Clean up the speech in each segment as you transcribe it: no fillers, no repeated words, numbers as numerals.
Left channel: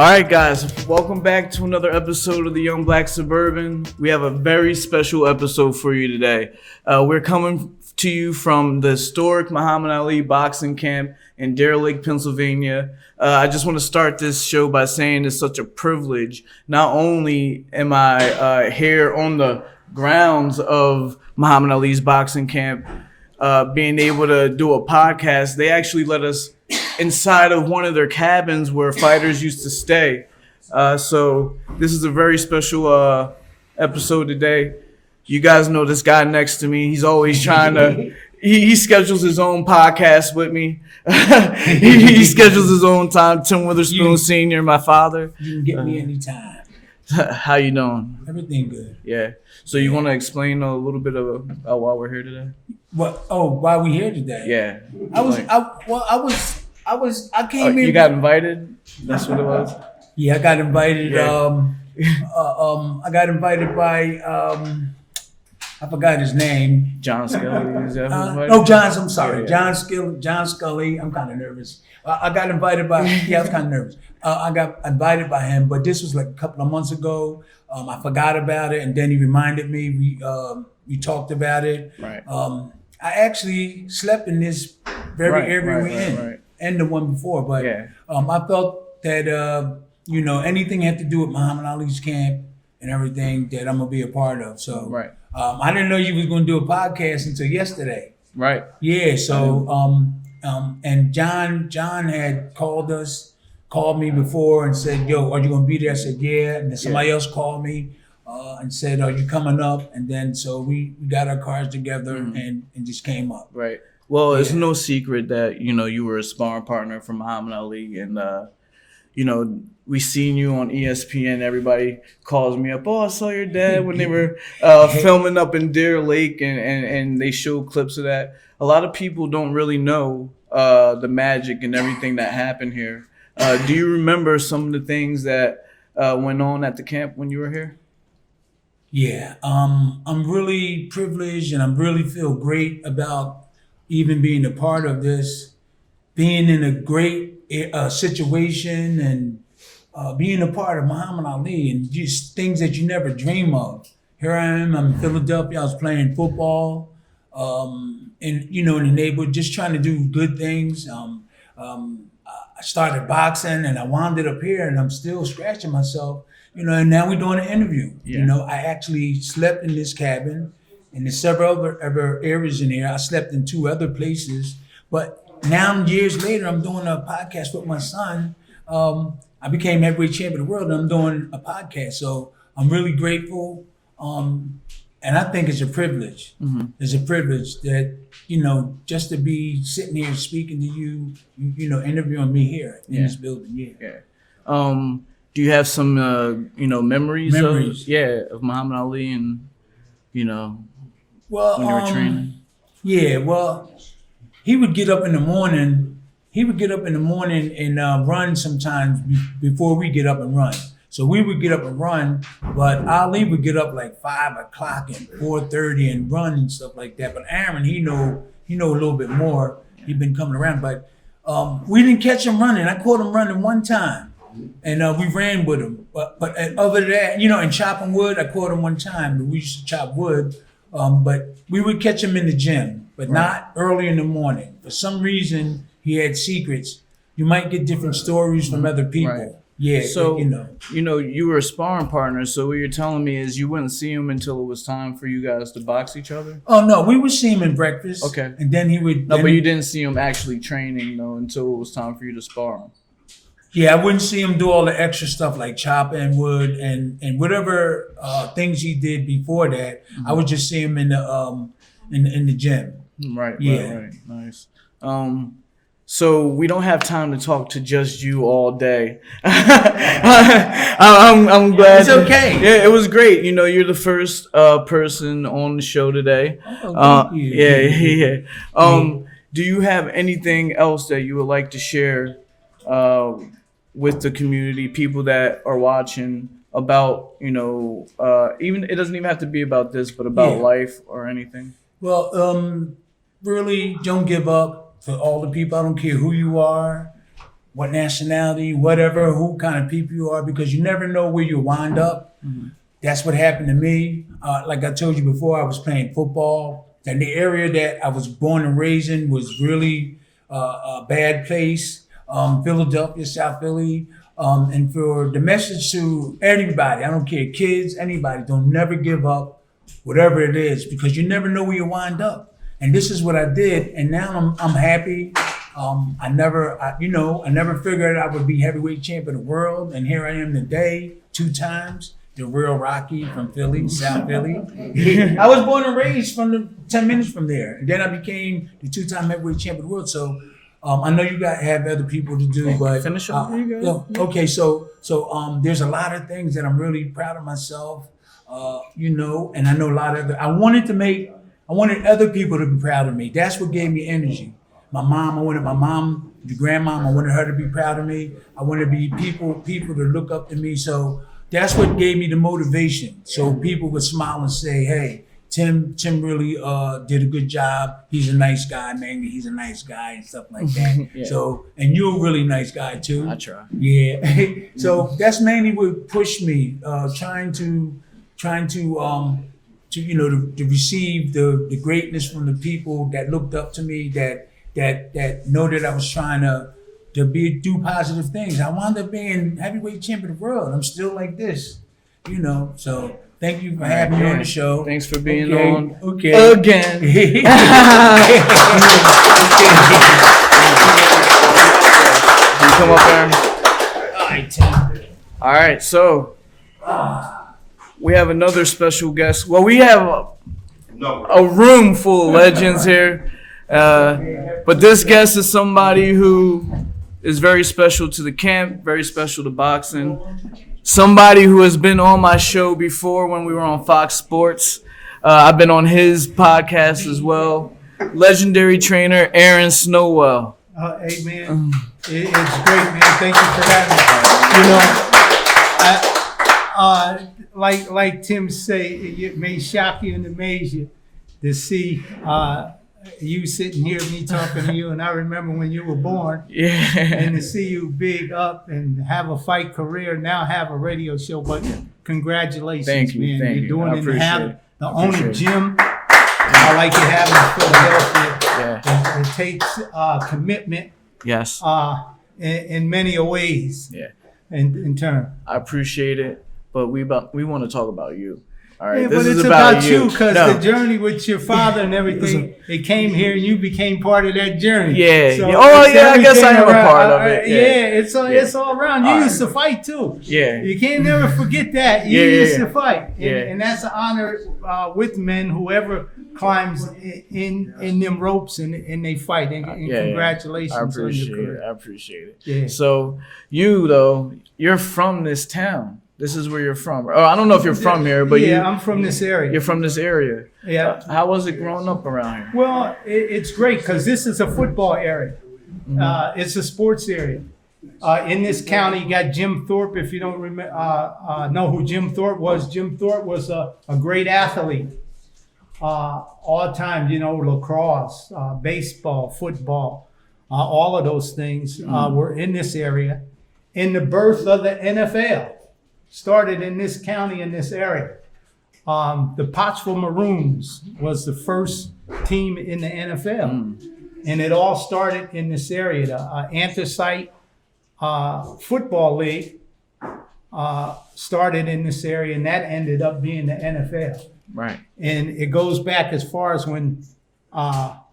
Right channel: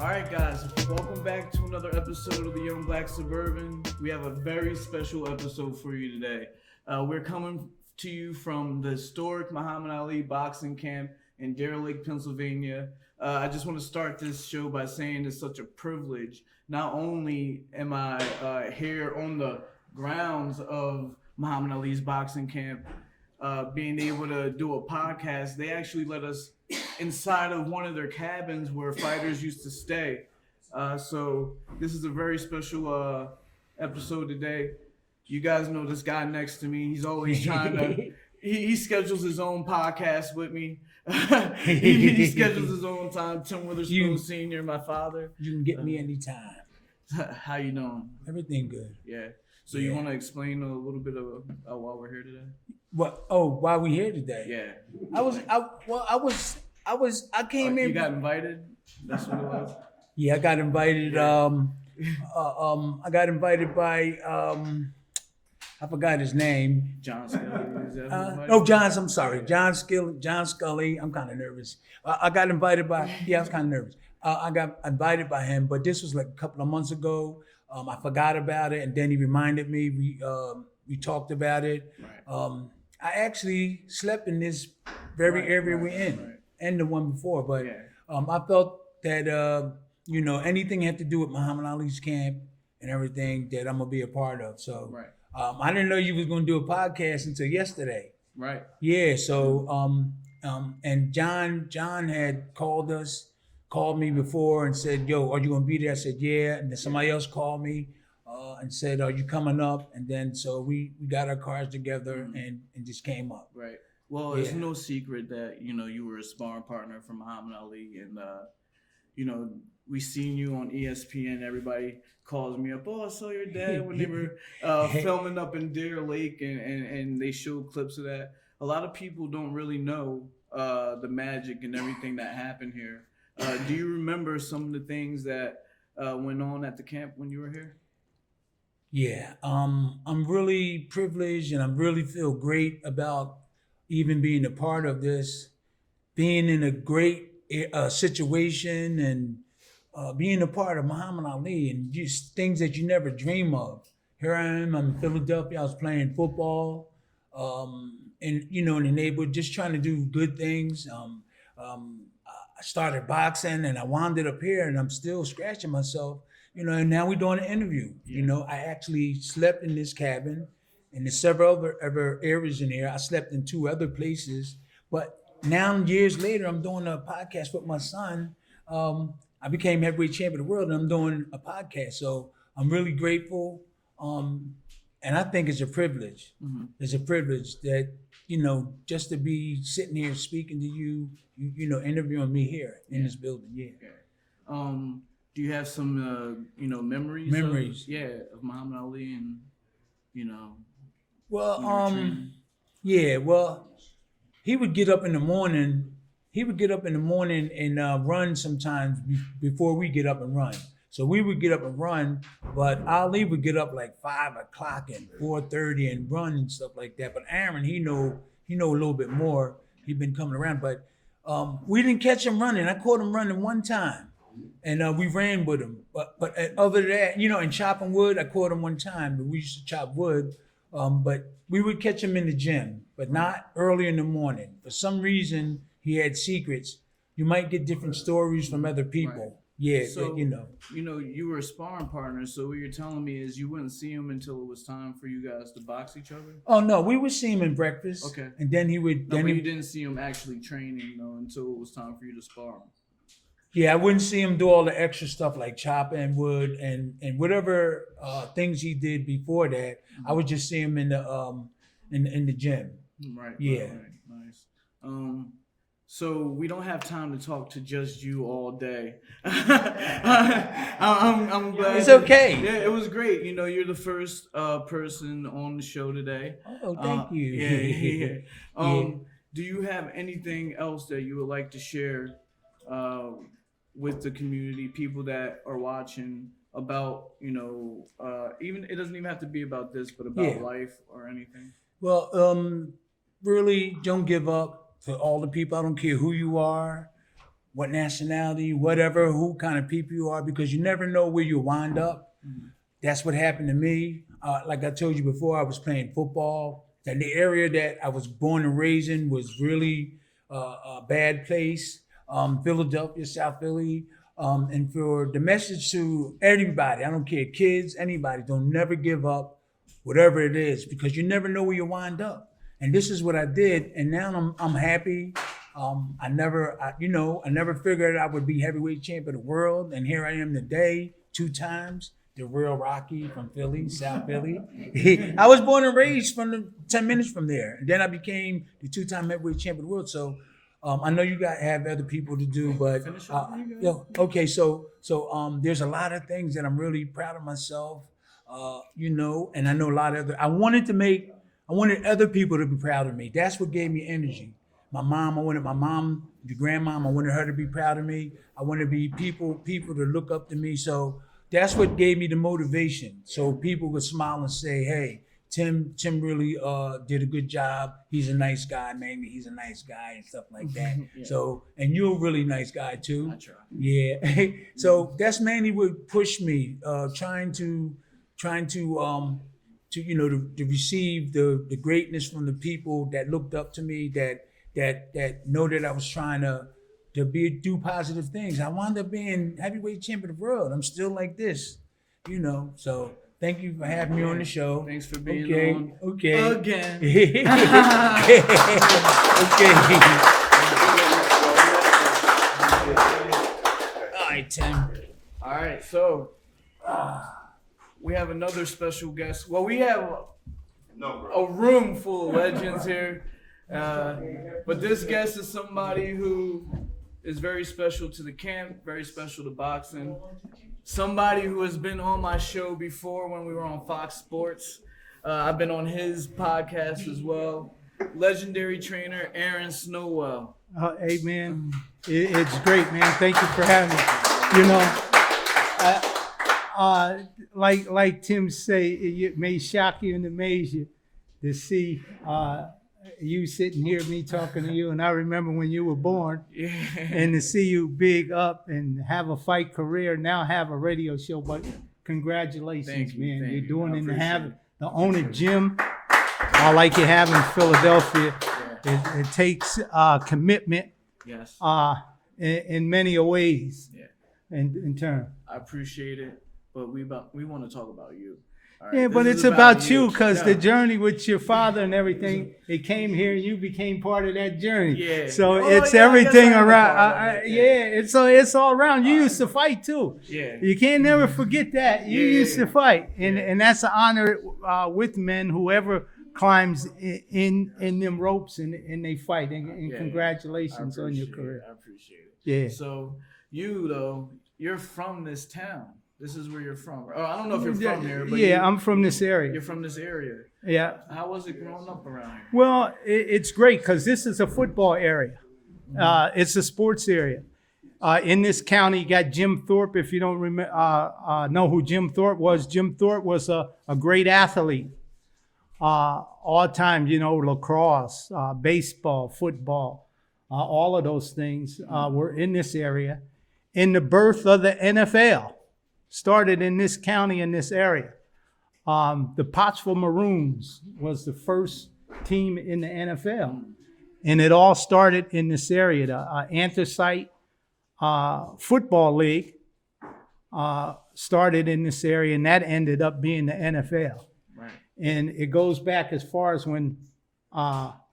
All right, guys, welcome back to another episode of the Young Black Suburban. We have a very special episode for you today. We're coming to you from the historic Muhammad Ali boxing camp in Deer Lake, Pennsylvania. I just want to start this show by saying it's such a privilege. Not only am I here on the grounds of Muhammad Ali's boxing camp, being able to do a podcast, they actually let us inside of one of their cabins where fighters used to stay. So this is a very special episode today. You guys know this guy next to me. He's always trying to, he schedules his own podcast with me. he schedules his own time. Tim Witherspoon Sr., my father. You can get me anytime. How you doing? Everything good. Yeah. So you want to explain a little bit about why we're here today? What? Oh, why we here today? Yeah. I came in. You got invited? That's what it was? Yeah, I got invited. Yeah. I got invited by I forgot his name. John Scully. Is that who invited No, you? John's. I'm sorry, Yeah. John Scully. I'm kind of nervous. I got invited by. Yeah, I was kind of nervous. I got invited by him, but this was like a couple of months ago. I forgot about it, and then he reminded me. We talked about it. Right. I actually slept in this very area we're in, right. and the one before. But Yeah. I felt that anything had to do with Muhammad Ali's camp and everything that I'm gonna be a part of. So Right. I didn't know you was gonna do a podcast until yesterday. Right. Yeah. So and John had called me before and said, "Yo, are you gonna be there?" I said, "Yeah." And then somebody else called me and said, "Are you coming up?" And then so we got our cars together and just came up. Right. Well, it's no secret that, you were a sparring partner for Muhammad Ali. And, we seen you on ESPN. Everybody calls me up. Oh, I saw your dad when they were filming up in Deer Lake and they showed clips of that. A lot of people don't really know the magic and everything that happened here. Do you remember some of the things that went on at the camp when you were here? Yeah, I'm really privileged and I really feel great about even being a part of this, being in a great situation and being a part of Muhammad Ali and just things that you never dream of. Here I am, I'm in Philadelphia, I was playing football in the neighborhood, just trying to do good things. I started boxing and I wound up here and I'm still scratching myself. And now we're doing an interview. Yeah. I actually slept in this cabin, and there's several other areas in here. I slept in 2 other places, but now years later, I'm doing a podcast with my son. I became heavyweight champion of the world, and I'm doing a podcast. So I'm really grateful, and I think it's a privilege. Mm-hmm. It's a privilege that just to be sitting here speaking to you, interviewing me here in this building. Yeah. Do you have some, memories of Muhammad Ali and, Well, when you were training? Yeah, well, he would get up in the morning. And run sometimes before we get up and run. So we would get up and run, but Ali would get up like 5 o'clock and 4:30 and run and stuff like that. But Aaron, he know a little bit more. He'd been coming around, but we didn't catch him running. I caught him running one time. And we ran with him. But other than that, in chopping wood, I caught him one time. We used to chop wood. But we would catch him in the gym, but not early in the morning. For some reason, he had secrets. You might get different stories from other people. Right. Yeah, So, but, you were a sparring partner. So what you're telling me is you wouldn't see him until it was time for you guys to box each other? Oh, no, we would see him in breakfast. Okay. And then he would... No, but you didn't see him actually training, though, until it was time for you to spar him. Yeah, I wouldn't see him do all the extra stuff like chopping wood and whatever things he did before that. Mm-hmm. I would just see him in the gym. Right. Yeah. Right. Nice. So we don't have time to talk to just you all day. I'm glad. It's okay. Yeah, it was great. You're the first person on the show today. Oh, thank you. Yeah. Do you have anything else that you would like to share with the community, people that are watching, about, even it doesn't even have to be about this, but about life or anything? Well, really don't give up to all the people. I don't care who you are. what nationality, whatever, who kind of people you are, because you never know where you wind up. Mm-hmm. That's what happened to me. Like I told you before, I was playing football. And the area that I was born and raised in was really a bad place. Philadelphia, South Philly. And for the message to everybody, I don't care, kids, anybody, don't never give up, whatever it is, because you never know where you wind up. And this is what I did, and now I'm happy. I never figured I would be heavyweight champion of the world, and here I am today, 2 times. The real Rocky from Philly, South Philly. I was born and raised from 10 minutes from there. And then I became the 2-time heavyweight champion of the world. So I know you have other people to do, but finish up. Okay, so there's a lot of things that I'm really proud of myself, and I know a lot of I wanted other people to be proud of me. That's what gave me energy. I wanted my mom, the grandmom, I wanted her to be proud of me. I wanted to be people to look up to me. So that's what gave me the motivation. So people would smile and say, hey, Tim really did a good job. He's a nice guy, man. He's a nice guy and stuff like that. Yeah. So, and you're a really nice guy too. I try. Yeah. So that's mainly what pushed me, trying to receive the greatness from the people that looked up to me, that know that I was trying to do positive things. I wound up being heavyweight champion of the world. I'm still like this, so thank you for having me on the show. Thanks for being on again. Okay. Come up there. All right, Tim. All right, so we have another special guest. Well, we have a room full of legends here. But this guest is somebody who is very special to the camp, very special to boxing. Somebody who has been on my show before when we were on Fox Sports. I've been on his podcast as well. Legendary trainer Aaron Snowell. Hey, man. It's great, man. Thank you for having me. Like Tim say, it may shock you and amaze you to see you sitting here, me talking to you, and I remember when you were born. Yeah. And to see you big up and have a fight career, now have a radio show. But congratulations, Thank you, man. thank You're you. doing I it and appreciate have it. the only gym I like you have in Philadelphia. Yeah. It takes commitment. Yes. In many ways. Yeah. In turn. I appreciate it, but we want to talk about you. All right. Yeah, this but is it's about you No. because the journey with your father and everything, it came here and you became part of that journey. Yeah. So Oh, it's yeah, I guess everything I am a around. part of it. Yeah. It's all around. You used to fight too. Yeah. You can't never forget that. You Yeah, used yeah. to fight. And, Yeah. and that's an honor with men, whoever climbs in them ropes and they fight. And congratulations I on appreciate your career. it. I appreciate it. Yeah. So you though, you're from this town. This is where you're from. Oh, I don't know if you're from here, but I'm from this area. you're from this area. Yeah. How was it growing up around here? Well, it's great because this is a football area. Mm-hmm. It's a sports area. In this county, you got Jim Thorpe. If you don't know who Jim Thorpe was a great athlete. All time, lacrosse, baseball, football, all of those things were in this area. And the birth of the NFL started in this county, in this area. The Pottsville Maroons was the first team in the NFL. And it all started in this area. The Anthracite Football League started in this area, and that ended up being the NFL. Right. And it goes back as far as when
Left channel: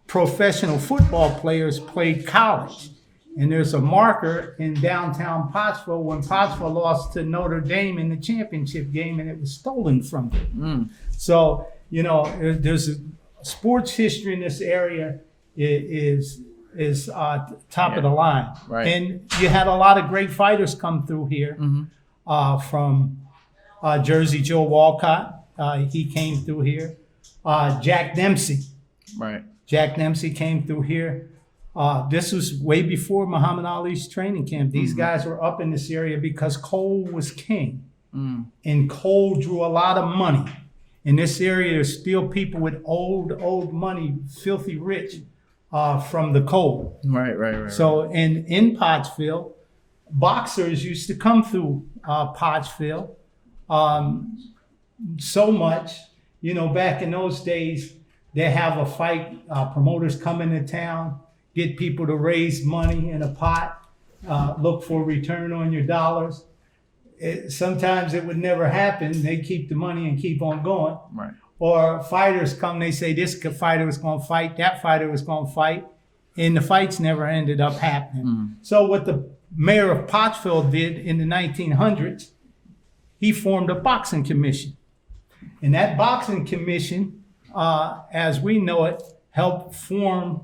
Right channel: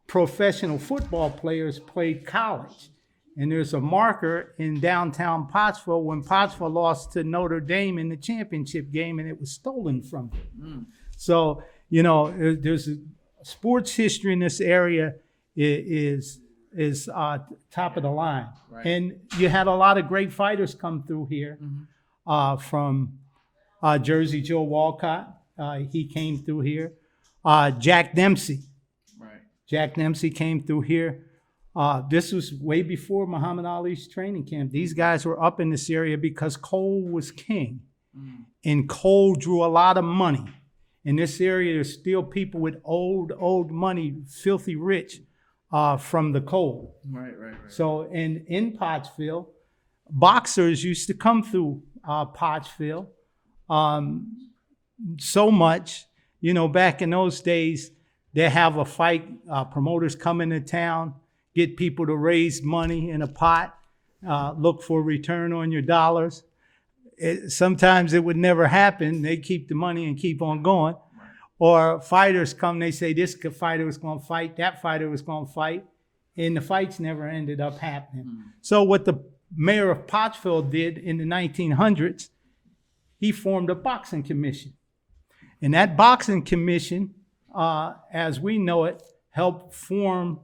professional football players played college. And there's a marker in downtown Pottsville when Pottsville lost to Notre Dame in the championship game, and it was stolen from them. So, there's a sports history in this area is top of the line. Right. And you had a lot of great fighters come through here from Jersey Joe Walcott. He came through here. Jack Dempsey. Right. Jack Dempsey came through here. This was way before Muhammad Ali's training camp. These guys were up in this area because coal was king. And coal drew a lot of money. In this area, there's still people with old money, filthy rich, from the cold. Right. So in Pottsville, boxers used to come through Pottsville so much. You know, back in those days, they have a fight. Promoters come into town, get people to raise money in a pot, look for a return on your dollars. Sometimes it would never happen. They keep the money and keep on going. Right. Or fighters come, they say this fighter was going to fight, that fighter was going to fight, and the fights never ended up happening. So what the mayor of Pottsville did in the 1900s, he formed a boxing commission. And that boxing commission, as we know it, helped form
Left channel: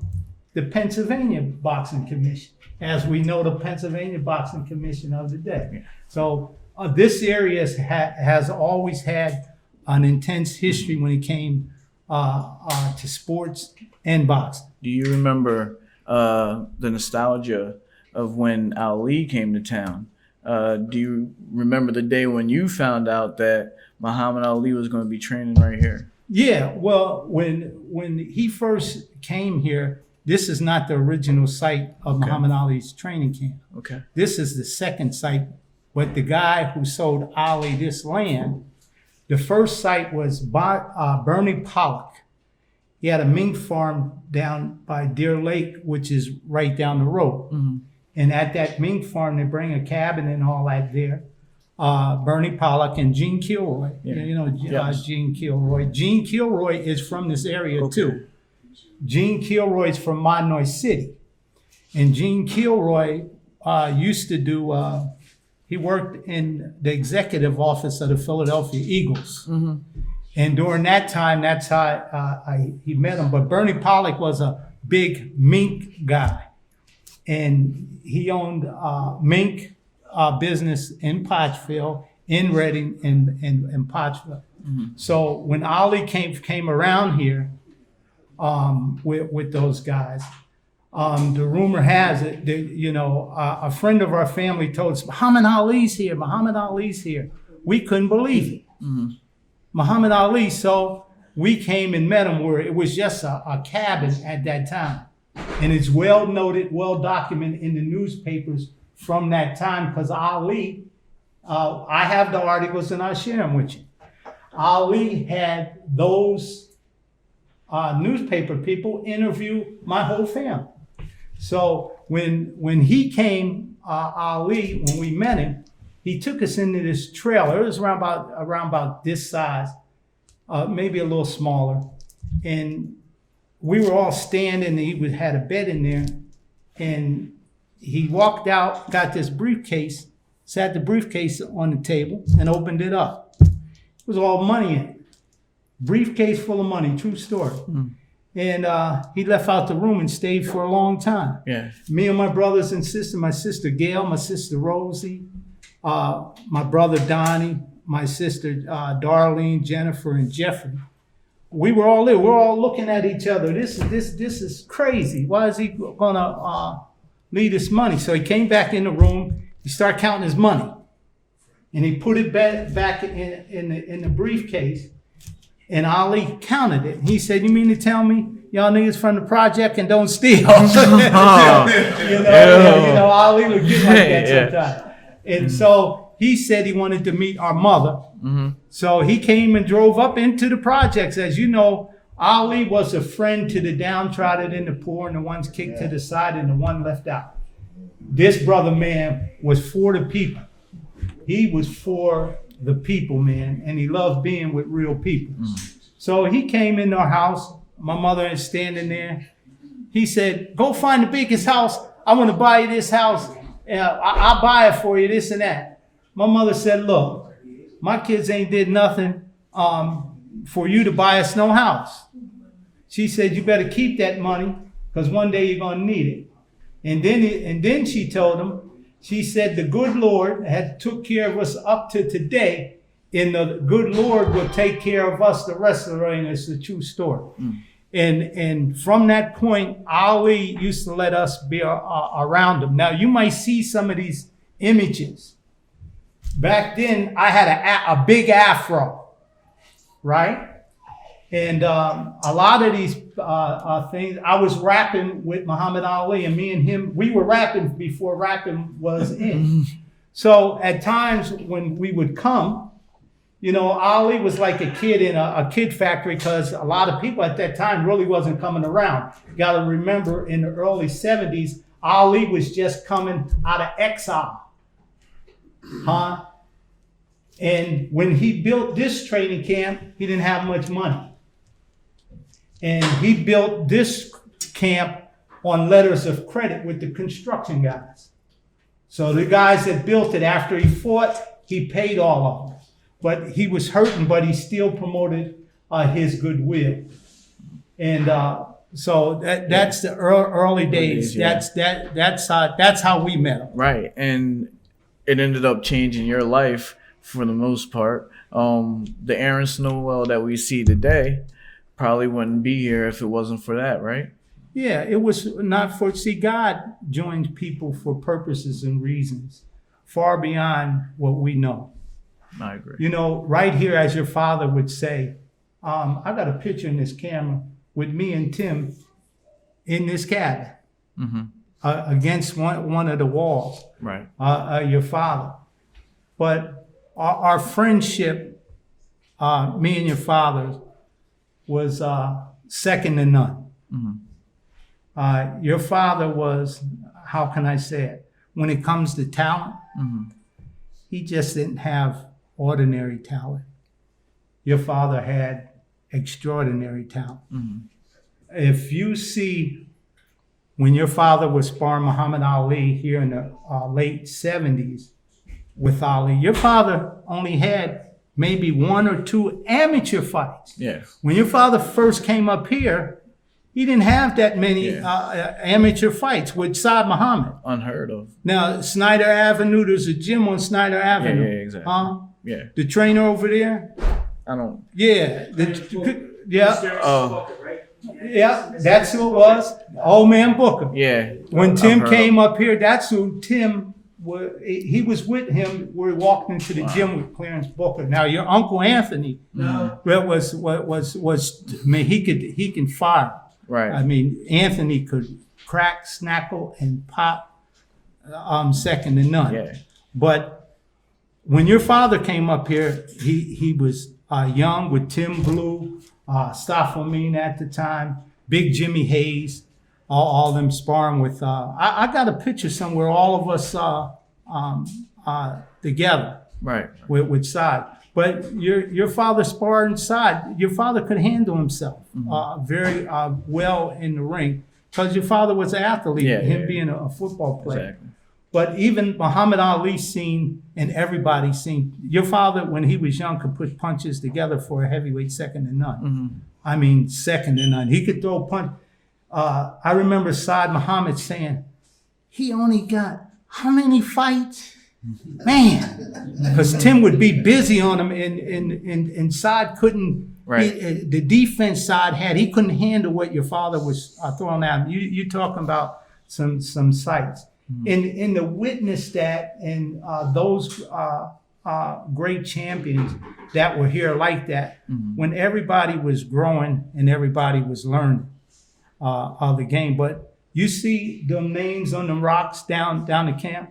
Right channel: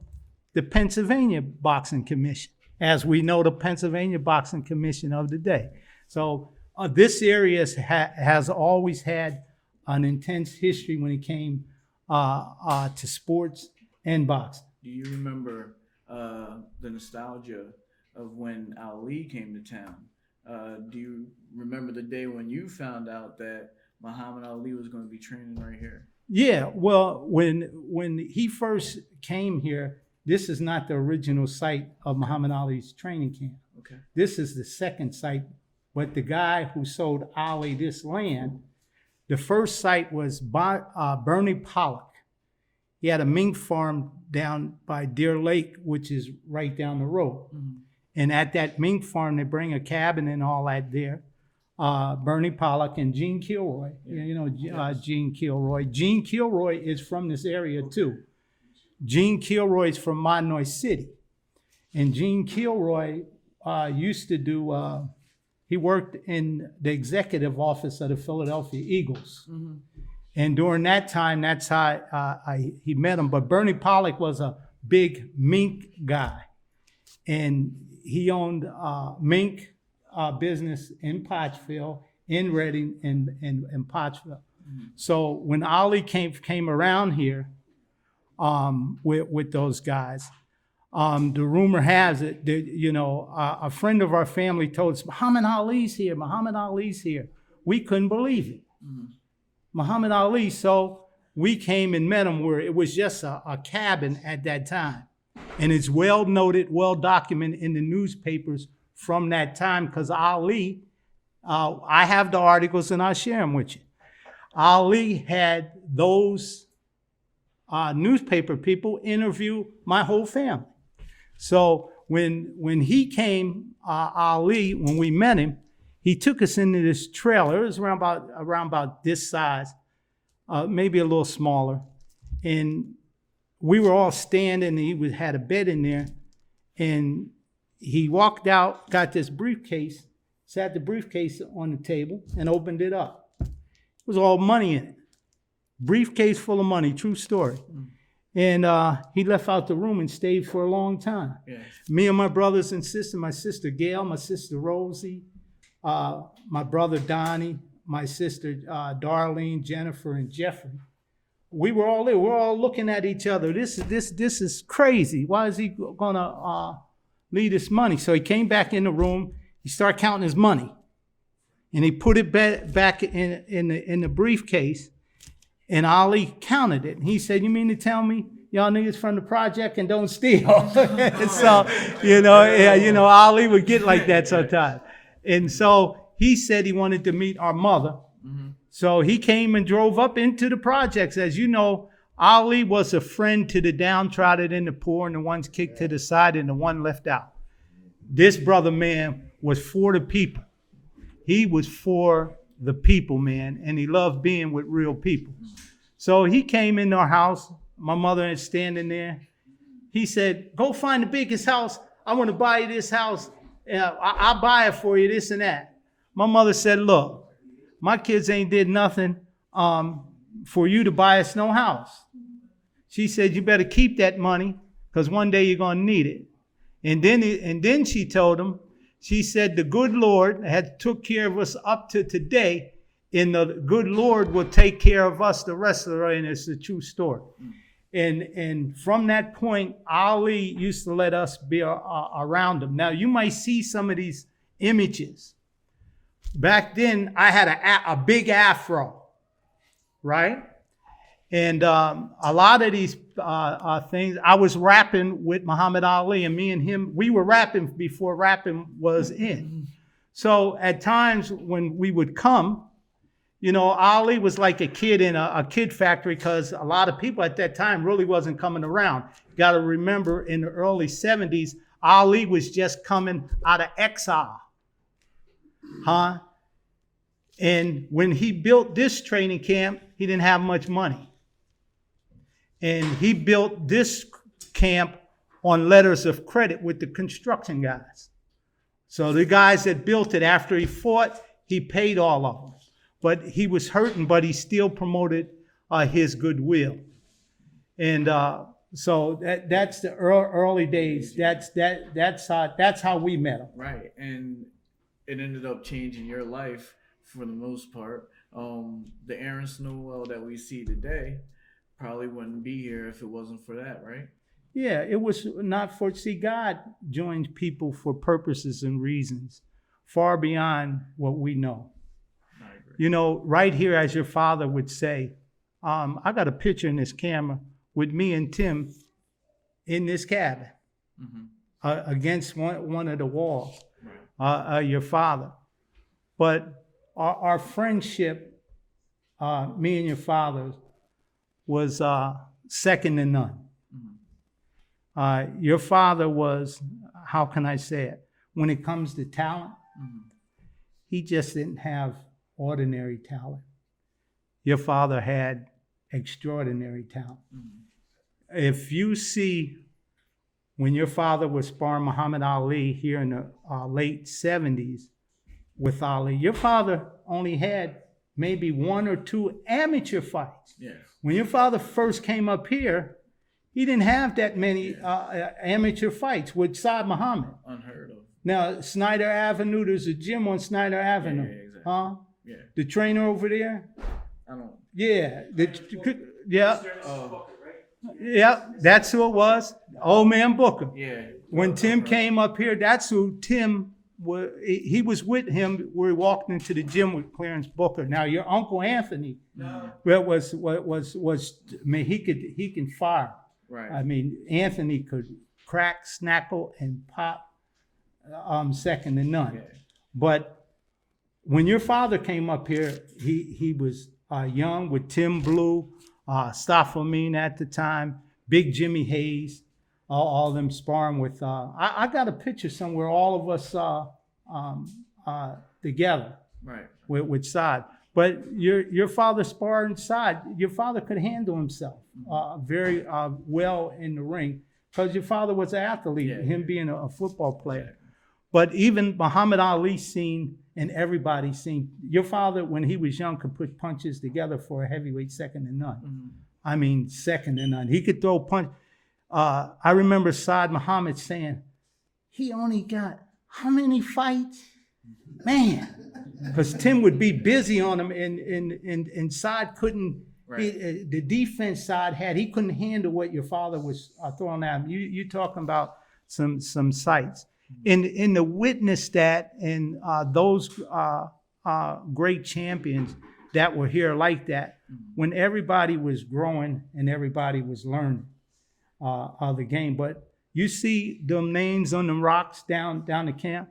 the Pennsylvania Boxing Commission, as we know the Pennsylvania Boxing Commission of the day. So this area has always had an intense history when it came to sports and boxing. Do you remember the nostalgia of when Ali came to town? Do you remember the day when you found out that Muhammad Ali was going to be training right here? Yeah, well, when he first came here, this is not the original site of Muhammad Ali's training camp. Okay. This is the second site, but the guy who sold Ali this land, the first site was Bernie Pollock. He had a mink farm down by Deer Lake, which is right down the road. Mm-hmm. And at that mink farm, they bring a cabin and all that there. Bernie Pollock and Gene Kilroy. Yeah. You know, yes. Gene Kilroy. Gene Kilroy is from this area too. Gene Kilroy is from Monomoy City. And Gene Kilroy used to do, he worked in the executive office of the Philadelphia Eagles. Mm-hmm. And during that time, that's how he met him. But Bernie Pollock was a big mink guy. And he owned mink business in Pottsville, in Reading, and Pottsville. Mm-hmm. So when Ali came around here with those guys, the rumor has it that, a friend of our family told us, Muhammad Ali's here, Muhammad Ali's here. We couldn't believe it. Mm-hmm. Muhammad Ali. So we came and met him where it was just a cabin at that time. And it's well noted, well documented in the newspapers from that time, because Ali, I have the articles and I'll share them with you. Ali had those newspaper people interview my whole family. So when he came, Ali, when we met him, he took us into this trailer. It was around about this size, maybe a little smaller. And we were all standing, and he had a bed in there. And he walked out, got this briefcase, sat the briefcase on the table, and opened it up. It was all money in it. Briefcase full of money, true story. Mm. And he left out the room and stayed for a long time. Yeah. Me and my brothers and sister, my sister Gail, my sister Rosie, my brother Donnie, my sister Darlene, Jennifer, and Jeffrey. We were all there. We're all looking at each other. This is crazy. Why is he gonna leave us money? So he came back in the room. He started counting his money, and he put it back in the briefcase. And Ali counted it. He said, "You mean to tell me y'all niggas from the project and don't steal?" Ali would get like that sometimes. And so he said he wanted to meet our mother. Mm-hmm. So he came and drove up into the projects. As you know, Ali was a friend to the downtrodden and the poor, and the ones kicked to the side and the one left out. This brother, man, was for the people. He was for the people, man, and he loved being with real people. So he came into our house. My mother is standing there. He said, "Go find the biggest house. I want to buy you this house. I'll buy it for you, this and that." My mother said, "Look, my kids ain't did nothing for you to buy us no house." She said, "You better keep that money, because one day you're going to need it." And then she told him, she said, "The good Lord had took care of us up to today, and the good Lord will take care of us the rest of the way." And it's a true story. And from that point, Ali used to let us be around him. Now, you might see some of these images. Back then, I had a big afro, right? And a lot of these things, I was rapping with Muhammad Ali, and me and him, we were rapping before rapping was in. So at times when we would come, you know, Ali was like a kid in a kid factory, because a lot of people at that time really wasn't coming around. You got to remember, in the early 70s, Ali was just coming out of exile. And when he built this training camp, he didn't have much money. And he built this camp on letters of credit with the construction guys. So the guys that built it, after he fought, he paid all of them. But he was hurting, but he still promoted his goodwill. And so that's the early days. Yeah. That's how we met him. Right, and it ended up changing your life for the most part. The Aaron Snowell that we see today probably wouldn't be here if it wasn't for that, right? Yeah, it was not for, see, God joins people for purposes and reasons far beyond what we know. I agree. You know, right here, as your father would say, I got a picture in this camera with me and Tim in this cabin against one of the walls. Right. Your father. But our friendship, me and your father, was second to none. Your father was, how can I say it? When it comes to talent, he just didn't have ordinary talent. Your father had extraordinary talent. If you see, when your father was sparring Muhammad Ali here in the late 70s with Ali, your father only had maybe 1 or 2 amateur fights. Yeah. When your father first came up here, he didn't have that many amateur fights with Saad Muhammad. Unheard of. Now, Snyder Avenue, there's a gym on Snyder Avenue. Yeah, exactly. Yeah. The trainer over there? I don't. Yeah. Yeah, that's who it was. Old man Booker. Yeah. When Tim came up here, that's who Tim was. He was with him. We walked into the gym with Clarence Booker. Now your Uncle Anthony, was I mean, he can fire. Right. I mean, Anthony could crack, snackle, and pop. Second to none. Yeah. But when your father came up here, he was young with Tim Blue, Staffamine at the time, Big Jimmy Hayes, all them sparring with. I got a picture somewhere, all of us together. Right. With Saad. But your father sparring Saad. Your father could handle himself very well in the ring, because your father was an athlete, being a football player. Exactly. But even Muhammad Ali seen, and everybody seen, your father, when he was young, could put punches together for a heavyweight second to none. I mean, second to none. He could throw a punch. I remember Saad Muhammad saying, he only got how many fights? Man, because Tim would be busy on him, and Saad couldn't, the defense Saad had, he couldn't handle what your father was throwing at him. You talking about some sights. In the witness that, and those great champions that were here like that, when everybody was growing and everybody was learning the game. But you see them names on them rocks down the camp.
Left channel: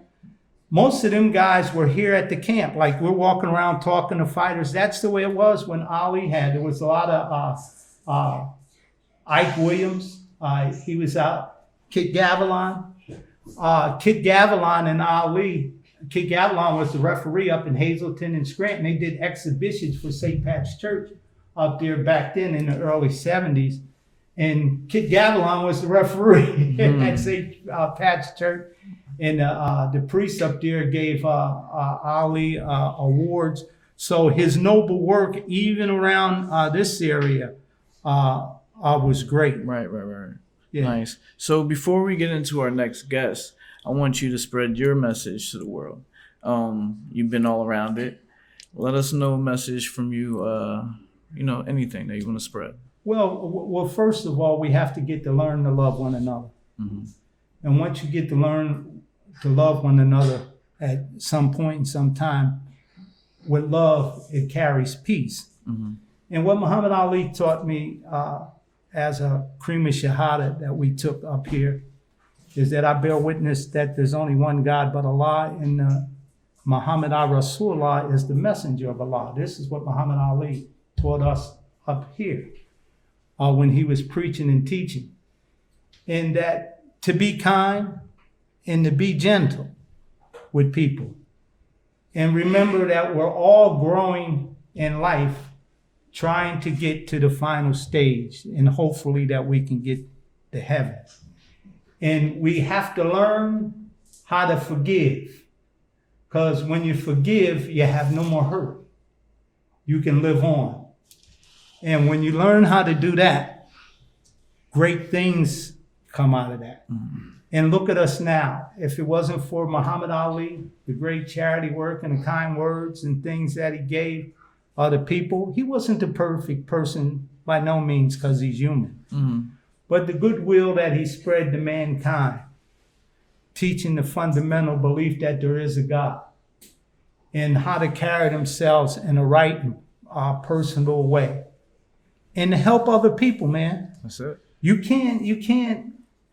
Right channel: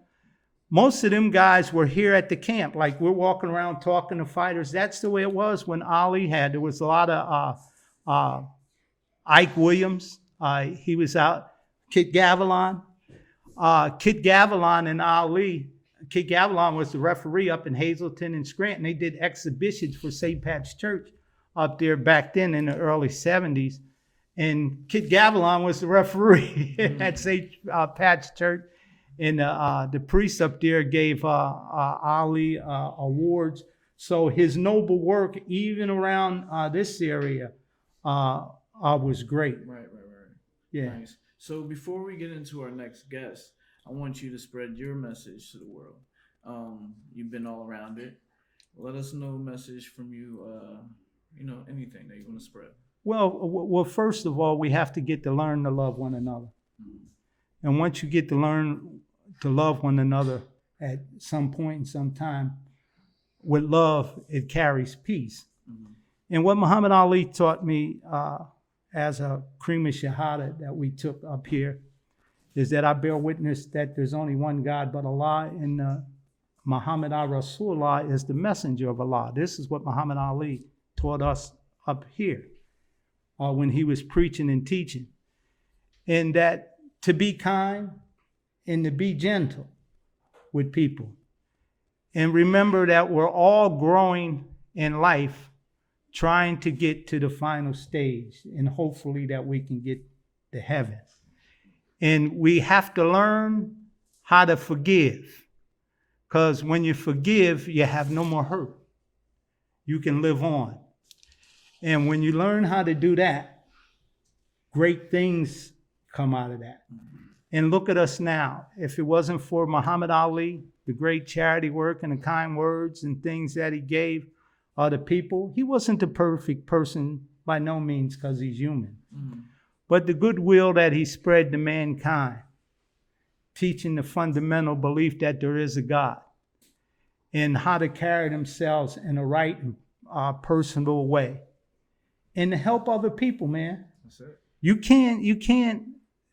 Most of them guys were here at the camp. Like, we're walking around talking to fighters. That's the way it was when Ali had. There was a lot of Ike Williams. He was out. Kit Gavilan. Kit Gavilan and Ali. Kit Gavilan was the referee up in Hazleton and Scranton. They did exhibitions for St. Pat's Church up there back then in the early 70s. And Kit Gavilan was the referee at St. Pat's Church. And the priest up there gave Ali awards. So his noble work, even around this area, was great. Right. Yeah. Nice. So before we get into our next guest, I want you to spread your message to the world. You've been all around it. Let us know a message from you, anything that you want to spread. Well, first of all, we have to get to learn to love one another. And once you get to learn to love one another at some point in some time, with love, it carries peace. And what Muhammad Ali taught me as a cream of shahada that we took up here is that I bear witness that there's only one God but Allah, and Muhammad Rasulullah is the messenger of Allah. This is what Muhammad Ali taught us up here when he was preaching and teaching. And that to be kind and to be gentle with people. And remember that we're all growing in life, trying to get to the final stage, and hopefully that we can get to heaven. And we have to learn how to forgive. Because when you forgive, you have no more hurt. You can live on. And when you learn how to do that, great things come out of that. Mm-hmm. And look at us now. If it wasn't for Muhammad Ali, the great charity work and the kind words and things that he gave other people, he wasn't the perfect person by no means, because he's human. Mm-hmm. But the goodwill that he spread to mankind, teaching the fundamental belief that there is a God and how to carry themselves in a right and personal way, and to help other people, man. That's it. You can't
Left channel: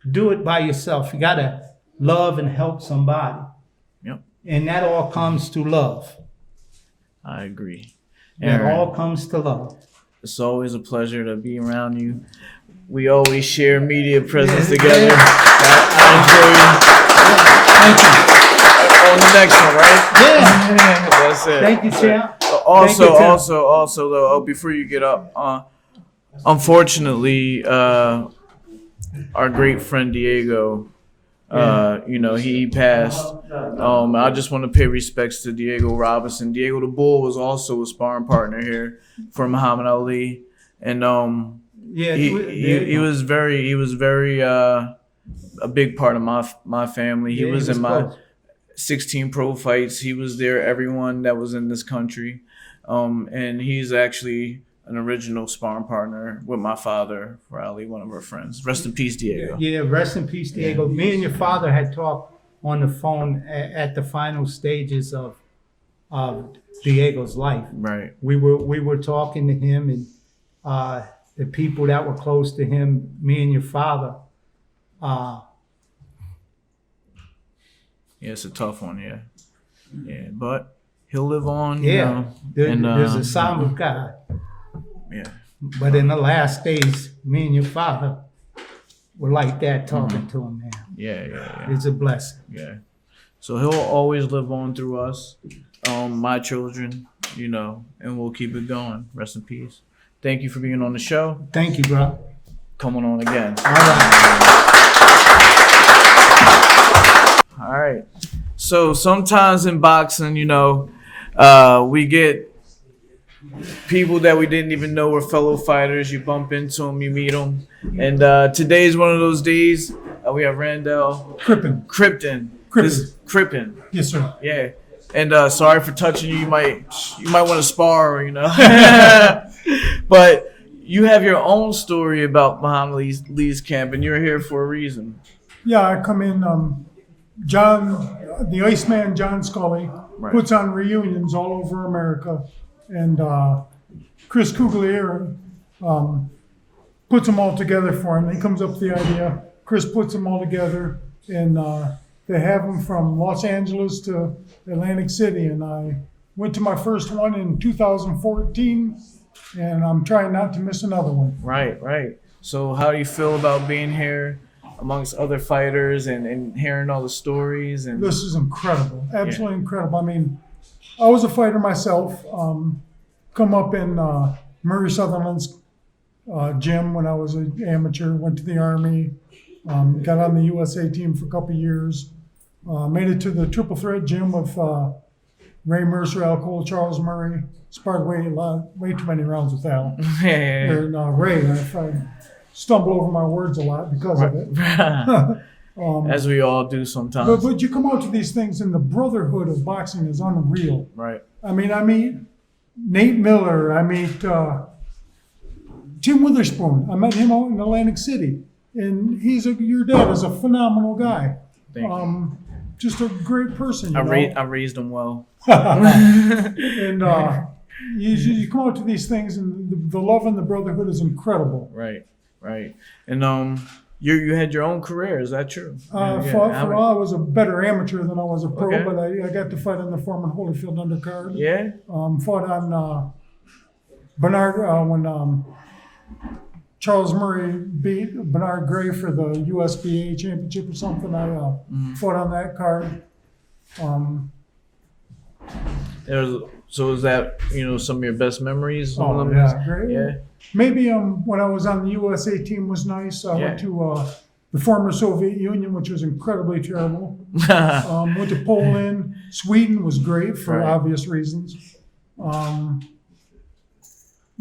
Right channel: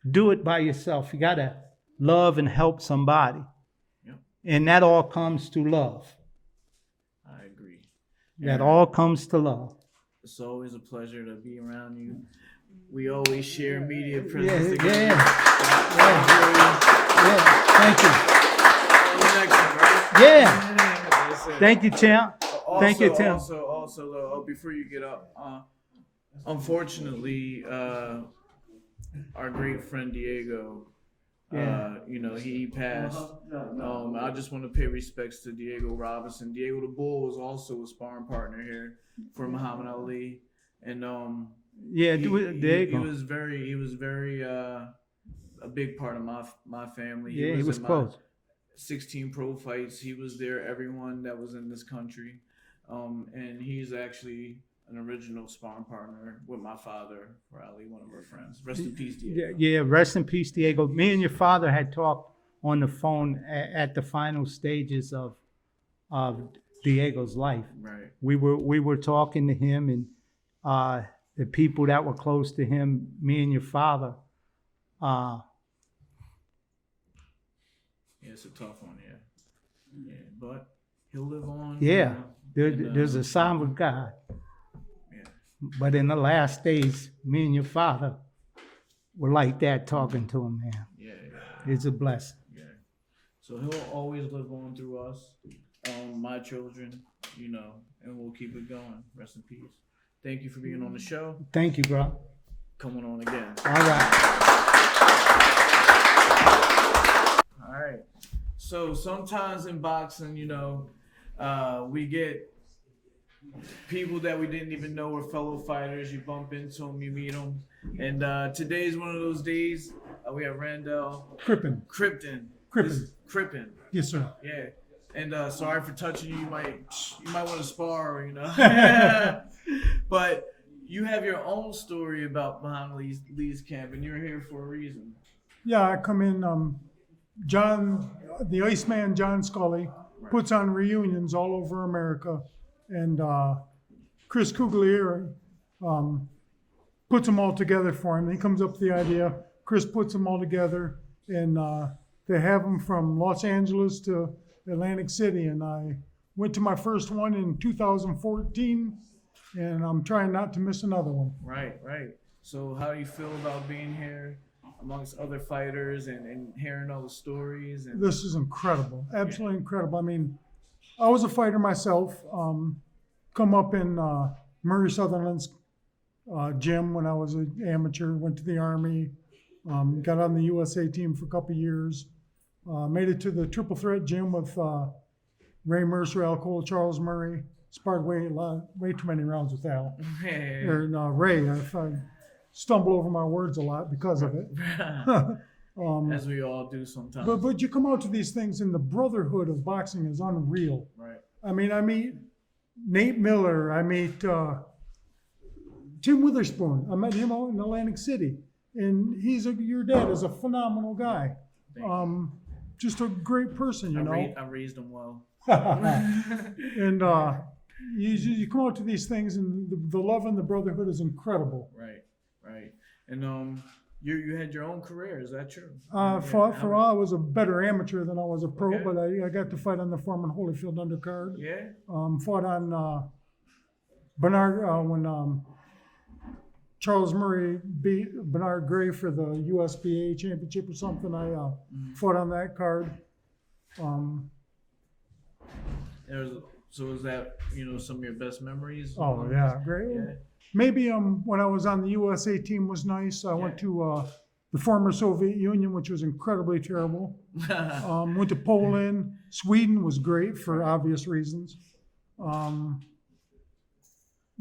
do it by yourself. You gotta love and help somebody. Yep. And that all comes to love. I agree. That all comes to love. It's always a pleasure to be around you. We always share media presence together. Yeah. I enjoy you. Thank you. On the next one, right? Yeah. That's it. Thank you, champ. Also, though, before you get up, unfortunately, our great friend Diego, he passed. I just want to pay respects to Diego Robinson. Diego the Bull was also a sparring partner here for Muhammad Ali, and he was very a big part of my family. He was in my 16 pro fights. He was there, everyone that was in this country, and he's actually an original sparring partner with my father, Ali, one of our friends. Rest in peace, Diego. Yeah, rest in peace, Diego. Yeah. Me and your father had talked on the phone at the final stages of Diego's life. Right. We were talking to him, and the people that were close to him, me and your father. Yeah, it's a tough one, yeah, but he'll live on. Yeah, there's a sign of God. Yeah. But in the last days, me and your father were like that talking to him, man. Yeah. It's a blessing. Yeah. So he'll always live on through us, my children, and we'll keep it going. Rest in peace. Thank you for being on the show. Thank you, bro. Coming on again. All right. All right. So sometimes in boxing, we get people that we didn't even know were fellow fighters. You bump into them, you meet them. And today is one of those days. We have Randall. Crippen. Crippen. Yes, sir. Yeah. And sorry for touching you. You might want to spar, But you have your own story about Muhammad Ali's camp, and you're here for a reason. Yeah, I come in. The Iceman, John Scully, puts on reunions all over America. And Chris Cugliera puts them all together for him. He comes up with the idea. Chris puts them all together, and they have them from Los Angeles to Atlantic City. And I went to my first one in 2014, and I'm trying not to miss another one. Right. So how do you feel about being here amongst other fighters and hearing all the stories? And this is incredible, absolutely incredible. I mean, I was a fighter myself. Come up in Murray Sutherland's gym when I was an amateur. Went to the Army. Got on the USA team for a couple of years. Made it to the Triple Threat gym with Ray Mercer, Al Cole, Charles Murray. Sparred way too many rounds with Al. And Ray. I stumble over my words a lot because of it. As we all do sometimes. But you come out to these things, and the brotherhood of boxing is unreal. Right. I meet Nate Miller. I meet Tim Witherspoon. I met him out in Atlantic City, and your dad is a phenomenal guy. Thank you. Just a great person. I raised him well. And You come out to these things, and the love and the brotherhood is incredible. Right. And you had your own career. Is that true? For a while, I was a better amateur than I was a pro, Okay. but I got to fight on the Foreman Holyfield undercard. Yeah. Fought on Bernard when Charles Murray beat Bernard Gray for the USBA championship or something. I fought on that card. So is that some of your best memories? Oh yeah, great. Yeah. Maybe when I was on the USA team was nice. I went to the former Soviet Union, which was incredibly terrible. Went to Poland. Sweden was great for obvious reasons.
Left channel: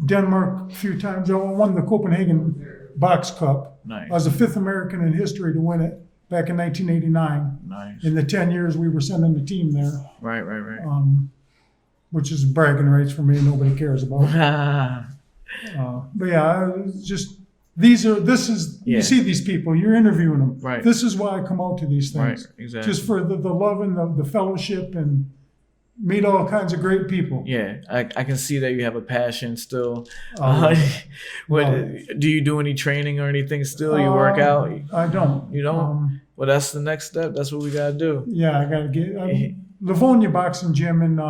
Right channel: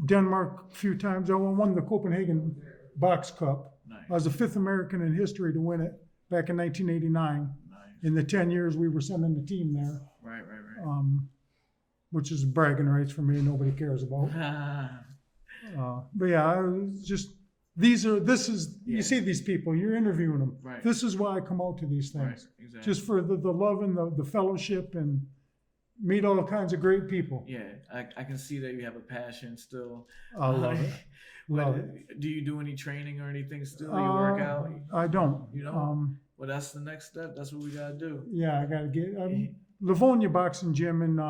Denmark a few times. I won the Copenhagen Box Cup. Nice. I was the 5th American in history to win it back in 1989. Nice. In the 10 years we were sending the team there. Right. Which is bragging rights for me. Nobody cares about. But yeah, I was just you see these people, you're interviewing them. Right. This is why I come out to these things. Right. Exactly. Just for the love and the fellowship and meet all kinds of great people. Yeah, I can see that you have a passion still. Love Do you do any training or anything still? You work out? I don't. You don't? Well, that's the next step. That's what we got to do. Yeah, I got to get Livonia Boxing Gym in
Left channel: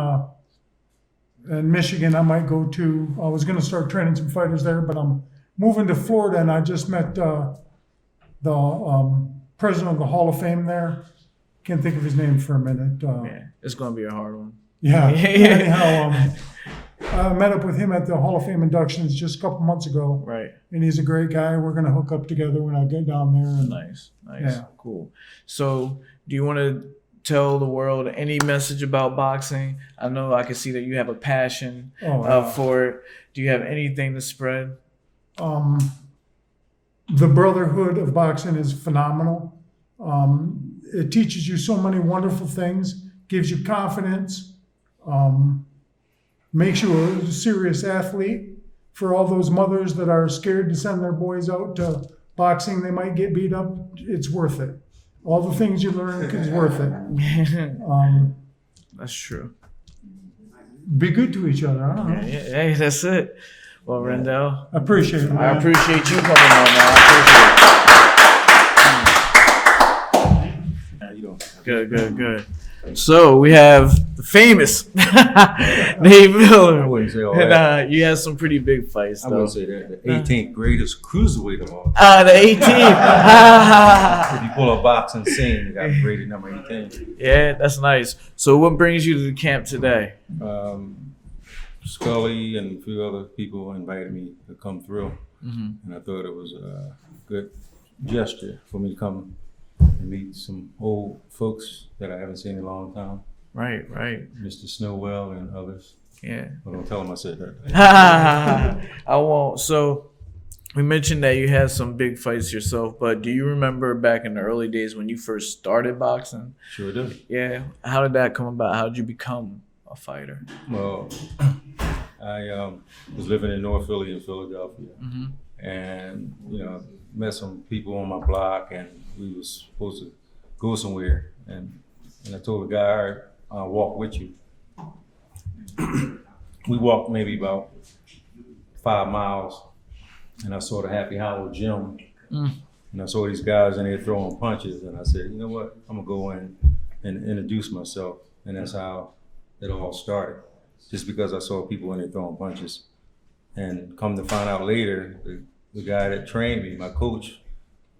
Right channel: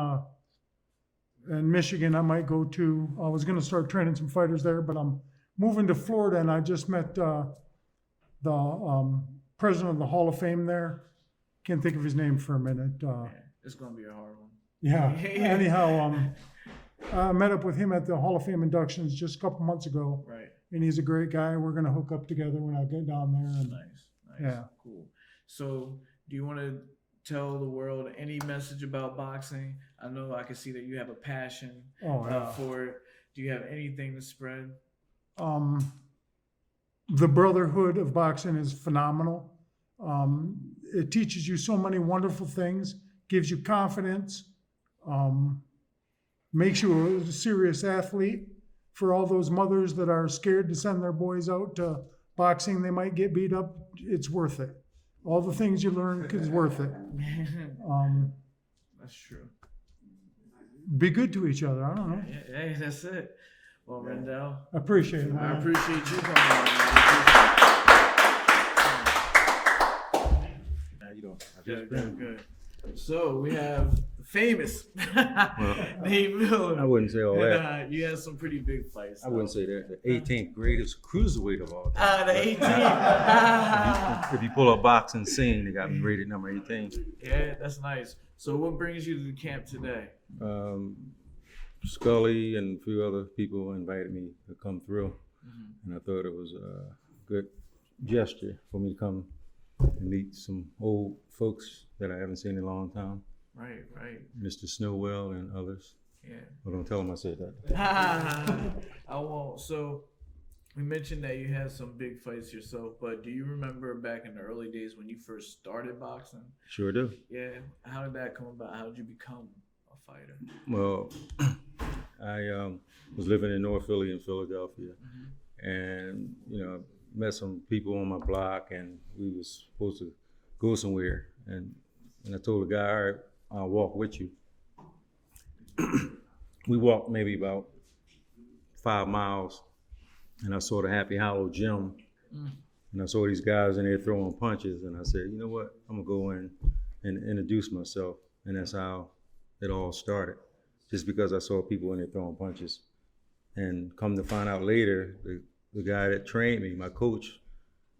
Michigan. I might go to. I was going to start training some fighters there, but I'm moving to Florida, and I just met the president of the Hall of Fame there. Can't think of his name for a minute. It's going to be a hard one. Yeah. Anyhow, I met up with him at the Hall of Fame inductions just a couple months ago. Right. And he's a great guy. We're going to hook up together when I get down there. And, Nice. Yeah. Cool. So, do you want to tell the world any message about boxing? I know I can see that you have a passion for it. Do you have anything to spread? The brotherhood of boxing is phenomenal. It teaches you so many wonderful things, gives you confidence, makes you a serious athlete. For all those mothers that are scared to send their boys out to boxing, they might get beat up, it's worth it. All the things you learn is worth it. That's true. Be good to each other. I don't know. Yeah, hey, that's it. Well, Randall, I appreciate it, man. I appreciate you coming on, man. I appreciate it. Good. So we have the famous Nate Miller. I wouldn't say all And that. you had some pretty big fights, I though. wouldn't say that. The 18th greatest cruiserweight of all time. The 18th. If you pull a boxing scene, you got rated number 18. Yeah, that's nice. So what brings you to the camp today? Scully and a few other people invited me to come through, and I thought it was a good gesture for me to come and meet some old folks that I haven't seen in a long time. Right. Mr. Snowell and others. Yeah. Well, don't tell them I said that. I won't. So we mentioned that you had some big fights yourself, but do you remember back in the early days when you first started boxing? Sure do. Yeah. How did that come about? How did you become a fighter? Well, I was living in North Philly in Philadelphia, and met some people on my block, and we was supposed to go somewhere, and I told the guy, all right, I'll walk with you. We walked maybe about 5 miles, and I saw the Happy Hollow gym, and I saw these guys in there throwing punches, and I said, you know what, I'm gonna go in and introduce myself, and that's how it all started. Just because I saw people in there throwing punches, and come to find out later, the guy that trained me, my coach,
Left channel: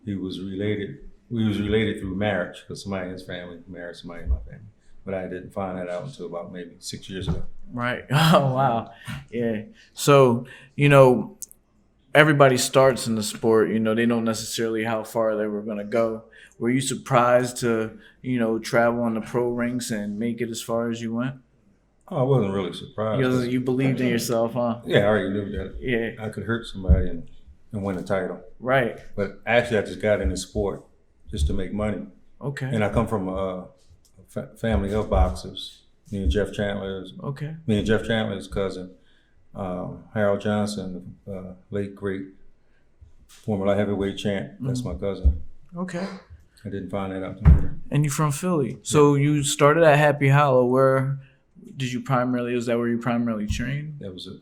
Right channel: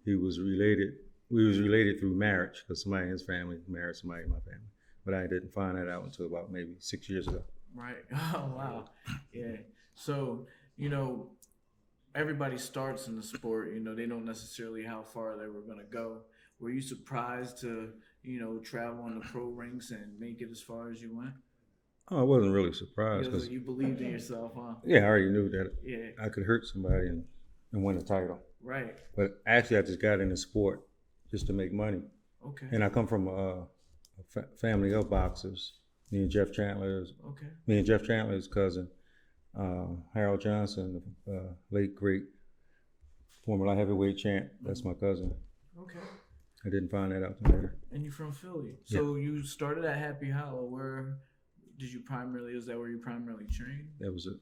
we was related through marriage, because somebody in his family married somebody in my family. But I didn't find that out until about maybe 6 years ago. Right. Oh, wow. Yeah. So, everybody starts in the sport, they don't necessarily how far they were going to go. Were you surprised to, travel on the pro ranks and make it as far as you went? Oh, I wasn't really surprised. Because you believed in yourself, huh? Yeah, I already knew that I could hurt somebody and win a title. Right. But actually, I just got into sport just to make money. Okay. And I come from a family of boxers. Me and Jeff Chandler's cousin, Harold Johnson, late great former light heavyweight champ. That's my cousin. Okay. I didn't find that out later. And you're from Philly. So you started at Happy Hollow. Where Did you primarily? Is that where you primarily trained? That was the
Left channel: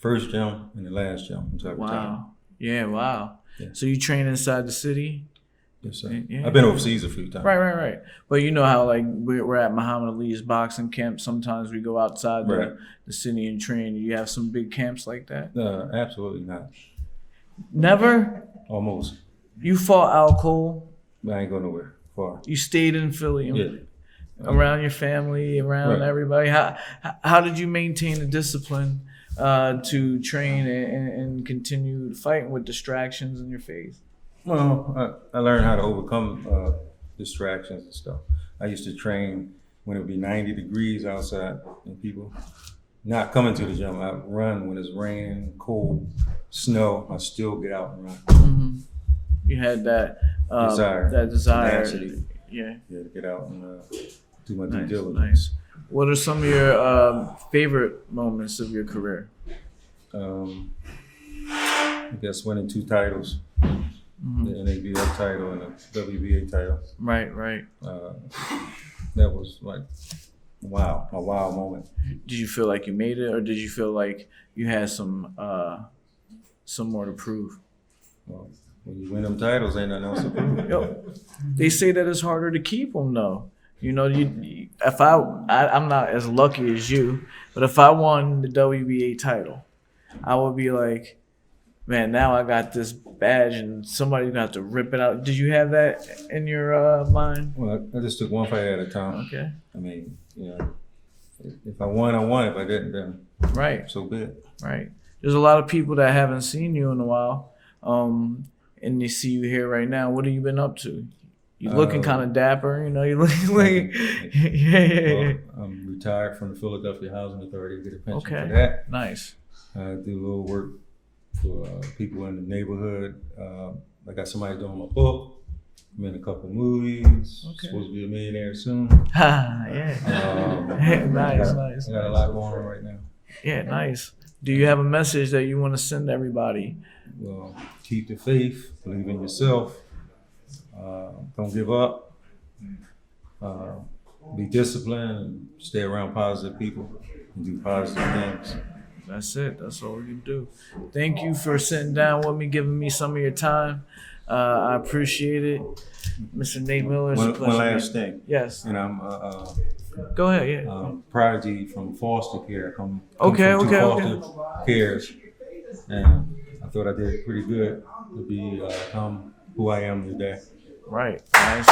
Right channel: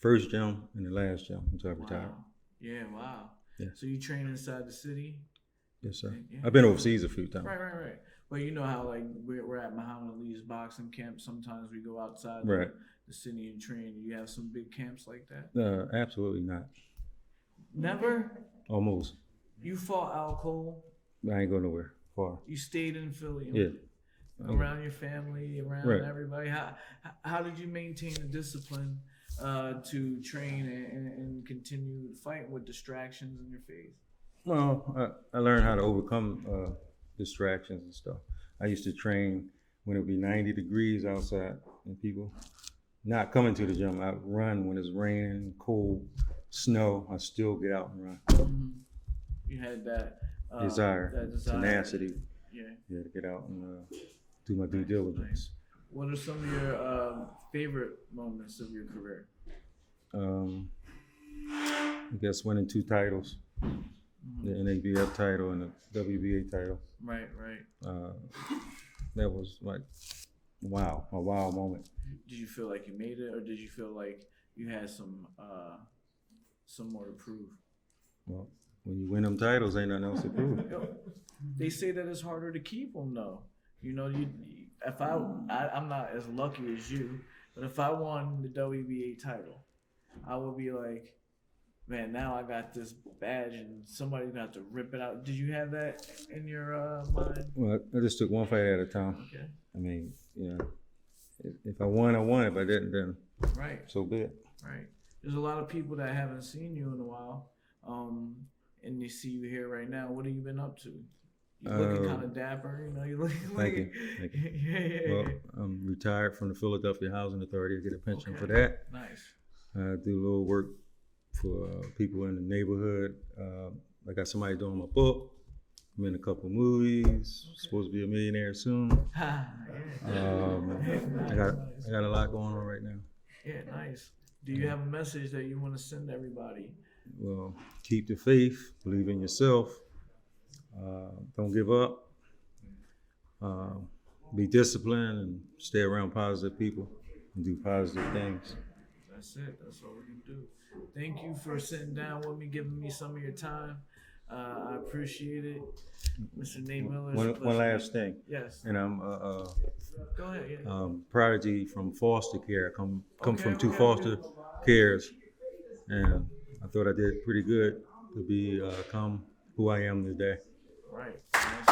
first gym and the last gym. Wow. Yeah. Wow. Yeah. So you train inside the city? Yes, sir. Yeah. I've been overseas a few times. Right. But you know how like we're at Muhammad Ali's boxing camp. Sometimes we go outside the city and train. You have some big camps like that? Absolutely not. Never? Almost. You fought Al Cole? I ain't going nowhere far. You stayed in Philly? Yeah. Around your family, around everybody. How did you maintain the discipline to train and continue fighting with distractions in your face? Well, I learned how to overcome distractions and stuff. I used to train when it would be 90 degrees outside and people not coming to the gym. I'd run when it's raining, cold, snow. I still get out and run. Mm-hmm. You had that desire, tenacity. Yeah, to get out and do my due diligence. Nice. What are some of your favorite moments of your career? I guess winning 2 titles, the NABF title and the WBA title. Right. That was like, a wow moment. Did you feel like you made it, or did you feel like you had some more to prove? Well, when you win them titles, ain't nothing else to prove. They say that it's harder to keep them, though. You know, if I'm not as lucky as you, but if I won the WBA title, I would be like, man, now I got this badge and somebody's gonna have to rip it out. Did you have that in your mind? Well, I just took one fight at a time. Okay. I mean, if I won, I won. If I didn't, then so be it. Right. There's a lot of people that haven't seen you in a while, and they see you here right now. What have you been up to? You're looking kind of dapper, you know. You're looking like, Well, I'm retired from the Philadelphia Housing Authority. I get a pension for that. Nice. I do a little work for people in the neighborhood. I got somebody doing my book. I'm in a couple movies. Supposed to be a millionaire soon. Yeah. Nice. I got a lot going on right now. Yeah, nice. Do you have a message that you want to send to everybody? Well, keep the faith. Believe in yourself. Don't give up. Be disciplined and stay around positive people and do positive things. That's it. That's all we can do. Thank you for sitting down with me, giving me some of your time. I appreciate it. Mr. Nate Miller. One last thing. Yes. And I'm go ahead. Yeah. Prodigy from foster care. Come from two foster cares, and I thought I did pretty good to become who I am today. Right. Nice.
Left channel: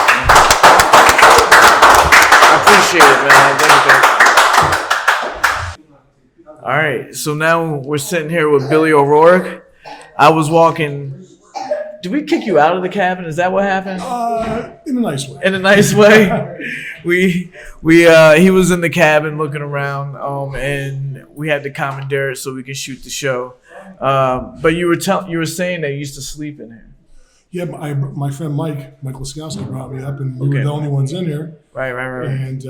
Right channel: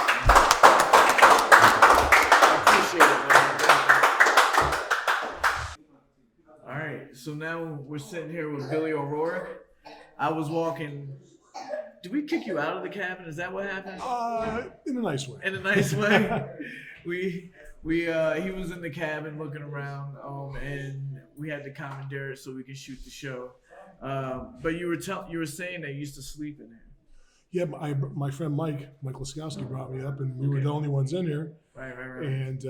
I appreciate it, man. Thank you. All right. So now we're sitting here with Billy O'Rourke. I was walking. Did we kick you out of the cabin? Is that what happened? In a nice way. In a nice way. He was in the cabin looking around, and we had to commandeer it so we could shoot the show. But you were saying that you used to sleep in here. Yeah, my friend Mike Laskowski brought me up, and we were the only ones in here. Right. And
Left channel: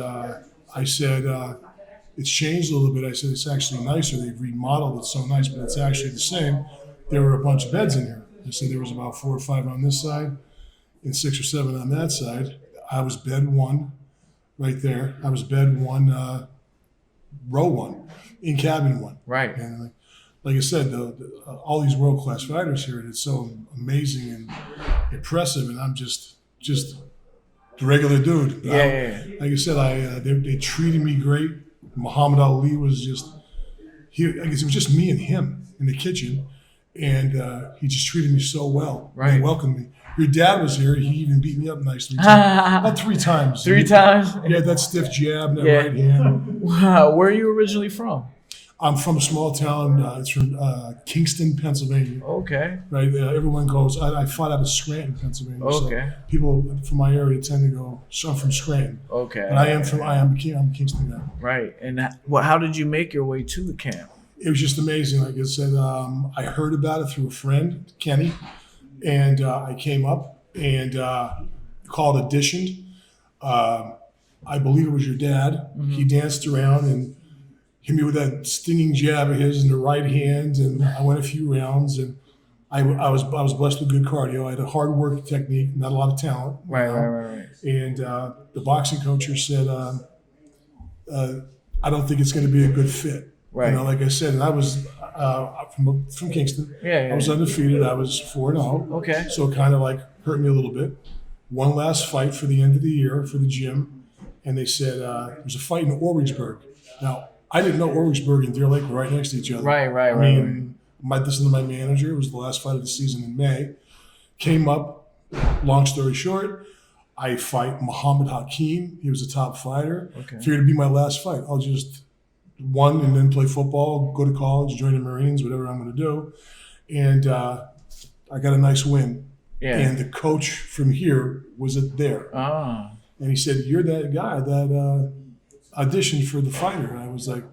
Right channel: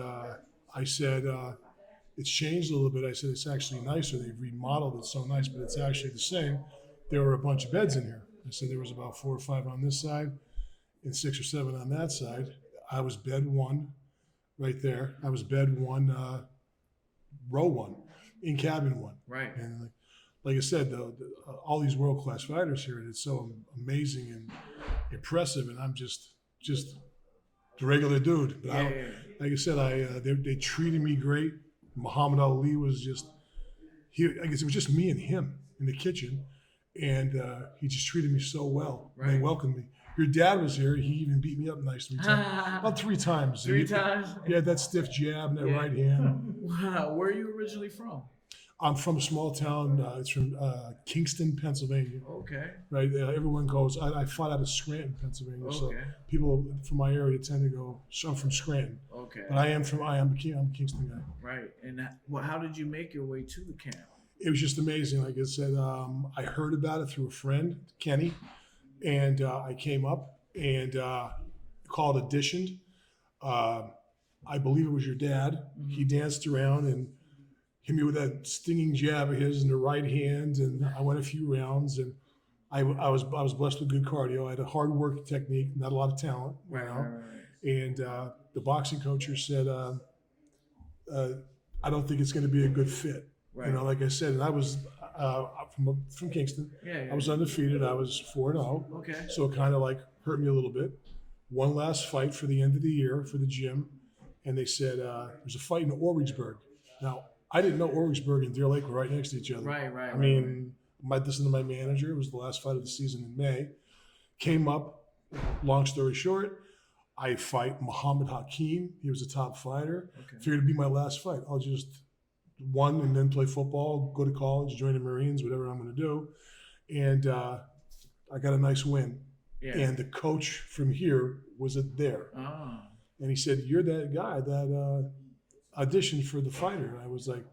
I said, it's changed a little bit. I said, it's actually nicer. They've remodeled it so nice, but it's actually the same. There were a bunch of beds in here. I said there was about 4 or 5 on this side and 6 or 7 on that side. I was bed 1 right there. I was bed 1, row 1, in cabin 1. Right. And like I said, all these world-class fighters here, and it's so amazing and impressive, and I'm just the regular dude. Yeah. Like I said, they treated me great. Muhammad Ali was I guess it was just me and him in the kitchen, and he just treated me so well. Right. He welcomed me. Your dad was here. He even beat me up nicely. About 3 times. 3 times? Yeah, that stiff jab, that right hand. Wow. Where are you originally from? I'm from a small town. It's from Kingston, Pennsylvania. Okay. Right. Everyone goes. I fought out of Scranton, Pennsylvania. Okay. So people from my area tend to go. So I'm from Scranton. Okay. But I'm a Kingston guy. Right. And how did you make your way to the camp? It was just amazing. Like I said, I heard about it through a friend, Kenny, and I came up and called auditioned. I believe it was your dad. Mm-hmm. He danced around and hit me with that stinging jab of his in the right hand, and I went a few rounds, and I was blessed with good cardio. I had a hard work technique, not a lot of talent. Right. And the boxing coach said, I don't think it's going to be a good fit. Right. You know, like I said, and I was from Kingston. Yeah, yeah. I was undefeated. I was 4-0. Okay. So it kind of like hurt me a little bit. One last fight for the end of the year for the gym, and they said there was a fight in Origsburg. Now I didn't know Origsburg and Deer Lake were right next to each other. Right. I mean, listened to my manager. It was the last fight of the season in May. Came up. Long story short, I fight Mohammad Hakeem. He was a top fighter. Okay. Figured it'd be my last fight. I'll just won and then play football, go to college, join the Marines, whatever I'm going to do. And I got a nice win. Yeah. And the coach from here was there. Ah. And he said, "You're that guy that auditioned for the fighter." And I was like,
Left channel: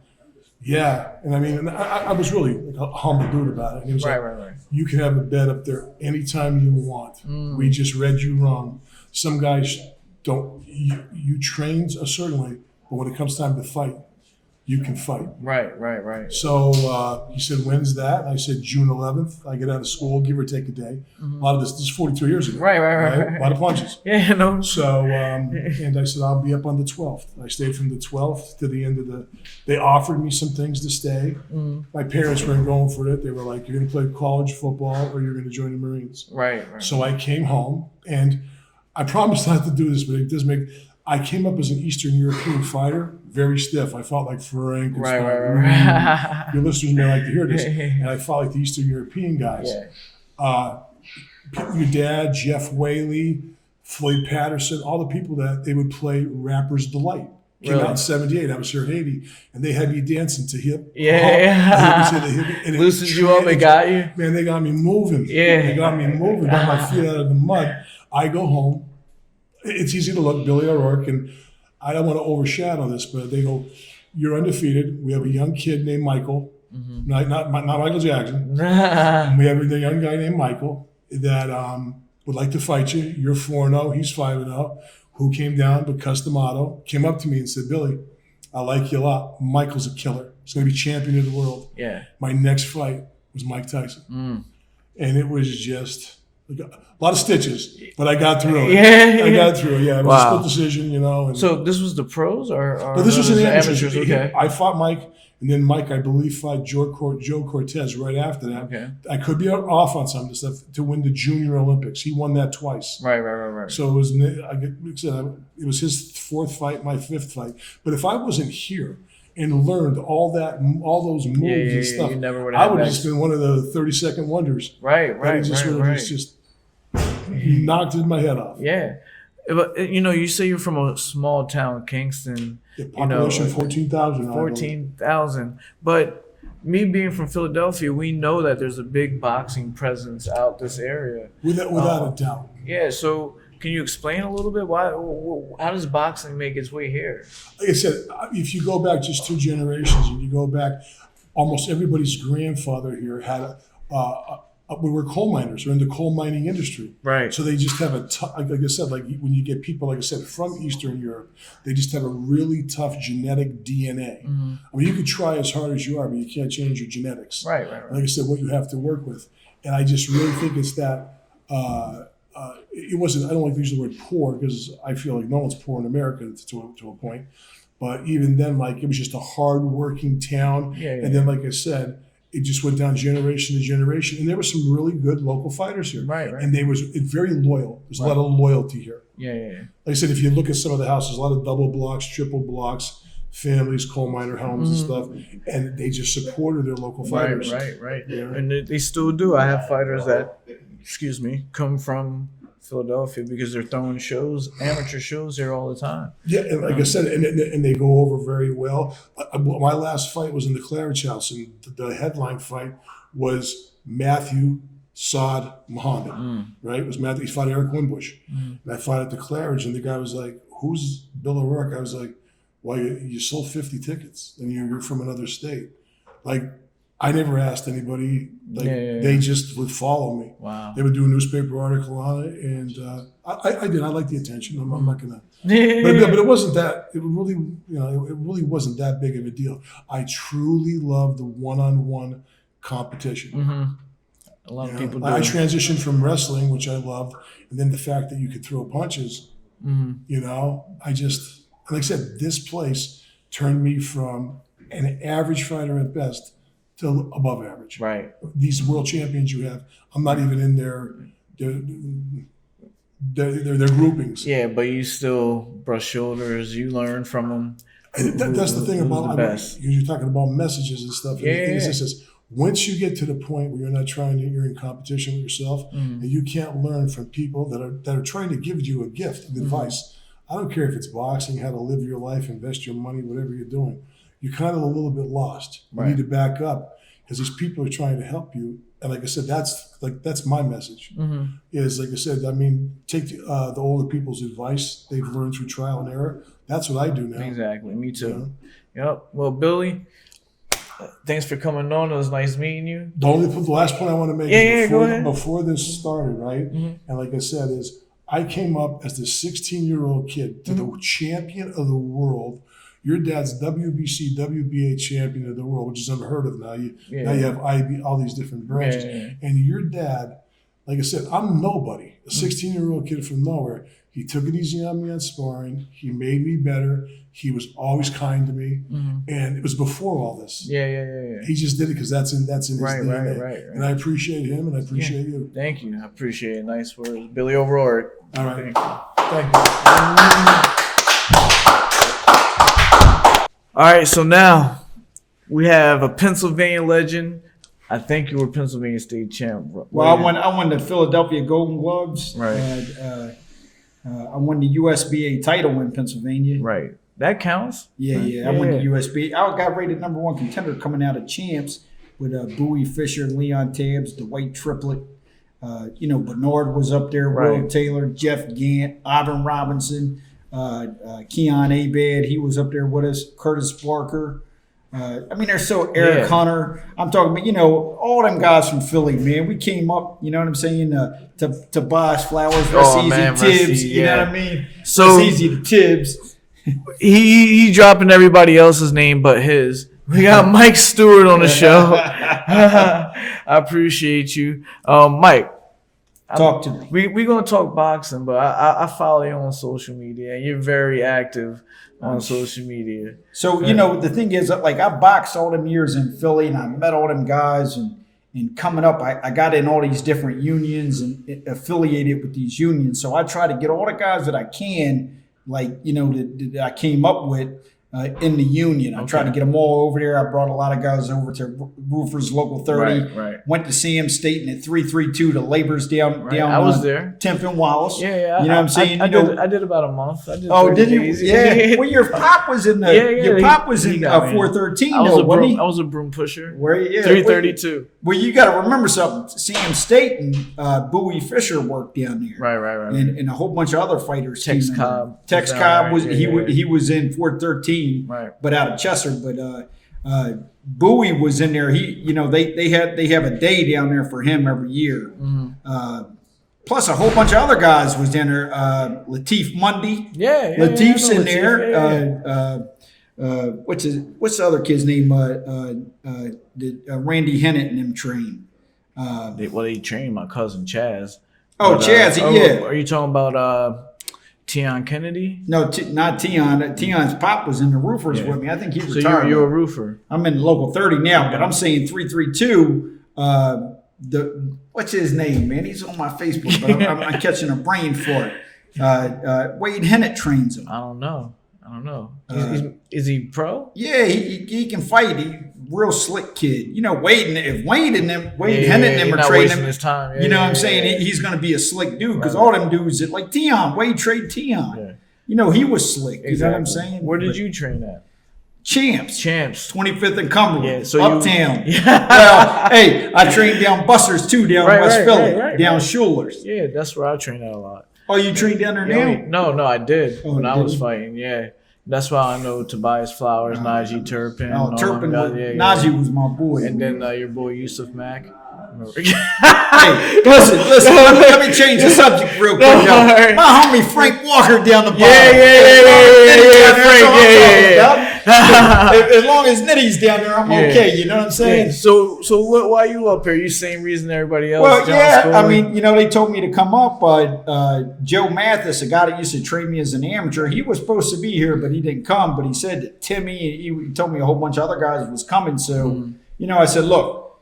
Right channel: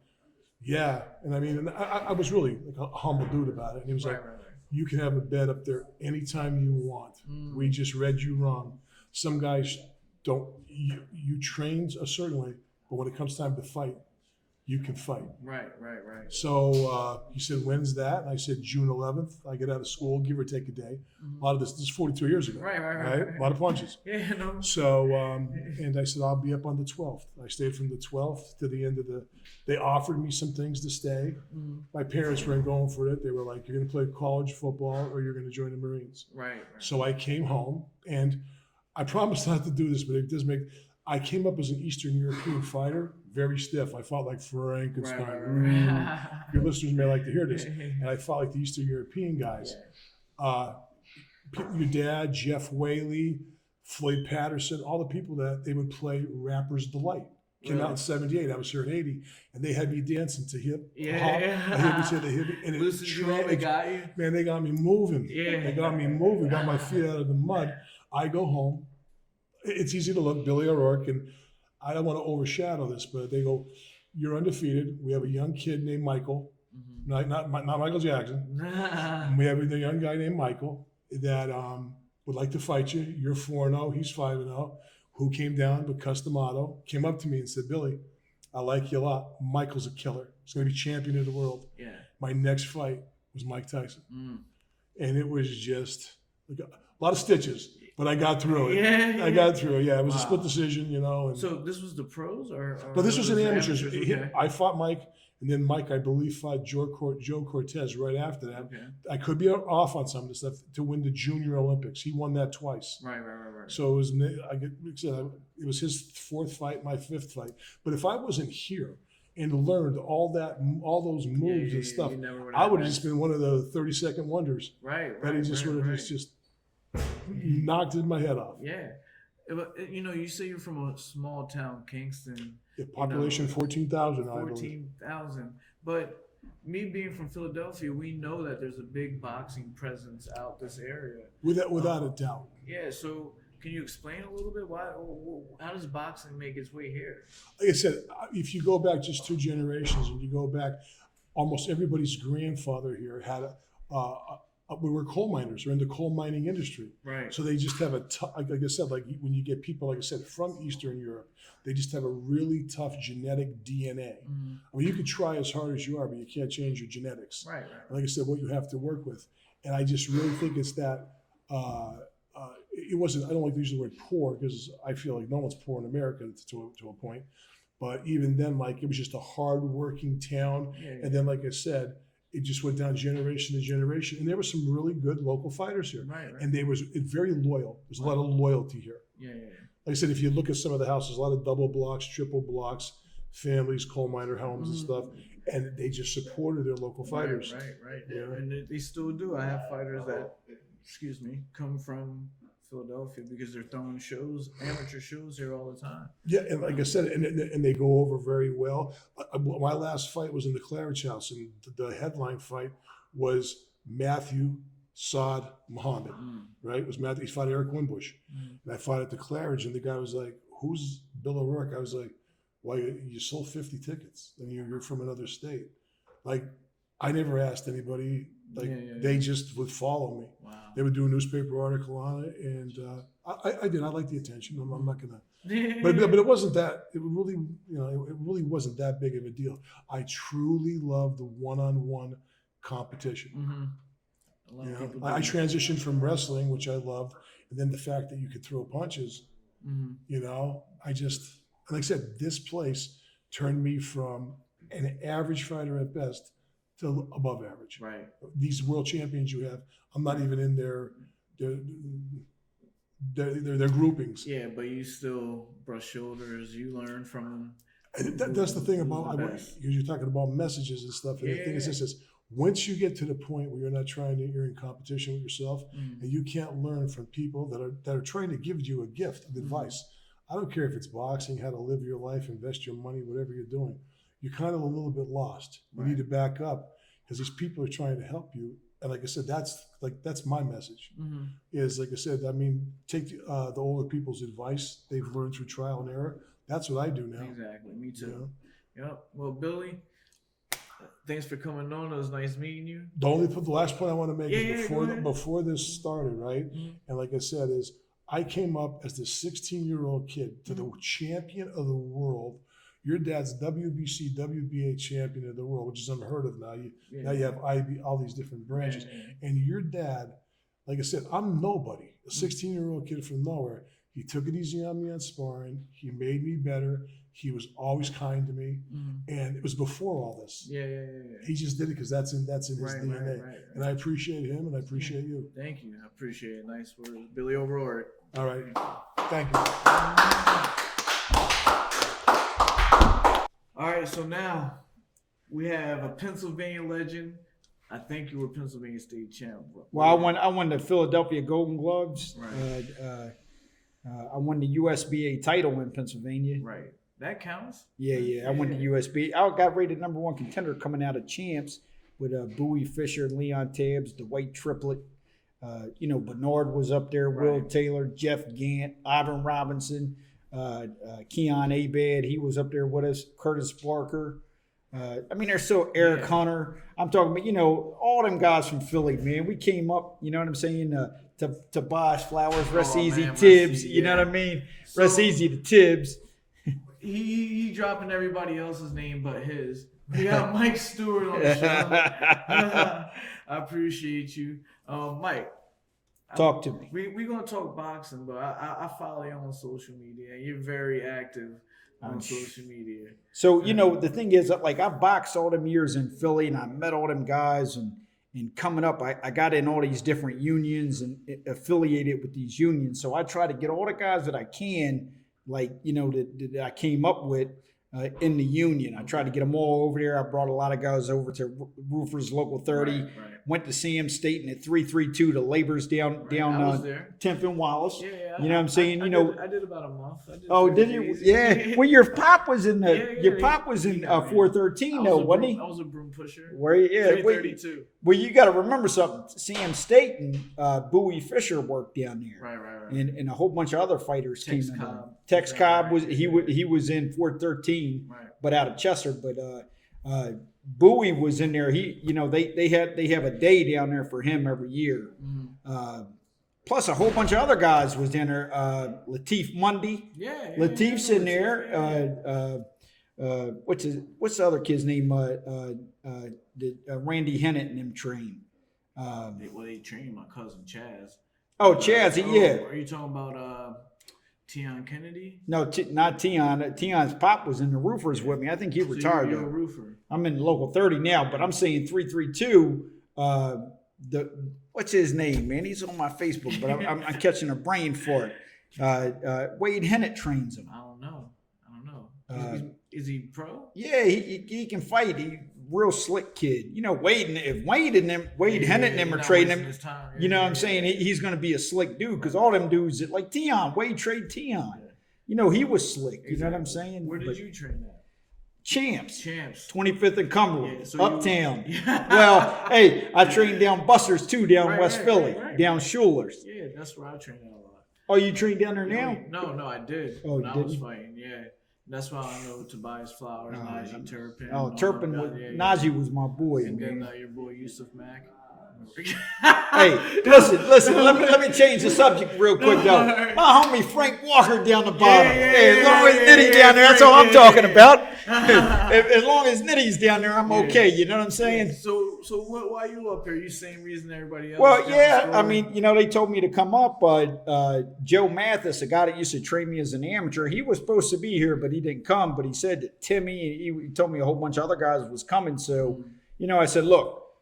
"Yeah." And I mean, I was really like a humble dude about it. And he was like, Right. "You can have a bed up there anytime you want. We just read you wrong. Some guys don't. You train a certain way, but when it comes time to fight, you can fight." Right. So he said, "When's that?" And I said, "June 11th. I get out of school, give or take a day." A lot of this is 42 years ago. Right. A lot of punches. Yeah, no. So, and I said, "I'll be up on the 12th. I stayed from the 12th to the end of they offered me some things to stay. My parents weren't going for it. They were like, "You're going to play college football or you're going to join the Marines." Right. So I came home, and I promised not to do this, but it does make. I came up as an Eastern European fighter, very stiff. I fought like Frank and stuff. Right. Your listeners may like to hear this. And I fought like the Eastern European guys. Yeah. Your dad, Jeff Whaley, Floyd Patterson, all the people that they would play Rapper's Delight. Came out in 78. I was here in 80. And they had me dancing to hip. Yeah. Loosened you up and got you. Man, they got me moving. Yeah. They got me moving, got my feet out of the mud. I go home. It's easy to look, Billy O'Rourke, and I don't want to overshadow this, but they go, "You're undefeated. We have a young kid named Michael, not Michael Jackson. We have a young guy named Michael that would like to fight you. You're 4-0, he's 5-0. Who came down to custom auto, came up to me and said, 'Billy, I like you a lot. Michael's a killer. He's going to be champion of the world.'" Yeah. My next fight was Mike Tyson, and it was just like a lot of stitches, but I got through it. Yeah. I got through it. Yeah, it was Wow. a split decision, you know. And, So this was the pros, or but this was an amateurs. Okay. I fought Mike, and then Mike, I believe, fought Joe Cortez right after that. Okay. I could be off on some of this stuff to win the Junior Olympics. He won that twice. Right. So it was, it was his fourth fight, my fifth fight. But if I wasn't here and learned all those moves and stuff, you never would I have would have that. just been one of the 30-second wonders. Right. That he just would have just knocked my head off. Yeah. But you say you're from a small town, Kingston. The population 14,000. 14,000. But me being from Philadelphia, we know that there's a big boxing presence out this area. Without a doubt. Yeah. So can you explain a little bit how does boxing make its way here? Like I said, if you go back just 2 generations and you go back, almost everybody's grandfather here had we were coal miners. We're in the coal mining industry. Right. So they just have like I said, like when you get people, like I said, from Eastern Europe, they just have a really tough genetic DNA. I mean, you could try as hard as you are, but you can't change your genetics. Right. Like I said, what you have to work with. And I just really think it's that it wasn't, I don't like to use the word poor because I feel like no one's poor in America to a point. But even then, like, it was just a hard-working town. Yeah. And then, like I said, it just went down generation to generation. And there were some really good local fighters here. Right. And they was very loyal. There's a lot of loyalty here. Yeah. Like I said, if you look at some of the houses, a lot of double blocks, triple blocks, families, coal miner homes and stuff. And they just supported their local fighters. Right. Yeah. And they still do. I have fighters that, come from Philadelphia because they're throwing amateur shows here all the time. Yeah, and like I said, and they go over very well. My last fight was in the Claridge House, and the headline fight was Matthew Saad Mohammad, right? It was Matthew. He fought Eric Winbush. And I fought at the Claridge, and the guy was like, "Who's Bill O'Rourke?" I was like, "Well, you sold 50 tickets, and you're from another state." Like, I never asked anybody. They just would follow me. Wow. They would do a newspaper article on it, and I did. I like the attention. I'm not gonna. But it wasn't that. It really wasn't that big of a deal. I truly love the one-on-one competition. A lot of people do. I transitioned from wrestling, which I loved, and then the fact that you could throw punches. I just, like I said, this place turned me from an average fighter at best to above average. Right. These world champions you have, I'm not even in their groupings. Yeah, but you still brush shoulders. You learn from them. That's the thing about, you're talking about messages and stuff. And Yeah, the thing yeah. is, once you get to the point where you're not you're in competition with yourself, and you can't learn from people that are trying to give you a gift of advice. I don't care if it's boxing, how to live your life, invest your money, whatever you're doing. You're kind of a little bit lost. You need to back up because these people are trying to help you. And like I said, that's my message. Is like I said, I mean, take the older people's advice. They've learned through trial and error. That's what I do now. Exactly. Me too. Yep. Well, Billy, thanks for coming on. It was nice meeting you. The last point I want to make is before this started, right? And like I said, is I came up as the 16-year-old kid to the champion of the world. Your dad's WBC, WBA champion of the world, which is unheard of now. Now you have IB, all these different branches. And your dad, like I said, I'm nobody. A 16-year-old kid from nowhere. He took it easy on me on sparring. He made me better. He was always kind to me. And it was before all this. Yeah. He just did it because that's in his DNA. Right. And I appreciate him and I appreciate you. Thank you. I appreciate it. Nice words. Billy O'Rourke. All right. Thank you. All right, so now we have a Pennsylvania legend. I think you were Pennsylvania state champ. Well, I won the Philadelphia Golden Gloves. Right. I won the USBA title in Pennsylvania. Right. That counts? Yeah. I won the USBA. I got rated #1 contender coming out of champs with Bowie Fisher, Leon Tabbs, the White Triplet. Bernard was up there, Will Taylor, Jeff Gant, Ivan Robinson, Keon Abad. He was up there with us, Curtis Barker. Eric Hunter. I'm talking about, all them guys from Philly, man. We came up, you know what I'm saying, to Bosch, Flowers, Tibbs, you know what I mean? So easy to Tibbs. He dropping everybody else's name but his. We got Mike Stewart on the show. I appreciate you. Mike. Talk to me. We're going to talk boxing, but I follow you on social media, and you're very active on social media. So, the thing is, like, I boxed all them years in Philly, and I met all them guys, and coming up, I got in all these different unions and affiliated with these unions. So I try to get all the guys that I can, like, that I came up with in the union. I tried to get them all over there. I brought a lot of guys over to Roofers Local 30. Right. Went to Sam State and at 332 to Labor's down. I was there. 10th and Wallace. Yeah. You know what I'm saying? I did about a month. Did you? days. Yeah. Well, your pop was in your pop was in 413 though, wasn't he? I was a broom pusher. Where? Yeah. 332. Well, you got to remember something. Sam State and Bowie Fisher worked down there. Right. And a whole bunch of other fighters. Tex Cobb. Tex Cobb was he was in 413. Right. But out of Chester. But Bowie was in there. They have a day down there for him every year. Plus a whole bunch of other guys was in there. Lateef Mundy. Lateef's in there. What's the other kid's name? Randy Hennett and them train. They trained my cousin Chaz. Chaz, yeah. Are you talking about Tion Kennedy? No, not Tion. Tion's pop was in the Roofers with me. I think he retired. So you're a roofer. I'm in local 30 now, but I'm saying 332. What's his name, man? He's on my Facebook, but I'm catching a brain for it. Wade Hennett trains him. I don't know. Is he pro? Yeah, he can fight. He real slick kid. Wade Hennett and them are training him. His time. What I'm saying? He's going to be a slick dude because all them dudes that like Tion, Wade trade Tion. Yeah. He was slick. Exactly. You know what I'm saying? Where did you train at? Champs. 25th and Cumberland. Yeah, so Uptown. Well, hey, I trained down Busters too, down West Philly, down Schuler's. Yeah, that's where I train at a lot. Oh, you trained down there now? No, I did when I was fighting. Yeah. That's why I know Tobias Flowers, Najee Turpin. Turpin. Najee was my boy. And then your boy Yusuf Mack. Hey, listen. Let me change the subject real quick. My homie Frank Walker down the bottom. Yeah. That's what I'm talking about. as long as Nitty's down there, I'm okay. You know what I'm saying? So why are you up here? You same reason everybody else? Well, John yeah. Scully? I mean, they told me to come up. Joe Mathis, a guy that used to train me as an amateur, he was supposed to be here, but he didn't come. But he said that Timmy, he told me a whole bunch of other guys was coming. So, I said, look,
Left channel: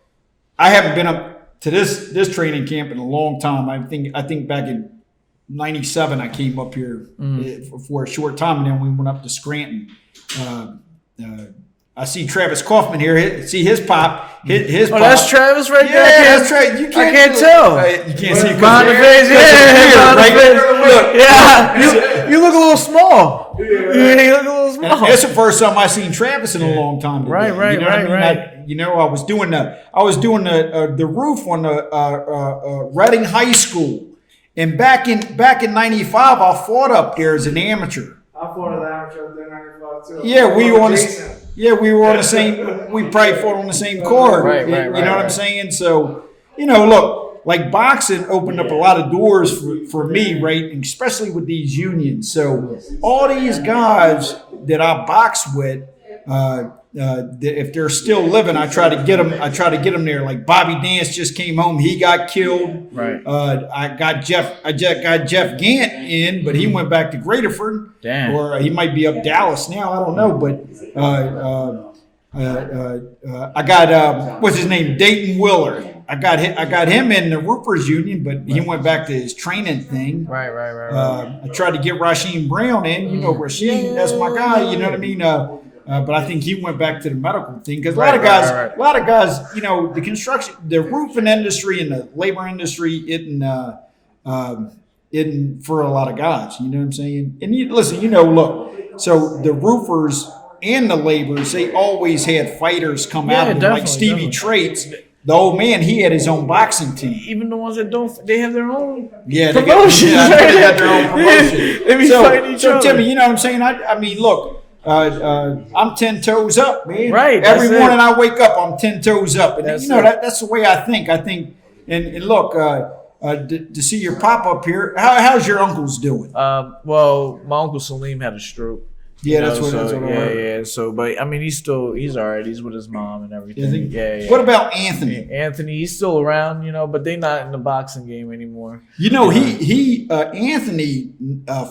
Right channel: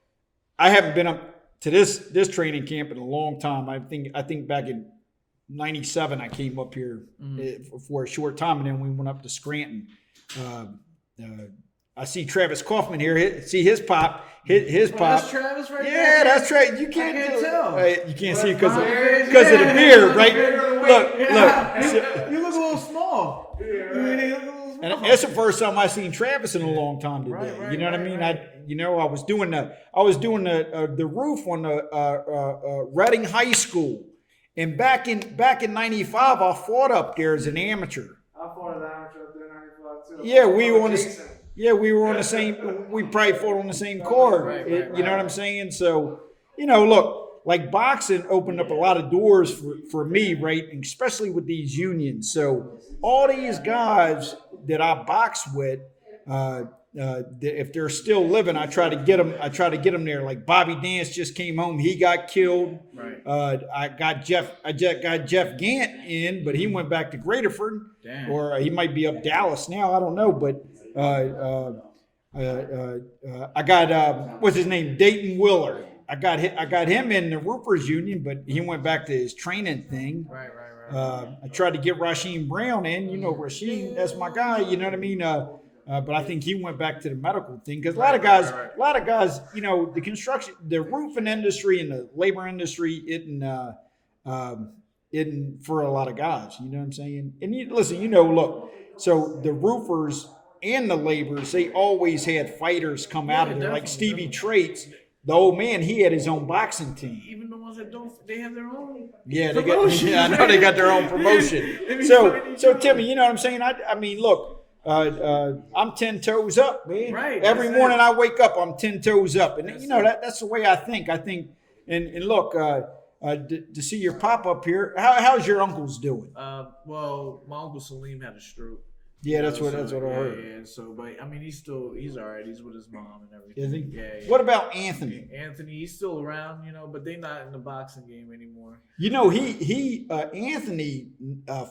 I haven't been up to this training camp in a long time. I think back in '97, I came up here for a short time, and then we went up to Scranton. I see Travis Kauffman here. See his pop. His pop. That's Travis right there. Yeah, that's right. You can't. I can't tell. You can't see Behind the face. You look a little small. You look a little small. That's the first time I seen Travis in a long time. Today. Right. You know what I mean? I was doing the roof on the Reading High School, and back in '95, I fought up there as an amateur. I fought an amateur up there in '95 too. Yeah, we were on the same. We probably fought on the same card. Right, you know what I'm saying? So, look, like boxing opened up a lot of doors for me, right? And especially with these unions. So all these guys that I box with, if they're still living, I try to get them. I try to get them there. Like Bobby Dance just came home; he got killed. Right. I got Jeff Gant in, but he went back to Greaterford. Damn. Or he might be up Dallas now. I don't know, but I got what's his name, Dayton Willard. I got him in the Roofers Union, but he went back to his training thing. Right. I tried to get Rasheem Brown in. Rasheem, that's my guy. You know what I mean? But I think he went back to the medical thing because a lot of guys, the construction, the roofing industry and the labor industry isn't for a lot of guys. You know what I'm saying? And look, so the roofers and the laborers, they always had fighters come out of them, like Stevie Traits. The old man, he had his own boxing team. Even the ones that don't, they have their own. Yeah, promotion. They got their own promotion. They be fighting each other. Timmy, you know what I'm saying? I mean, look. I'm 10 toes up, man. Right. Every morning I wake up, I'm 10 toes up. And That's the way I think. And look, to see your pop up here, how's your uncles doing? Well, my uncle Salim had a stroke. Yeah, that's what I heard. Yeah. So, but I mean, he's all right. He's with his mom and everything. Is he? Yeah. What about Anthony? Anthony, he's still around, but they're not in the boxing game anymore. Anthony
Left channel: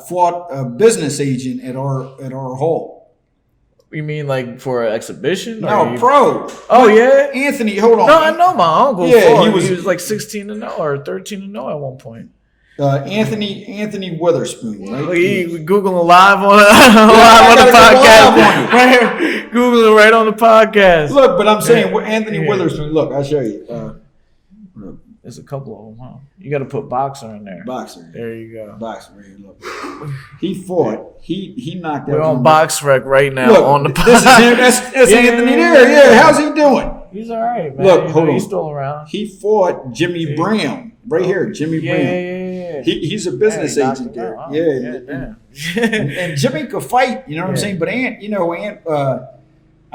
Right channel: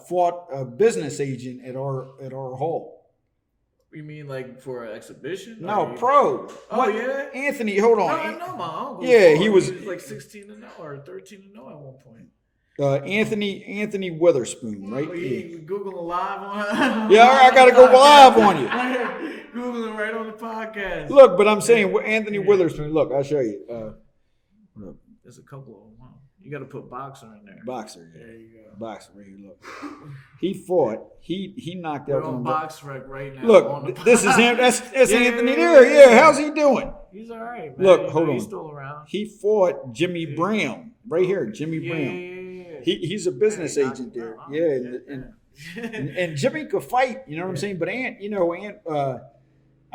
fought a business agent at our hall. You mean like for an exhibition? No, pro. Oh yeah, Anthony. Hold on. No, I know my uncle. Yeah, he was like 16-0 or 13-0 at one point. Anthony Witherspoon, right? We Googling live on the podcast. Go live on you. Right here, Googling right on the podcast. Look, but I'm saying Anthony Witherspoon. Look, I'll show you. There's a couple of them, huh? You got to put boxer in there. Boxer. There you go. Boxer. Right here, look. He fought. He knocked out. We're on BoxRec right now on the podcast. This is him. That's Anthony there. Yeah, how's he doing? He's all right, man. Look, hold on. He's still around. He fought Jimmy Brown. Right here, Jimmy Brown. Yeah. He's a business agent there. Wow. And Jimmy could fight, you know what I'm saying? But Ant,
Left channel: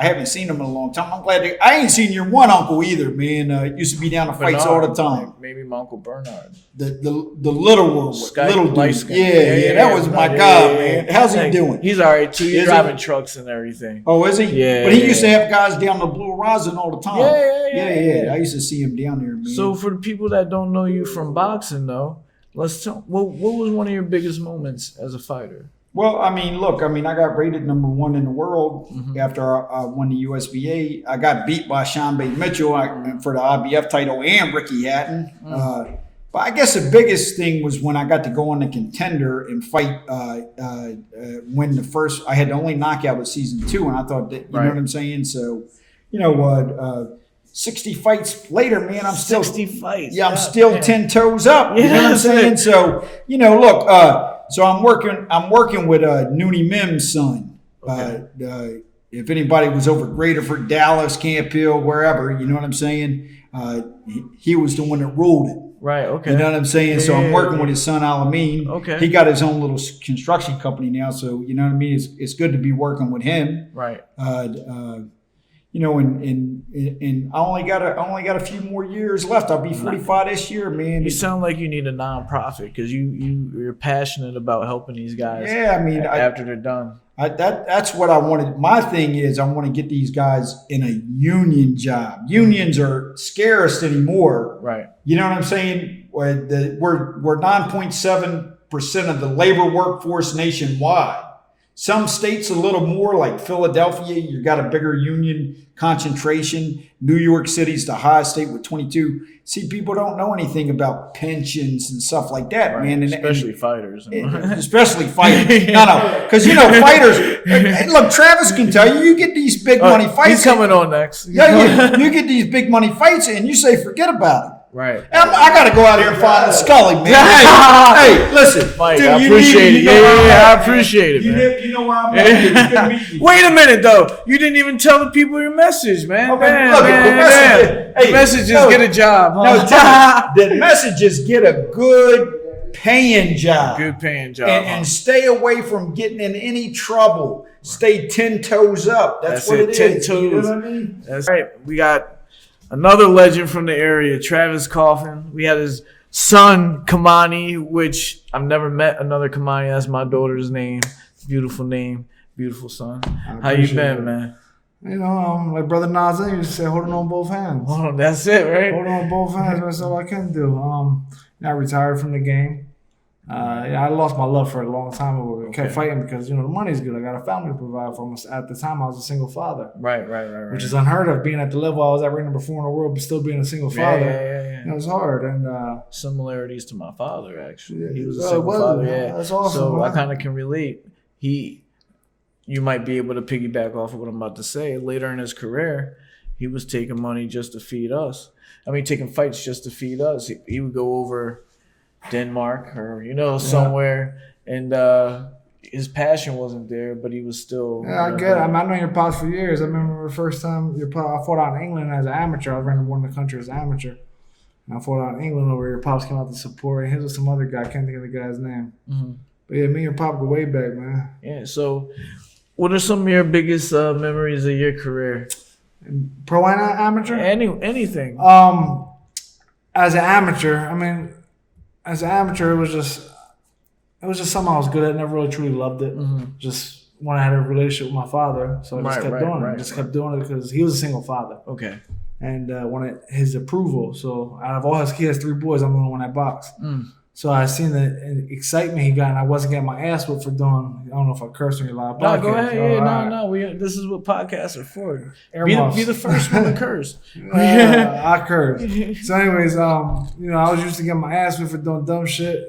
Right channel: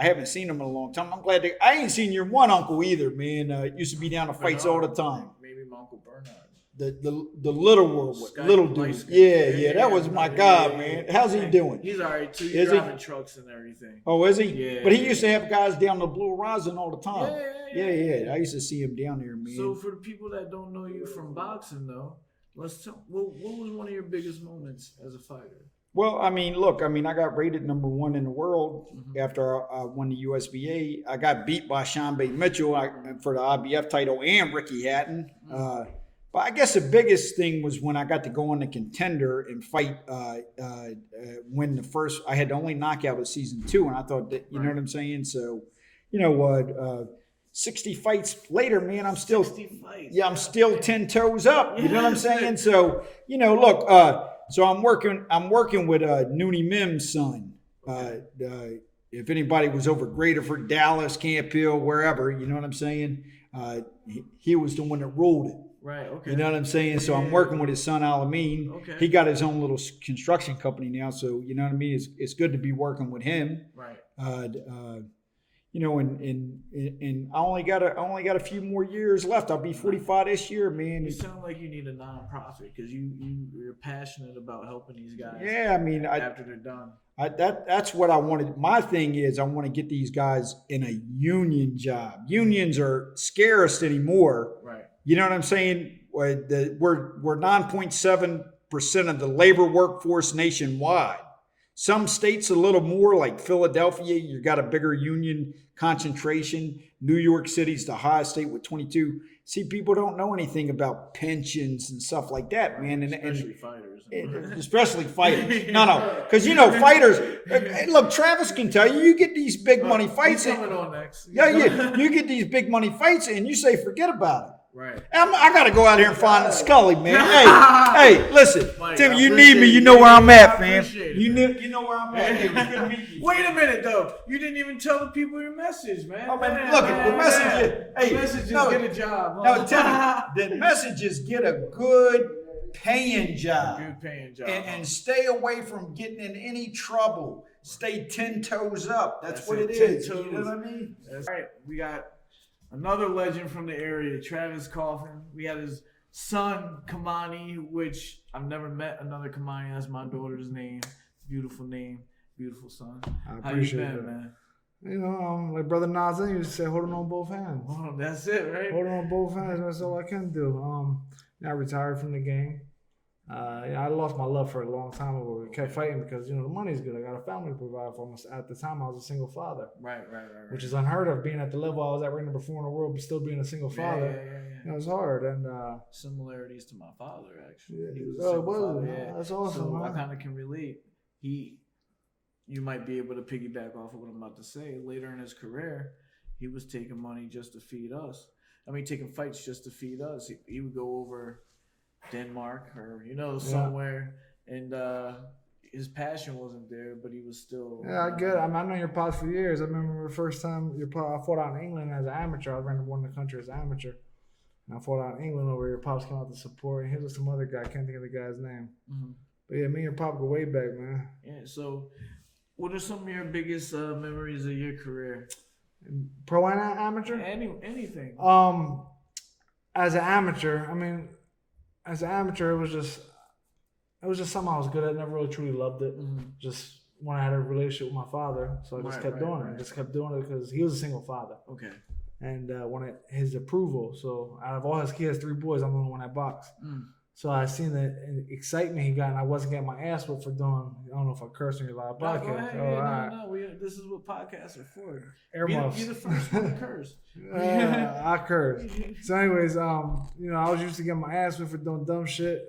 I haven't seen him in a long time. I'm glad I ain't seen your one uncle either, man. Used to be down to fights all the time. Maybe my Uncle Bernard. The little one, little dude. Yeah, that was my guy, man. How's he doing? He's all right too. He's driving trucks and everything. Oh, is he? Yeah. But he used to have guys down the Blue Horizon all the time. Yeah. I used to see him down there, man. So for the people that don't know you from boxing, though, let's tell. What was one of your biggest moments as a fighter? Well, I mean, look, I got rated #1 in the world after I won the USBA. I got beat by Sean Bay Mitchell for the IBF title and Ricky Hatton. But I guess the biggest thing was when I got to go on the Contender and fight. When I had the only knockout was season 2, and I thought that you know what I'm saying. So, 60 fights later, man, I'm still 60 fights. Yeah, I'm still 10 toes up. You know what I'm saying? So, look. So I'm working with Noonie Mim's son. Okay. If anybody was over Greaterford, Dallas, Camp Hill, wherever, you know what I'm saying? He was the one that ruled it. Right, okay. You know what I'm saying? So I'm working with his son, Alameen. Okay. He got his own little construction company now, so you know what I mean? It's good to be working with him. Right. And I only got a few more years left. I'll be 45 this year, man. You sound like you need a nonprofit because you're passionate about helping these guys. Yeah, I mean, after they're done. That's what I wanted. My thing is I want to get these guys in a union job. Unions are scarce anymore. Right. You know what I'm saying? We're 9.7% of the labor workforce nationwide. Some states a little more, like Philadelphia, you got a bigger union concentration. New York City's the highest state with 22. See, people don't know anything about pensions and stuff like that, Right. man. Especially fighters. Especially fighters. No, because fighters. Hey, look, Travis can tell you, you get these big money fights. He's coming on next. Yeah, you get these big money fights, and you say, forget about it. Right. And I got to go out here and find the Scully, man. Hey, listen, Mike, dude, I you appreciate need me. it. You know where I'm Yeah, at. I man. appreciate it, man. You know where I'm at. It's good to meet you. Wait a minute, though. You didn't even tell the people your message, man. Okay, Man, look, man, the message- man. hey, The message is no, get a job. Huh? No, Timmy, the message is get a good paying job. Good paying job. And stay away from getting in any trouble. Stay 10 toes up. That's what it 10 is. You know toes. what I mean? That's right. We got another legend from the area, Travis Coffin. We had his son, Kamani, which I've never met another Kamani. That's my daughter's name. Beautiful son. How you been, man? Like Brother Nas used to say, holding on both hands. Oh, that's it, right? Holding on both hands, that's all I can do. I retired from the game. I lost my love for it a long time ago. I kept fighting because, the money's good. I got a family to provide for. At the time, I was a single father. Right. Which is unheard of, being at the level I was at, ranked number 4 in the world, but still being a single father. Yeah. It was hard. And similarities to my father, actually. He was a Oh, single well, father, yeah. that's awesome, So man. I kind of can relate. You might be able to piggyback off of what I'm about to say. Later in his career, he was taking money just to feed us. Taking fights just to feed us. He would go over Denmark or, somewhere, and his passion wasn't there, but he was still. Yeah, I get it. I've known your pops for years. I remember the first time I fought out in England as an amateur. I was running one of the country as an amateur. And I fought out in England over your pops came out to support. And he was some other guy. I can't think of the guy's name. Mm-hmm. But yeah, me and your pop go way back, man. Yeah, so what are some of your biggest memories of your career? Pro and amateur? Anything. As an amateur, it was just something I was good at. Never really truly loved it. Mm-hmm. Just when I had a relationship with my father, so I just kept doing it. Kept doing it because he was a single father. Okay. And wanted his approval. So out of all he has 3 boys, I'm the only one that boxed. So I seen the excitement he got, and I wasn't getting my ass whipped for doing. I don't know if I cursed on your live podcast. No, go ahead. Yeah, right. no. This is what podcasts are for. Earmuffs. Be the first one to curse. I cursed. So, anyways, I was used to getting my ass whipped for doing dumb shit,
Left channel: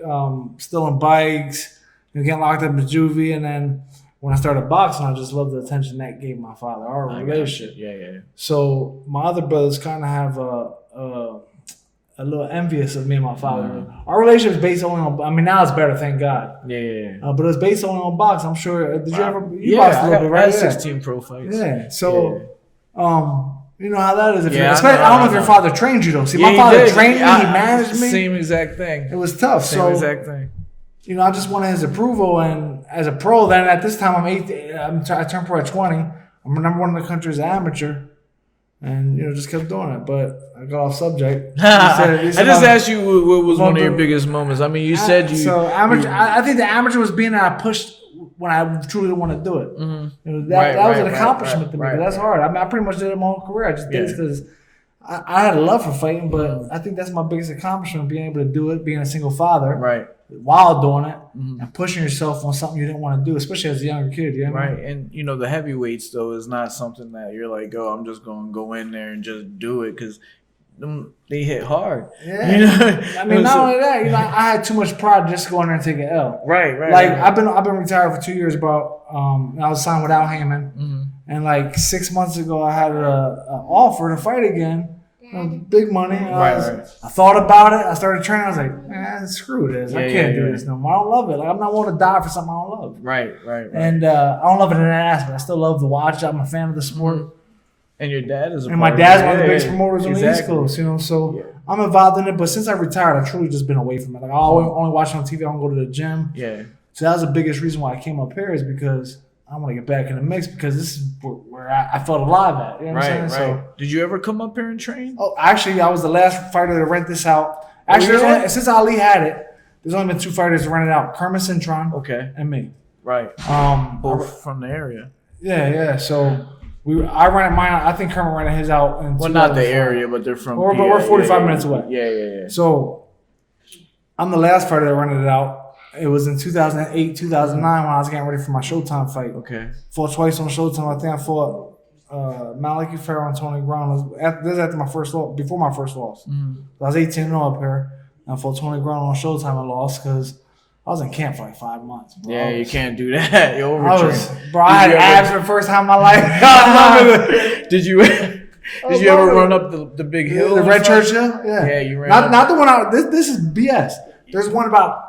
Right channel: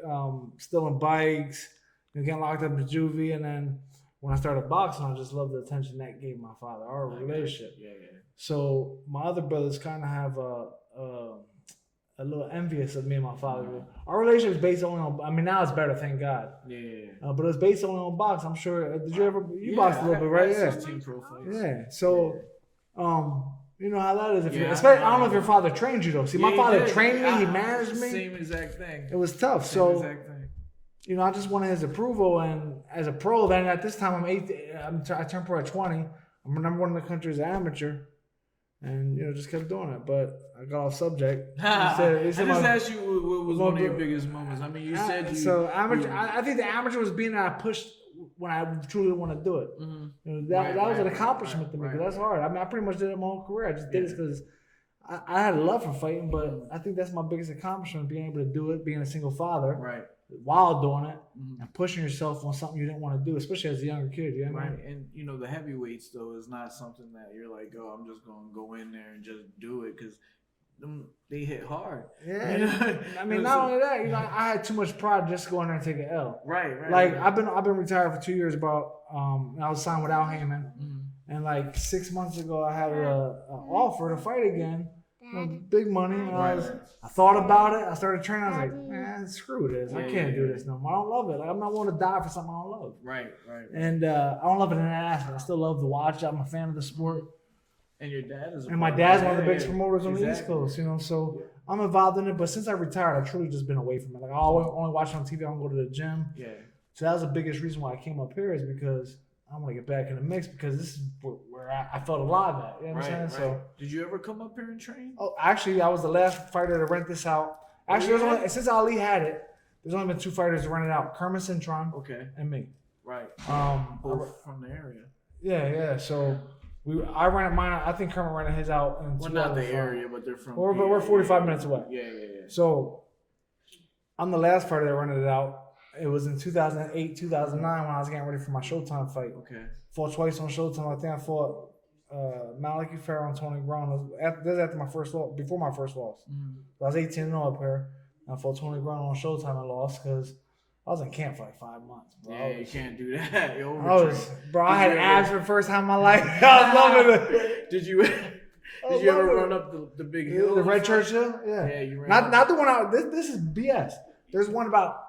stealing bikes, getting locked up in juvie, and then when I started boxing, I just loved the attention that gave my father, our relationship. Yeah. So my other brothers kind of have a little envious of me and my father. Our relationship is based only on. Now it's better, thank God. Yeah. But it's based only on boxing. I'm sure. Did you ever? You Yeah, boxed a little bit, right? I had 16 pro fights. Yeah. So, you know how that is. If Yeah, I don't know if your father trained you though. See, my he father did. trained me. He managed me. Same exact thing. It was tough. Same exact thing. I just wanted his approval, and as a pro, then at this time I turned pro at 20. I'm number 1 in the country as an amateur, and just kept doing it. But I got off subject. I just asked you what was one of your biggest moments. You said you. So amateur. I think the amateur was being that I pushed when I truly want to do it. Mm-hmm. That was an accomplishment to me. But that's hard. I pretty much did it my whole career. I just did it because I had a love for fighting, but I think that's my biggest accomplishment: being able to do it, being a single father, right, while doing it, and pushing yourself on something you didn't want to do, especially as a younger kid. Right, and the heavyweights though is not something that you're like, oh, I'm just going to go in there and just do it because they hit hard. Yeah, not only that, I had too much pride just to go in there and take an L. Right. Like I've been retired for 2 years, bro. I was signed with Al Heyman, and like 6 months ago, I had an offer to fight again. Big money. I thought about it. I started training. I was like, screw this. I can't do this no more. I don't love it. Like, I'm not willing to die for something I don't love. Right. And I don't love it in that aspect. I still love to watch it. I'm a fan of the sport. And your dad is my dad's one of the biggest promoters on the East Coast, so I'm involved in it. But since I retired, I've truly just been away from it. Like I only watch it on TV. I don't go to the gym. Yeah. So that was the biggest reason why I came up here is because I want to get back in the mix because this is where I felt alive at. You know what I'm saying? Right. So, did you ever come up here and train? Oh, actually, I was the last fighter to rent this out. Actually, since Ali had it, there's only been 2 fighters to rent it out: Kermit Cintron, and me. Right. Both from the area. Yeah. So I rented mine. I think Kermit rented his out. Well, not the area, but they're from. But we're 45 minutes away. Yeah. So I'm the last fighter that rented it out. It was in 2008, 2009 when I was getting ready for my Showtime fight. Okay. Fought twice on Showtime. I think I fought Maliki Farrell and Tony Brown. This is after my first loss, before my first loss. I was 18-0 up here. And I fought Tony Brown on Showtime. I lost because I was in camp for like 5 months. Bro. Yeah, you can't do that. You're overtrained. I had abs for the first time in my life. I was loving it. Did you ever run up the big hill? The Red Church Hill? Yeah. Yeah, you ran. Not the one out. This is BS. There's one about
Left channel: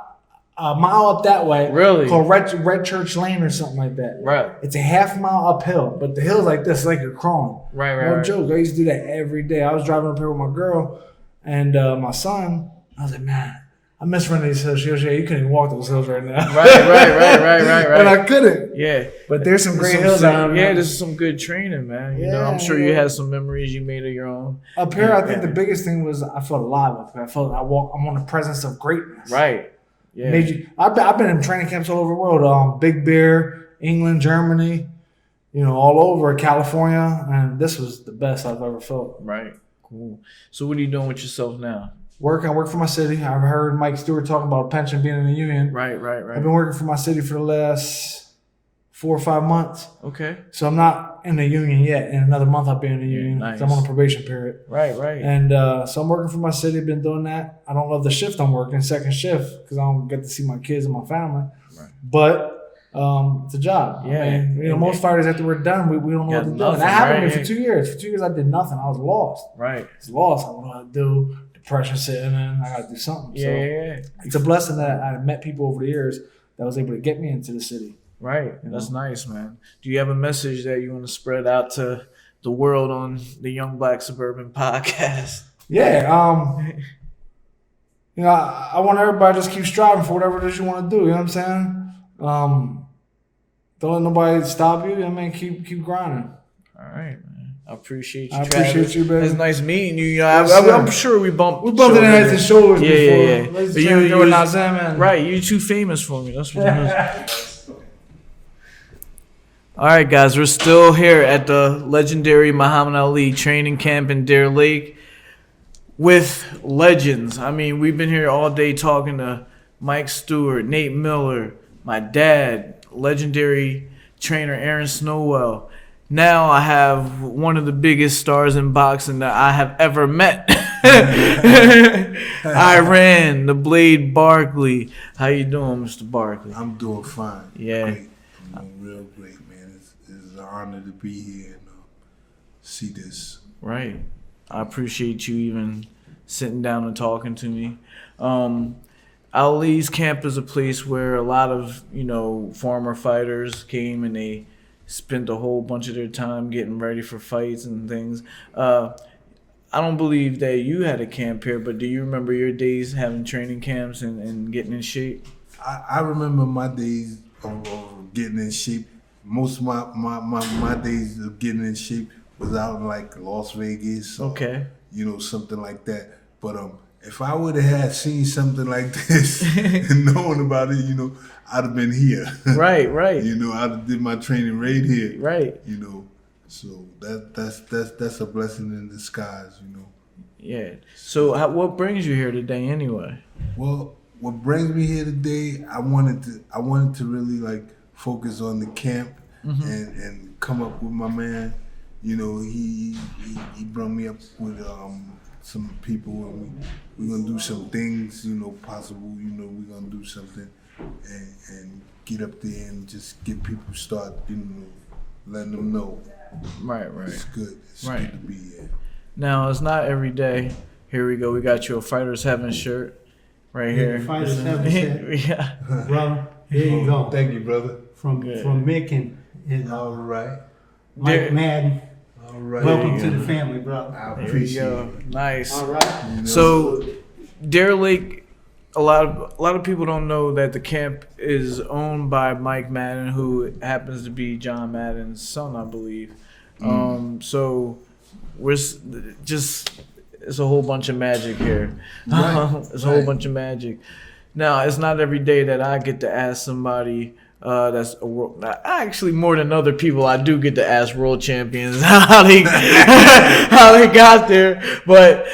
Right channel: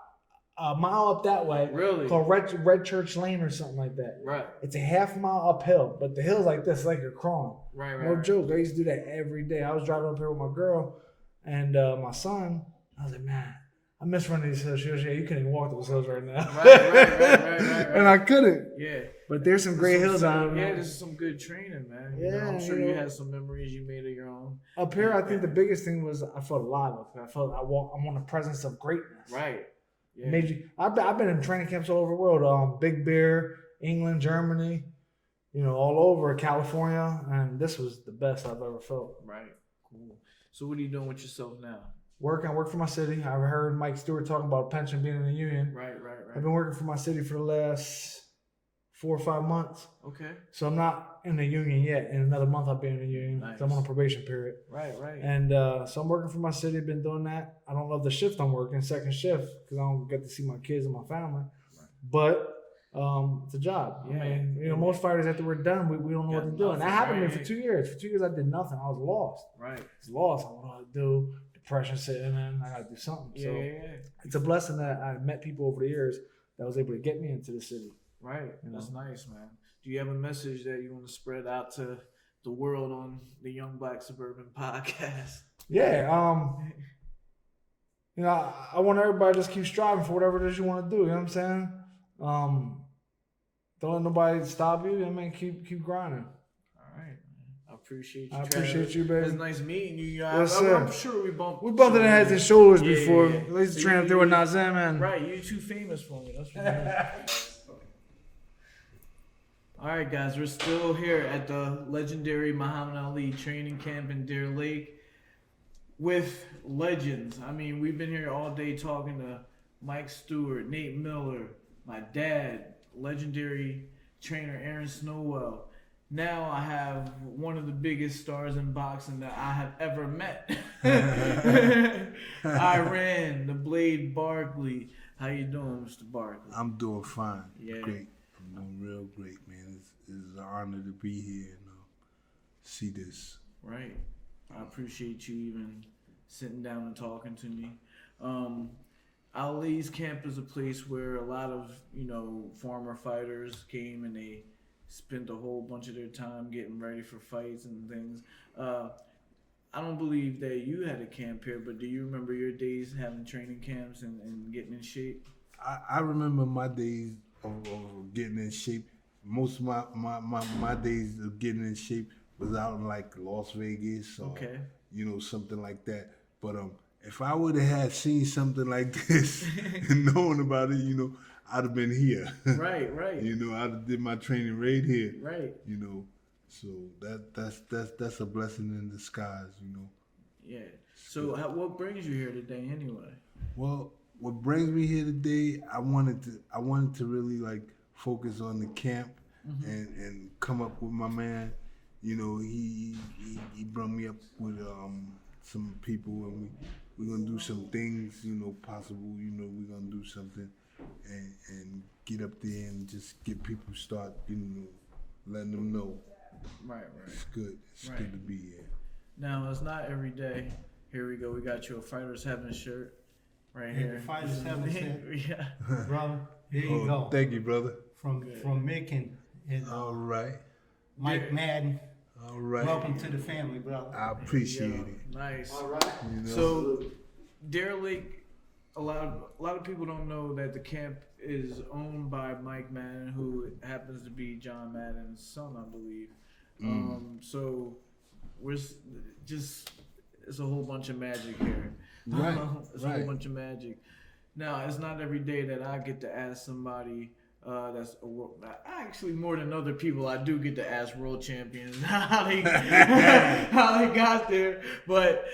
a mile up that way. Really? Called Red Church Lane or something like that. Right. It's a half mile uphill, but the hill's like this, like you're crawling. Right. No joke. I used to do that every day. I was driving up here with my girl and my son. I was like, man, I miss running these hills. She goes, yeah, you couldn't even walk those hills right now. Right. And I couldn't. Yeah. But there's some great hills out here. there. Yeah, this is some good training, man. You know, I'm sure you had some memories you made of your own. Up here, I think the biggest thing was I felt alive up here. I felt I'm on the presence of greatness. Right. Yeah. I've been in training camps all over the world. Big Bear, England, Germany, all over California, and this was the best I've ever felt. Right. Cool. So what are you doing with yourself now? I work for my city. I've heard Mike Stewart talking about a pension being in the union. Right. I've been working for my city for the last 4 or 5 months. Okay. So I'm not in the union yet. In another month I'll be in the union. Nice. I'm on a probation period. Right. And so I'm working for my city. Been doing that. I don't love the shift I'm working, second shift, because I don't get to see my kids and my family. Right. But it's a job. Yeah. I mean, most fighters after we're done, we don't know what to do. And that happened to me for 2 years. For 2 years I did nothing. I was lost. Right. I was lost. I don't know what to do. Depression setting in. I got to do something. Yeah. It's a blessing that I met people over the years that was able to get me into the city. Right. That's nice, man. Do you have a message that you want to spread out to the world on the Young Black Suburban podcast? Yeah. I want everybody to just keep striving for whatever it is you want to do. You know what I'm saying? Don't let nobody stop you. I mean, keep grinding. All right, man. I appreciate you. I appreciate you, baby. It's nice meeting you. Yes, I'm sure we bumped in heads and shoulders before. Yeah. Ladies But and gentlemen, right, you're too famous for me. That's what it is. All right, guys, we're still here at the legendary Muhammad Ali training camp in Deer Lake with legends. I mean, we've been here all day talking to Mike Stewart, Nate Miller, my dad, legendary trainer Aaron Snowell. Now I have one of the biggest stars in boxing that I have ever met. Iran, the Blade Barkley. How you doing, Mr. Barkley? I'm doing fine. Yeah. Great. I'm doing real great, man. It's an honor to be here and see this. Right. I appreciate you even sitting down and talking to me. Ali's camp is a place where a lot of, former fighters came and they spent a whole bunch of their time getting ready for fights and things. I don't believe that you had a camp here, but do you remember your days having training camps and getting in shape? I remember my days of getting in shape. Most of my days of getting in shape was out in like Las Vegas. Or, something like that. But if I would have seen something like this and known about it, I'd have been here. Right. I'd have did my training right here. Right. So that's a blessing in disguise. Yeah. So what brings you here today, anyway? Well, what brings me here today, I wanted to really like focus on the camp and come up with my man. He brought me up with some people, and we're gonna do some things. Possible. We're gonna do something and get up there and just get people start. Letting them know. Right. It's good. It's good to be here. Now it's not every day. Here we go. We got you a Fighters Heaven shirt. Right here. Fighters Heaven shirt. Yeah. Brother, here you go. Thank you, brother. From Mick and all right. Mike Madden. All right. Welcome to the family, brother. I appreciate it. Nice. All right. So, Deer Lake, a lot of people don't know that the camp is owned by Mike Madden, who happens to be John Madden's son, I believe. So we're just. It's a whole bunch of magic here. It's a whole bunch of magic. Now, it's not every day that I get to ask somebody That's a world. Actually, more than other people, I do get to ask world champions how they got there. But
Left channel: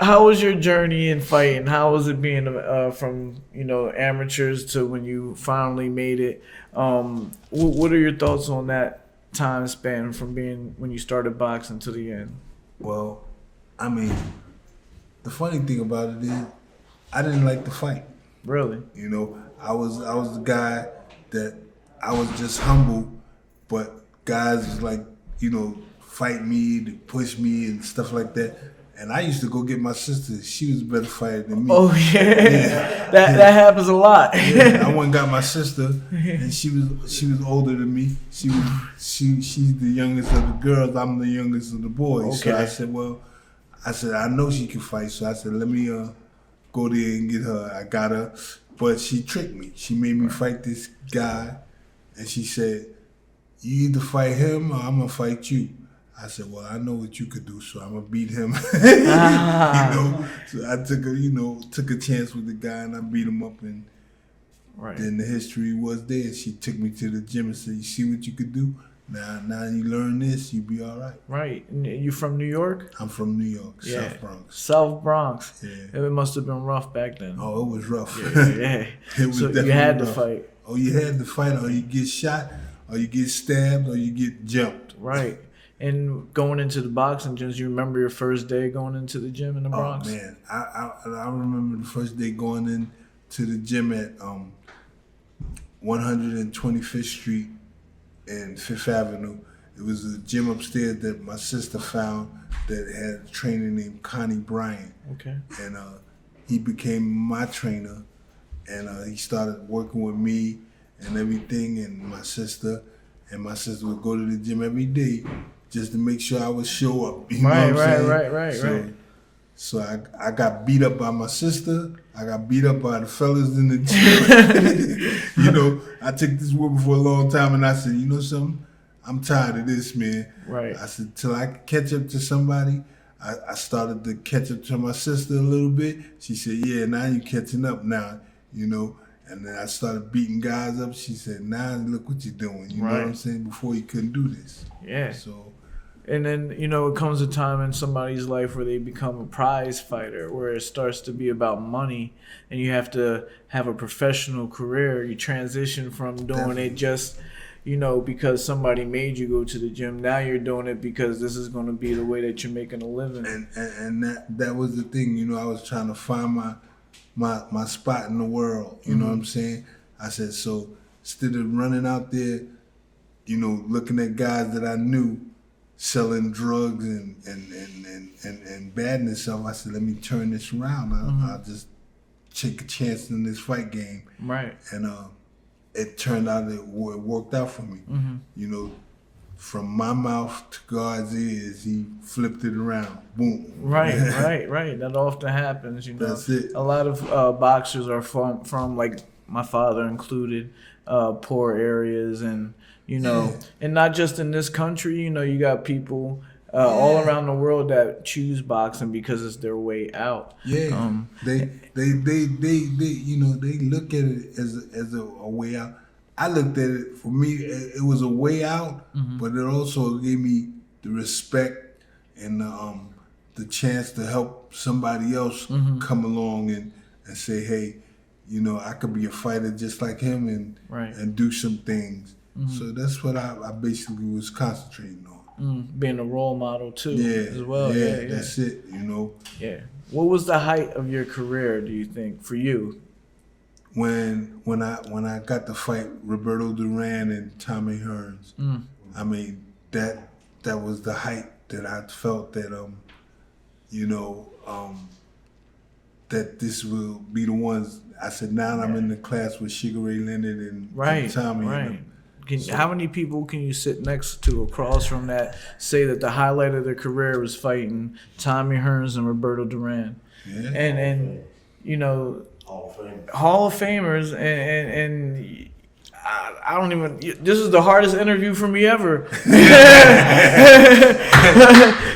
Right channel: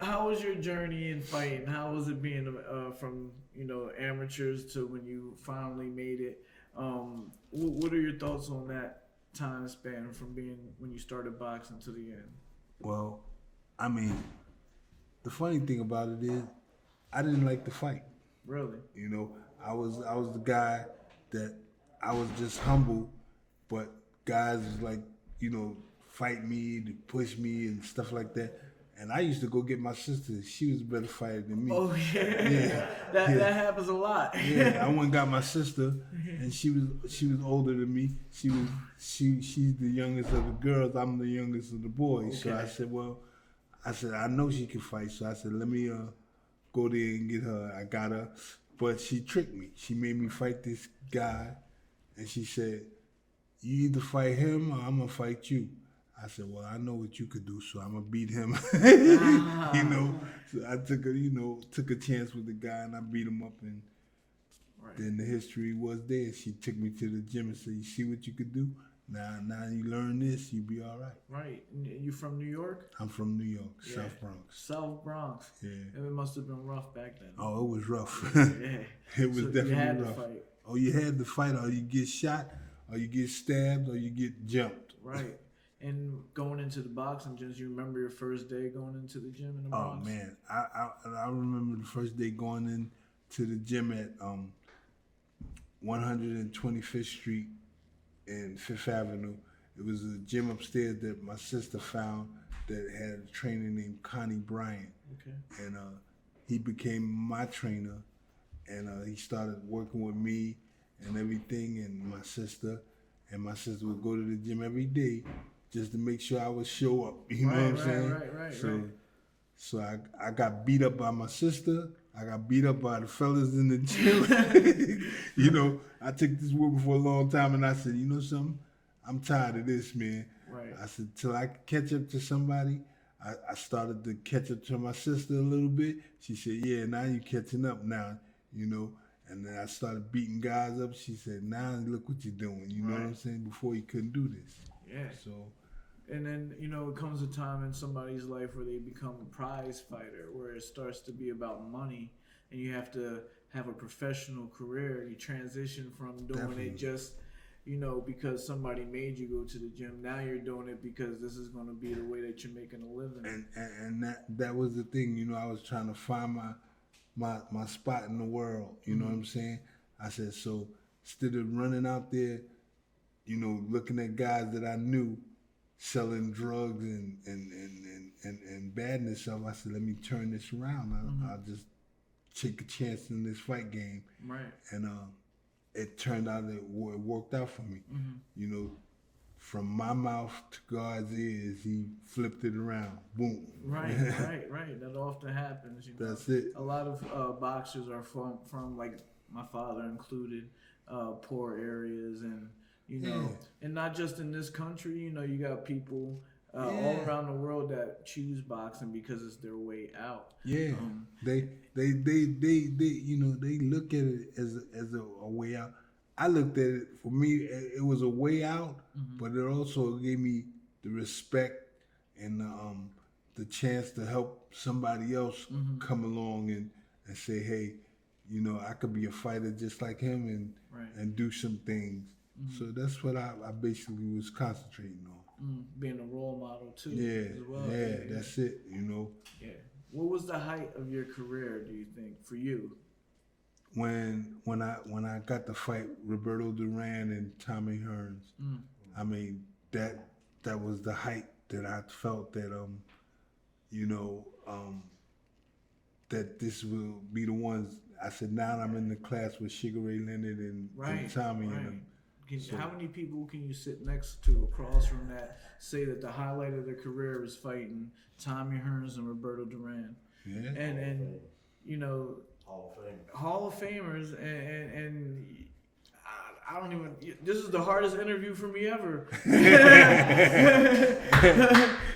how was your journey in fighting? How was it being from amateurs to when you finally made it? What are your thoughts on that time span from being when you started boxing to the end? Well, I mean, the funny thing about it is, I didn't like to fight. Really? I was the guy that I was just humble, but guys was like, fight me, to push me and stuff like that. And I used to go get my sister. She was a better fighter than me. Oh yeah. That happens a lot. Yeah, I went and got my sister, and she was older than me. She's the youngest of the girls. I'm the youngest of the boys. Okay. So I said I know she can fight. So I said let me go there and get her. I got her, but she tricked me. She made me fight this guy, and she said, "You either fight him or I'm gonna fight you." I said, "Well, I know what you could do, so I'm gonna beat him." So I took a chance with the guy, and I beat him up, and then the history was there. She took me to the gym and said, "You see what you could do? Now you learn this, you be all right." Right. You from New York? I'm from New York, South Bronx. South Bronx. Yeah. It must have been rough back then. Oh, it was rough. Yeah. It was so definitely you had to rough. fight. Oh, you had to fight, or you get shot, or you get stabbed, or you get jumped. Right. And going into the boxing gyms, you remember your first day going into the gym in the Bronx? Oh man, I remember the first day going into the gym at 125th Street and 5th Avenue. It was a gym upstairs that my sister found that had a trainer named Connie Bryant. Okay. And he became my trainer, and he started working with me and everything, and my sister would go to the gym every day just to make sure I would show up. You know what I'm saying? Right. So I got beat up by my sister. I got beat up by the fellas in the gym. I took this woman for a long time, and I said, you know something? I'm tired of this, man. Right. I said, till I could catch up to somebody. I started to catch up to my sister a little bit. She said, yeah, now you catching up now, And then I started beating guys up. She said, now look what you're doing. You know what I'm saying? Before you couldn't do this. Yeah. So. And then, it comes a time in somebody's life where they become a prize fighter, where it starts to be about money, and you have to have a professional career. You transition from doing it just, because somebody made you go to the gym. Now you're doing it because this is going to be the way that you're making a living. And that was the thing, I was trying to find my spot in the world. You know what I'm saying? I said, so instead of running out there, looking at guys that I knew selling drugs and badness up, I said, let me turn this around. I'll just take a chance in this fight game. Right. And it turned out it worked out for me. From my mouth to God's ears, he flipped it around. Boom. Right. That often happens, That's it. A lot of boxers are from like my father included, poor areas, and and not just in this country. You got people all around the world that choose boxing because it's their way out. Yeah, they look at it as a way out. I looked at it, for me, it was a way out, but it also gave me the respect and the chance to help somebody else come along and say, hey, I could be a fighter just like him and do some things. So that's what I basically was concentrating on. Being a role model too, as well. Yeah, that's it. Yeah. What was the height of your career, do you think, for you? When I got to fight Roberto Duran and Tommy Hearns, I mean that was the height that I felt that that this will be the ones. I said, now I'm in the class with Sugar Ray Leonard and Tommy. Right. How many people can you sit next to across from that say that the highlight of their career was fighting Tommy Hearns and Roberto Duran? Yeah. And Hall of Famers, and I don't even. This is the hardest interview for me ever.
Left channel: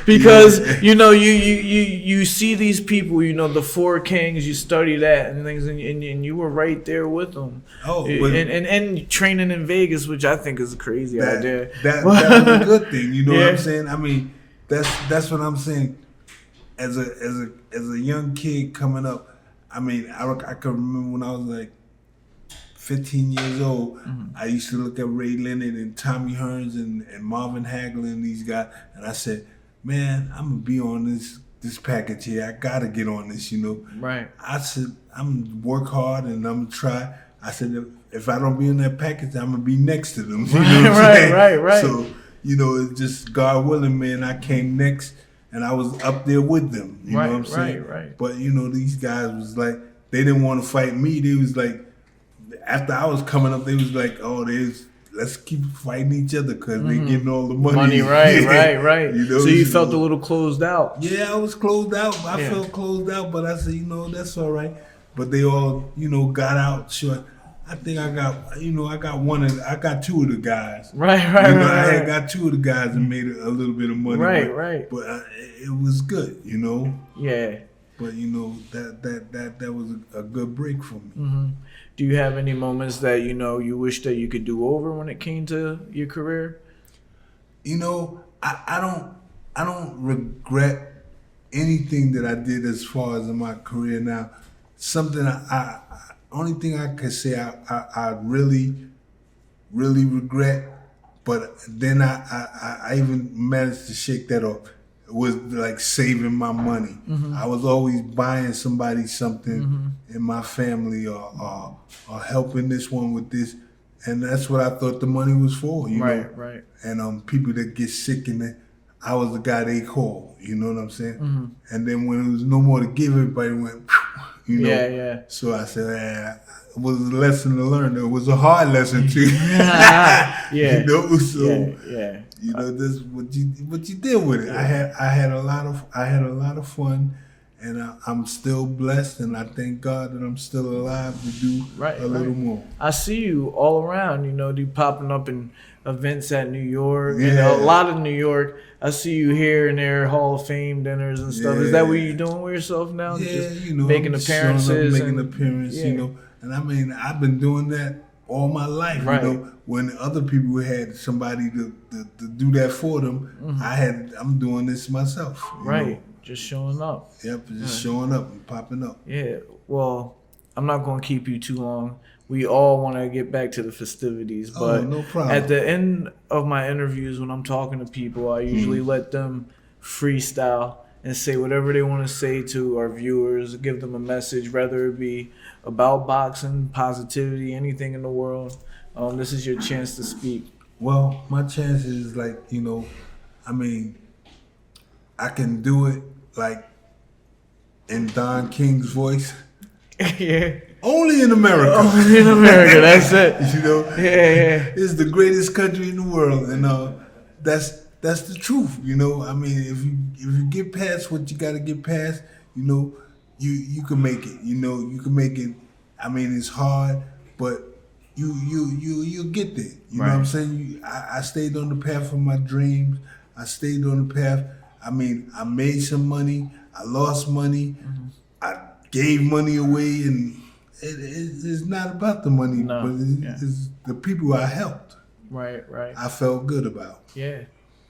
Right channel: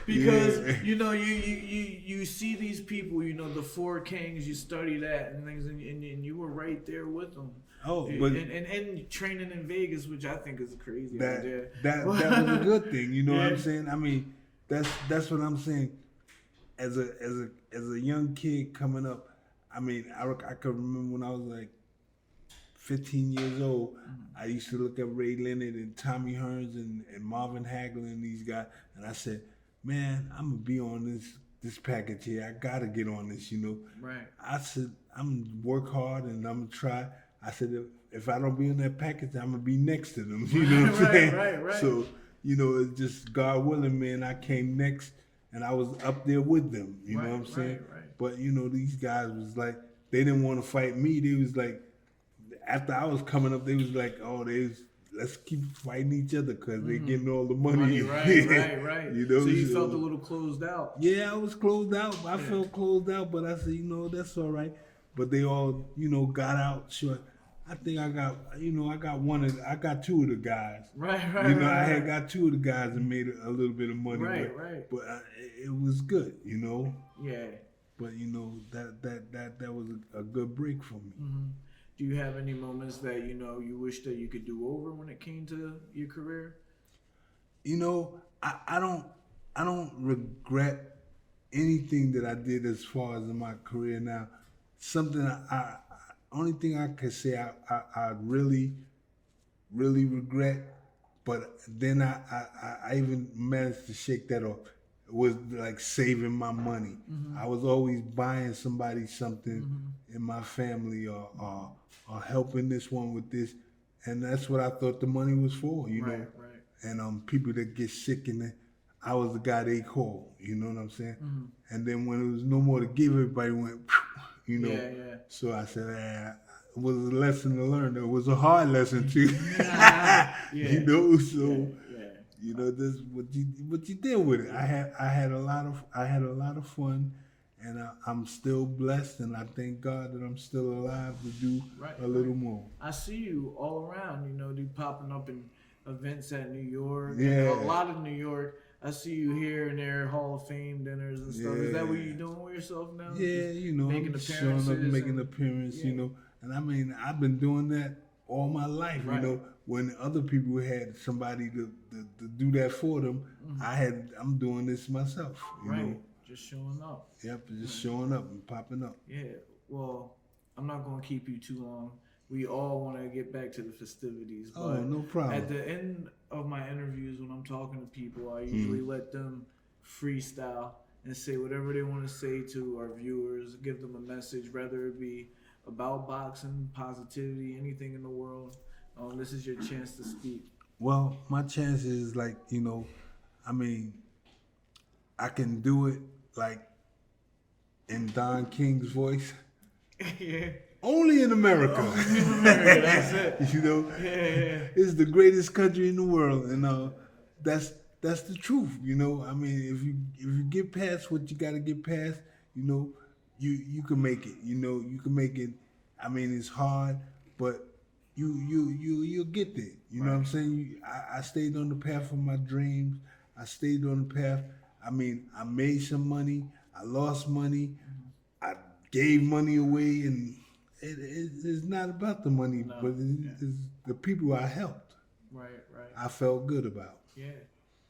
Because you see these people, the four kings. You study that and things, and you were right there with them. Oh, and training in Vegas, which I think is a crazy idea. That was a good thing. You know Yeah. what I'm saying? I mean, that's what I'm saying. As a young kid coming up, I mean, I can remember when I was like 15 years old, I used to look at Ray Leonard and Tommy Hearns and Marvin Hagler and these guys, and I said, man, I'm gonna be on this package here. I gotta get on this, Right. I said, I'm gonna work hard and I'm gonna try. I said, if I don't be in that package, I'm gonna be next to them. You know what I'm saying? Right. So, it's just God willing, man, I came next and I was up there with them. You know what I'm saying? Right. But, these guys was like, they didn't want to fight me. They was like, after I was coming up, they was like, let's keep fighting each other because they getting all the money. Right. So you so- felt a little closed out. Yeah, I was closed out. I felt closed out, but I said, that's all right. But they all, got out short. I think I got, I got two of the guys. Right. I had got two of the guys and made a little bit of money. Right. But it was good, Yeah. But that was a good break for me. Mm-hmm. Do you have any moments that you wish that you could do over when it came to your career? I don't regret anything that I did as far as in my career now. Something I only thing I could say I really, really regret, but then I even managed to shake that off. It was like saving my money. I was always buying somebody something in my family or helping this one with this, and that's what I thought the money was for. Right. And people that get sick I was the guy they called. You know what I'm saying? And then when it was no more to give, everybody went. Yeah. So I said, it was a lesson to learn. It was a hard lesson too. Yeah. So Yeah. this what you did with it. I had a lot of fun, and I'm still blessed, and I thank God that I'm still alive to do a little more. I see you all around. You popping up in events at New York. Yeah. A lot of New York. I see you here and there, Hall of Fame dinners and stuff. Is that what you're doing with yourself now? Yeah, Just making I'm appearances. showing up, making appearances, And I mean, I've been doing that all my life. Right. When other people had somebody to do that for them, I'm doing this myself. you Right. know? Just showing up. Yep, just showing up and popping up. Yeah. Well, I'm not going to keep you too long. We all want to get back to the festivities, but no problem. at the end of my interviews, when I'm talking to people, I usually let them freestyle and say whatever they want to say to our viewers, give them a message, whether it be about boxing, positivity, anything in the world. This is your chance to speak. Well, my chance is I mean, I can do it like in Don King's voice. Yeah. Only in America. Only in America, that's it. Yeah. It's the greatest country in the world, and that's the truth. I mean, if you get past what you got to get past, you can make it. You can make it. I mean, it's hard, but you'll get there. You know what I'm saying? I stayed on the path of my dreams. I stayed on the path. I mean, I made some money. I lost money. I gave money away, and it's not about the money, but it's the people I helped. Right. I felt good about. Yeah.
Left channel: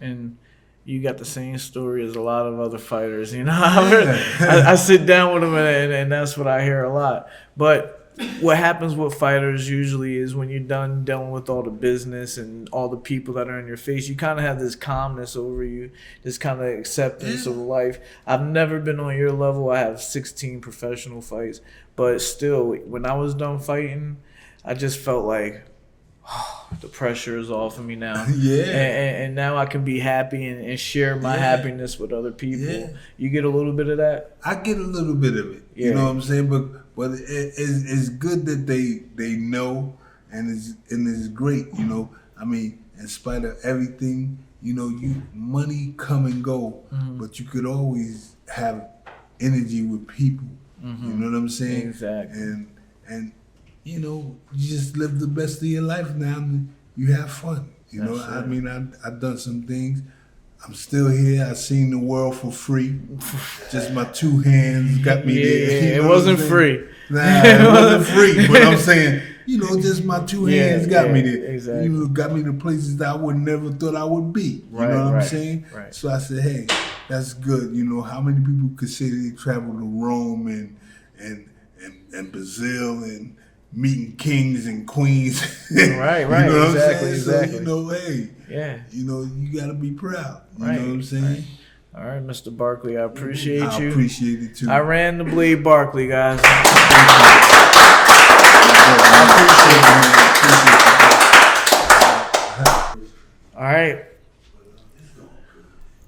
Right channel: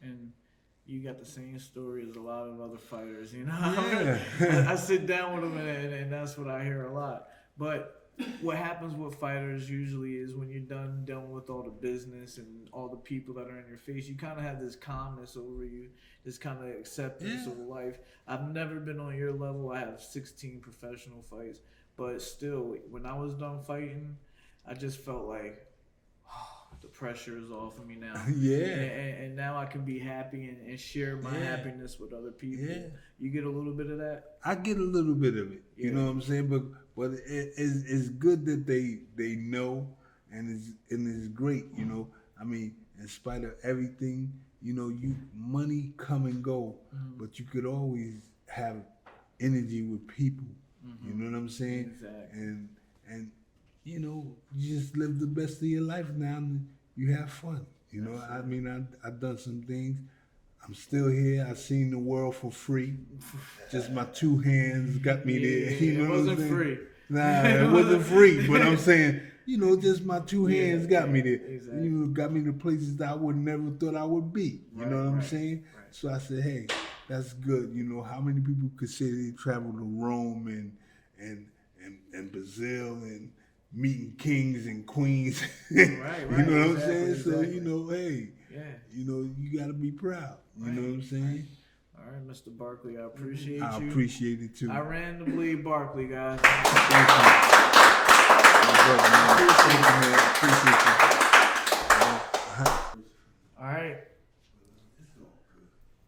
And you got the same story as a lot of other fighters. I sit down with them, and that's what I hear a lot. But what happens with fighters usually is when you're done dealing with all the business and all the people that are in your face, you kind of have this calmness over you, this kind of acceptance of life. I've never been on your level. I have 16 professional fights. But still, when I was done fighting, I just felt like, the pressure is off of me now. And now I can be happy and share my happiness with other people. Yeah. You get a little bit of that? I get a little bit of it. You know what I'm saying? But it's good that they know, and it's great. I mean, in spite of everything, money come and go, but you could always have energy with people. You know what I'm saying? Exactly. And you know, you just live the best of your life now and you have fun. You know, That's I right. mean, I've done some things. I'm still here. I've seen the world for free. Just my two hands got me there. Yeah, You it know wasn't what I'm free. saying? Nah, it wasn't free. But I'm saying, you know, just my two hands got me there. exactly. You know, got me to places that I would never thought I would be. You Right, know what I'm right, saying? right. So I said, hey, that's good. You know, how many people could say they travel to Rome and Brazil and meeting kings and queens? Right, You know what I'm exactly, saying? exactly. So, you know, hey, Yeah. you know, you got to be proud. You Right, know what I'm saying? All right, Mr. Barkley, I appreciate I you. appreciate it too. I ran the bleed Barkley, guys. All right.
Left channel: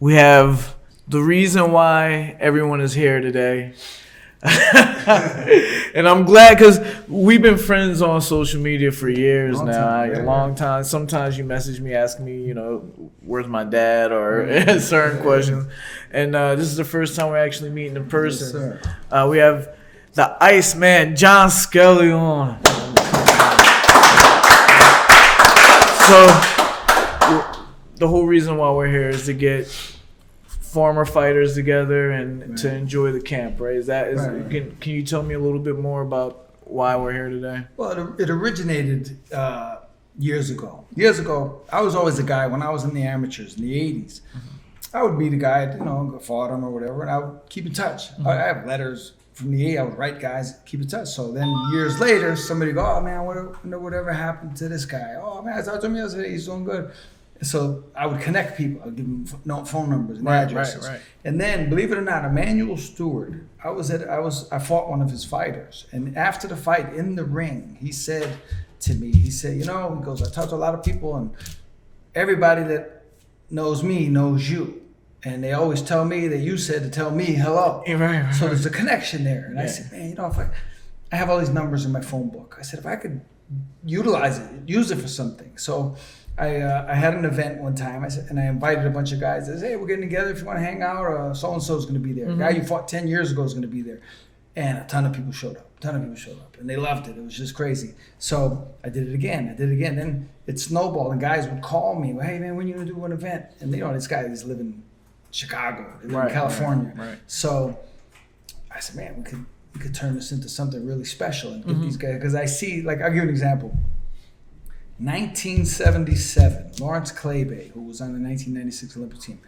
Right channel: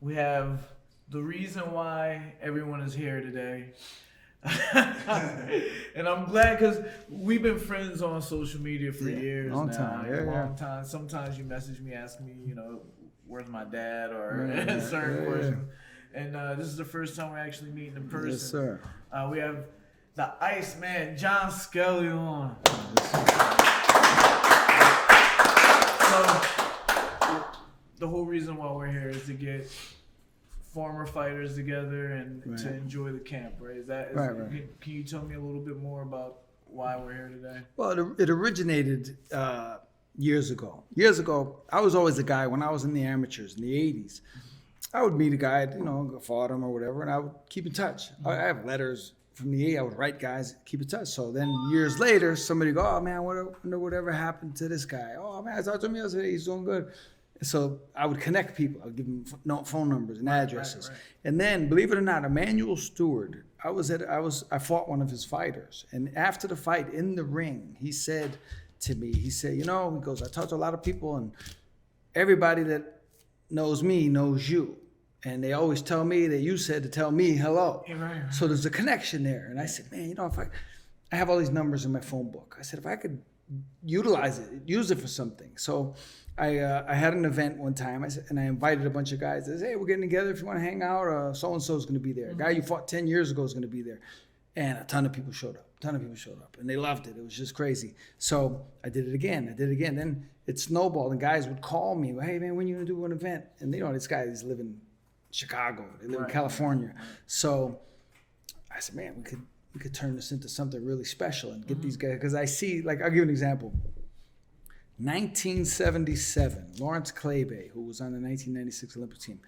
We have the reason why everyone is here today. And I'm glad because we've been friends on social media for years Long now, time, like, a yeah, long time. Sometimes you message me, ask me, you know, where's my dad or certain questions. And this is the first time we're actually meeting in person. Yes, sir. We have the Iceman, John Scully on. So the whole reason why we're here is to get former fighters together and to enjoy the camp, right? Right. Can you tell me a little bit more about why we're here today? Well, it originated years ago. Years ago, I was always a guy when I was in the amateurs in the 80s. I would meet a guy, you know, fought him or whatever, and I would keep in touch. I have letters from the 80s. I would write guys, keep in touch. So then years later, somebody go, oh man, whatever happened to this guy? Oh man, I talked to him yesterday. He's doing good. So I would connect people. I'd give them phone numbers and addresses. Right. And then, believe it or not, Emmanuel Stewart. I fought one of his fighters, and after the fight in the ring, he said to me, you know, he goes, I talked to a lot of people, and everybody that knows me knows you, and they always tell me that you said to tell me hello. Right. So there's a connection there, and I said, man, you know, if I have all these numbers in my phone book. I said, if I could utilize it, use it for something. So I had an event one time, and I invited a bunch of guys. I said, hey, we're getting together. If you want to hang out, so-and-so is going to be there. A guy you fought 10 years ago is going to be there. And a ton of people showed up. And they loved it. It was just crazy. So I did it again. Then it snowballed, and guys would call me, hey, man, when are you going to do an event? And, you know, this guy is living in Chicago, they live in California. Right. So I said, man, we could turn this into something really special and get these guys. Because I see, like, I'll give you an example. 1977, Lawrence Claybay, who was on the 1996 Olympic team,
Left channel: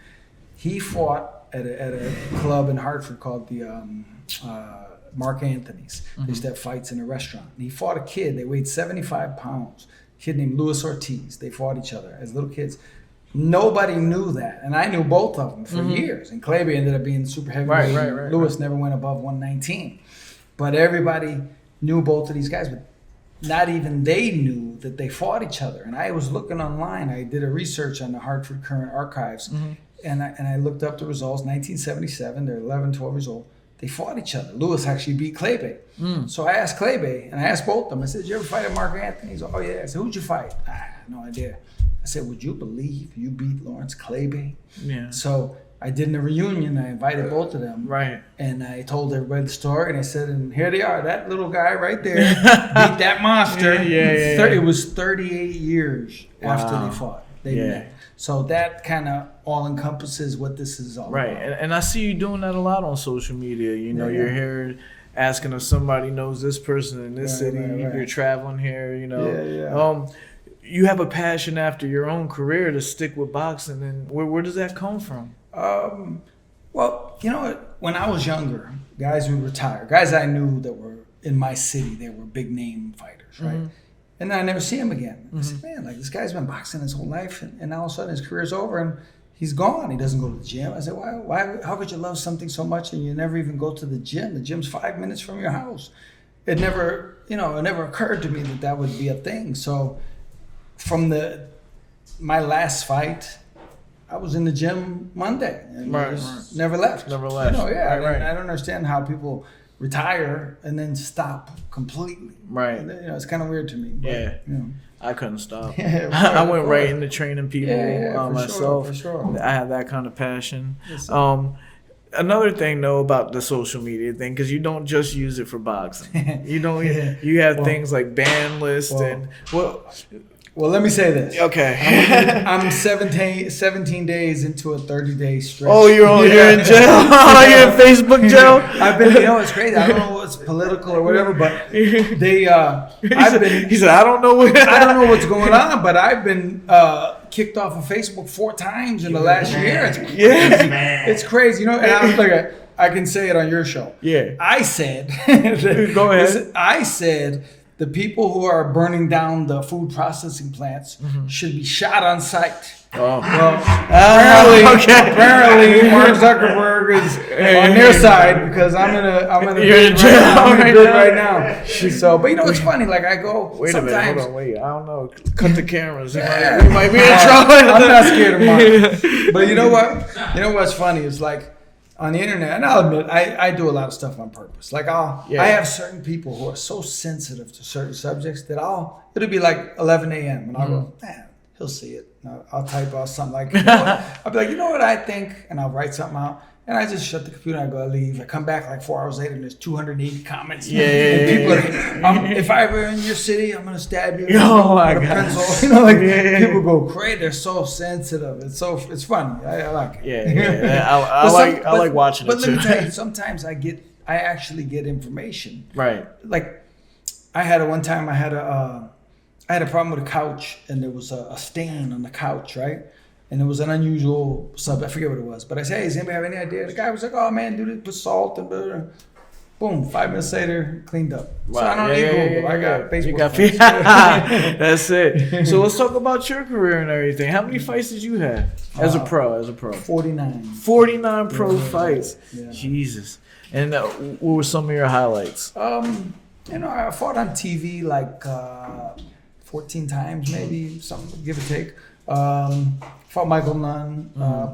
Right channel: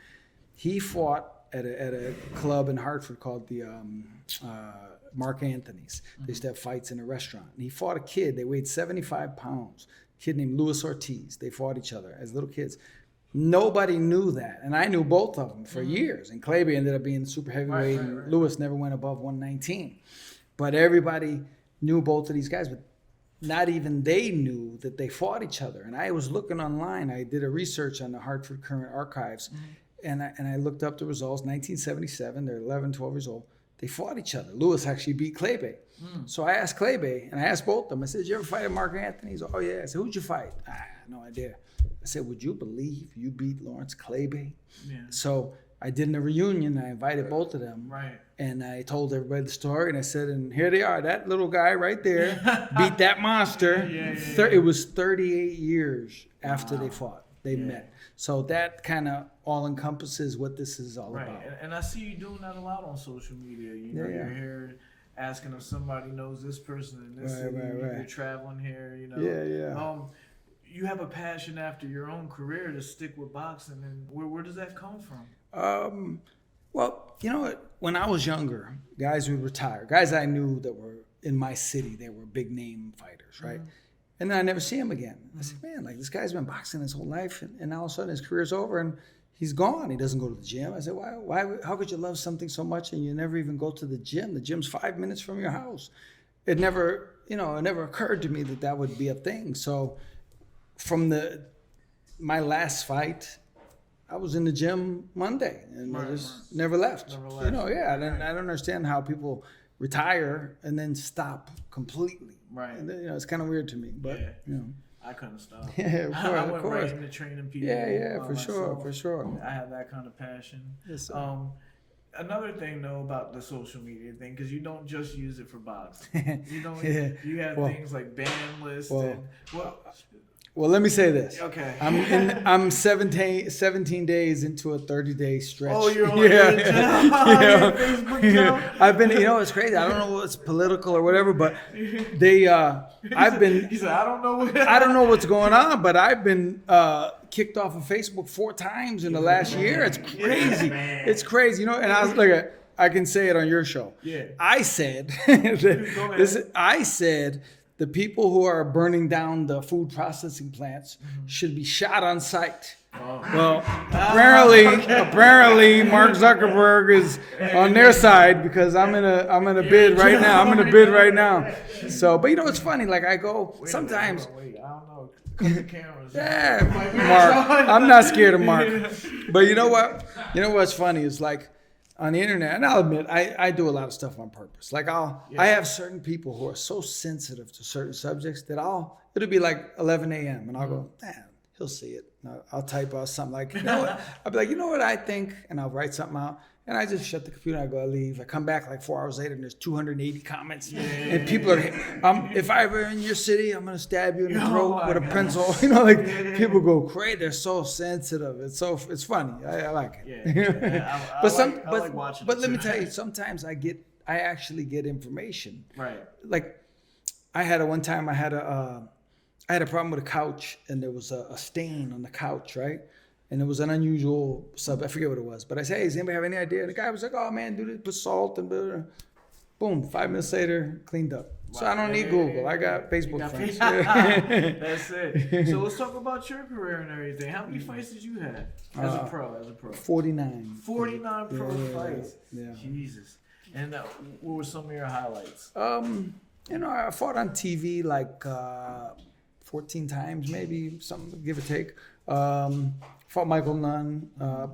he fought at a club in Hartford called the Mark Anthony's. They used to have fights in a restaurant. And he fought a kid. They weighed 75 pounds. A kid named Luis Ortiz. They fought each other as little kids. Nobody knew that, and I knew both of them for years. And Claybay ended up being super heavyweight. Right. Luis never went above 119. But everybody knew both of these guys, but not even they knew that they fought each other. And I was looking online. I did a research on the Hartford Current Archives, and I looked up the results. 1977, they're 11, 12 years old. They fought each other. Luis actually beat Claybay. So I asked Claybay, and I asked both of them. I said, did you ever fight at Mark Anthony? He's like, oh, yeah. I said, who'd you fight? No idea. I said, would you believe you beat Lawrence Claybay? Yeah. So I did a reunion. I invited both of them. Right. And I told everybody the story, and I said, and here they are. That little guy right there beat that monster. Yeah. It was 38 years after they fought. They Yeah. met. So that kind of all encompasses what this is all Right. about. And I see you doing that a lot on social media. You know, you're here asking if somebody knows this person in this city. right. You're traveling here, you know. Yeah. You have a passion after your own career to stick with boxing. And where does that come from? Well, you know what? When I was younger, guys would retire. Guys I knew that were in my city, they were big name fighters, right? And then I never see him again. I said, man, like this guy's been boxing his whole life, and all of a sudden his career's over and he's gone. He doesn't go to the gym. I said, why? How could you love something so much and you never even go to the gym? The gym's 5 minutes from your house. It never occurred to me that would be a thing. So from my last fight, I was in the gym Monday and never left. Never left. You know, Right. I don't understand how people retire and then stop completely. Right. And, you know, it's kind of weird to me. But, Yeah. You know. I couldn't stop. Yeah, of course, I of went course. right into training people For myself. sure. I have that kind of passion. Yes, another thing though about the social media thing, because you don't just use it for boxing. You don't. You have things like ban list and Well, let me say this. Okay. I'm 17 days into a 30-day stretch. Oh, you're in jail. You're in Facebook jail. I've been, it's crazy. I don't know what's political or whatever, but I've been. He said, I don't know what's going on, but I've been kicked off of Facebook 4 times in the last year. It's crazy. It's crazy. And I was like, I can say it on your show. Yeah. I said. Go ahead. I said. The people who are burning down the food processing plants should be shot on sight. Oh. Well, apparently, Mark Zuckerberg is on their side because I'm in a bid right now. I'm in a bid right now. So, but it's funny. Like I go Wait sometimes. a minute, hold on, wait. I don't know. Cut the cameras. Yeah. You might be in trouble. I'm not scared of Mark. But you know what? You know what's funny is like. On the internet, and I'll admit, I do a lot of stuff on purpose. Like I have certain people who are so sensitive to certain subjects that it'll be like 11 a.m. and I'll go, he'll see it. And I'll type out something like, I'll be like, you know what I think? And I'll write something out. And I just shut the computer and I go, I leave. I come back like 4 hours later and there's 280 comments. And people are, if I ever in your city, I'm going to stab you with a pencil. People go crazy. They're so sensitive. It's funny. I like it. I like watching it too. But let me tell you, sometimes I actually get information. Right. Like I had one time I had a problem with a couch and there was a stain on the couch, right? And it was an unusual sub. I forget what it was. But I said, hey, does anybody have any idea? The guy was like, oh, man, dude, put salt and blah, blah. Boom, 5 minutes later, cleaned up. Wow. So I don't need Google. I got Facebook friends. That's it. So let's talk about your career and everything. How many fights did you have as a pro? 49. 49 pro fights. Yeah. Jesus. And what were some of your highlights? I fought on TV like 14 times, maybe, something, give or take. Fought Michael Nunn.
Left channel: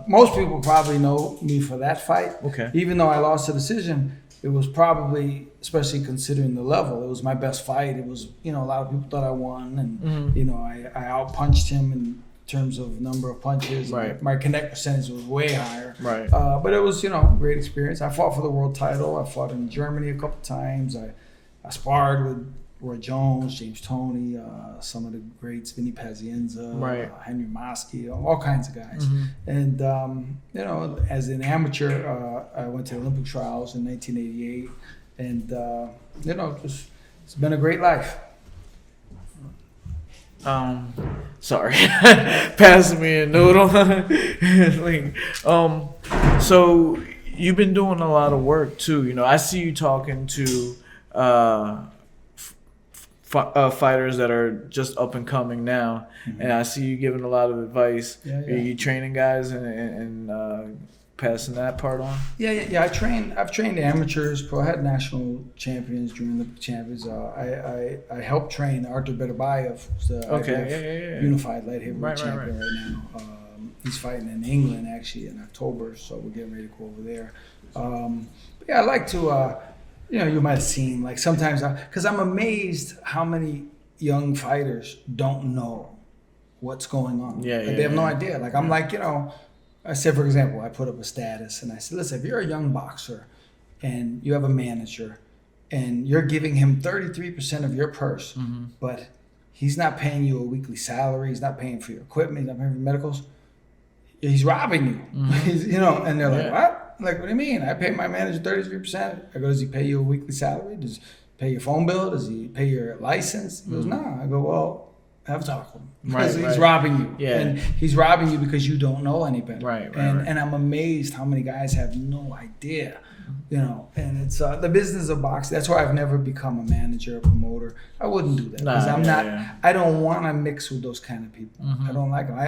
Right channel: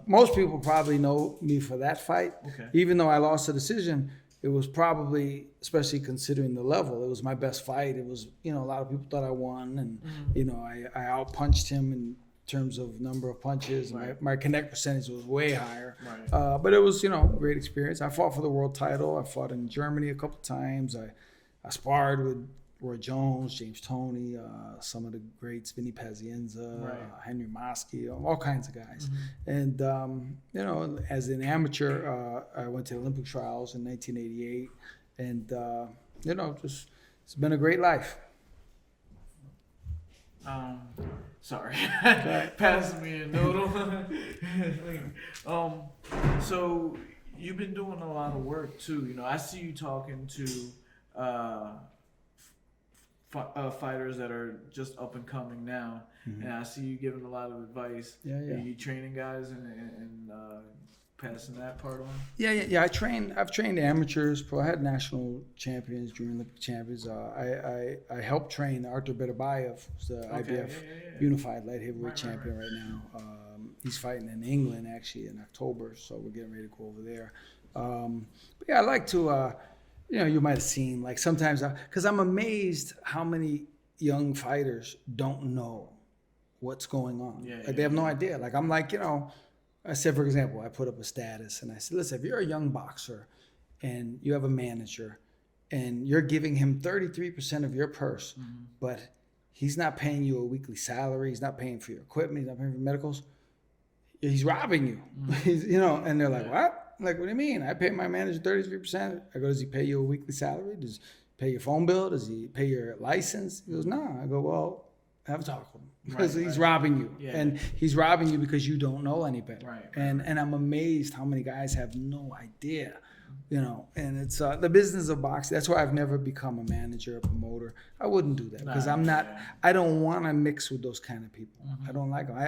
Most people probably know me for that fight. Okay. Even though I lost the decision, it was probably, especially considering the level, it was my best fight. It was, a lot of people thought I won, and I outpunched him in terms of number of punches. Right. My connect percentage was way higher. Right. But it was, great experience. I fought for the world title. I fought in Germany a couple times. I sparred with Roy Jones, James Toney, some of the greats, Vinny Pazienza, Henry Mosky, all kinds of guys. And, as an amateur, I went to the Olympic trials in 1988. And, it's been a great life. Sorry, passing me a noodle. So you've been doing a lot of work too. I see you talking to fighters that are just up and coming now, and I see you giving a lot of advice. Are you training guys and passing that part on? Yeah. I've trained amateurs. I had national champions, junior Olympic champions. I helped train Artur Beterbiev, the unified light heavyweight champion right now. He's fighting in England actually in October, so we're getting ready to go over there. I like to. You might have seen, like sometimes, because I'm amazed how many young fighters don't know what's going on. They have no idea. Like, I'm like, I said, for example, I put up a status and I said, listen, if you're a young boxer and you have a manager and you're giving him 33% of your purse, but he's not paying you a weekly salary, he's not paying for your equipment, he's not paying for medicals, he's robbing you. He's, and they're like, what? Like, what do you mean? I pay my manager 33%. I go, does he pay you a weekly salary? Does he pay your phone bill? Does he pay your license? He goes, no. I go, well, have a talk with him. Because he's robbing you. Yeah. And he's robbing you because you don't know any better. And I'm amazed how many guys have no idea. And it's the business of boxing. That's why I've never become a manager or promoter. I wouldn't do that because I'm not. I don't want to mix with those kind of people. I don't like them. I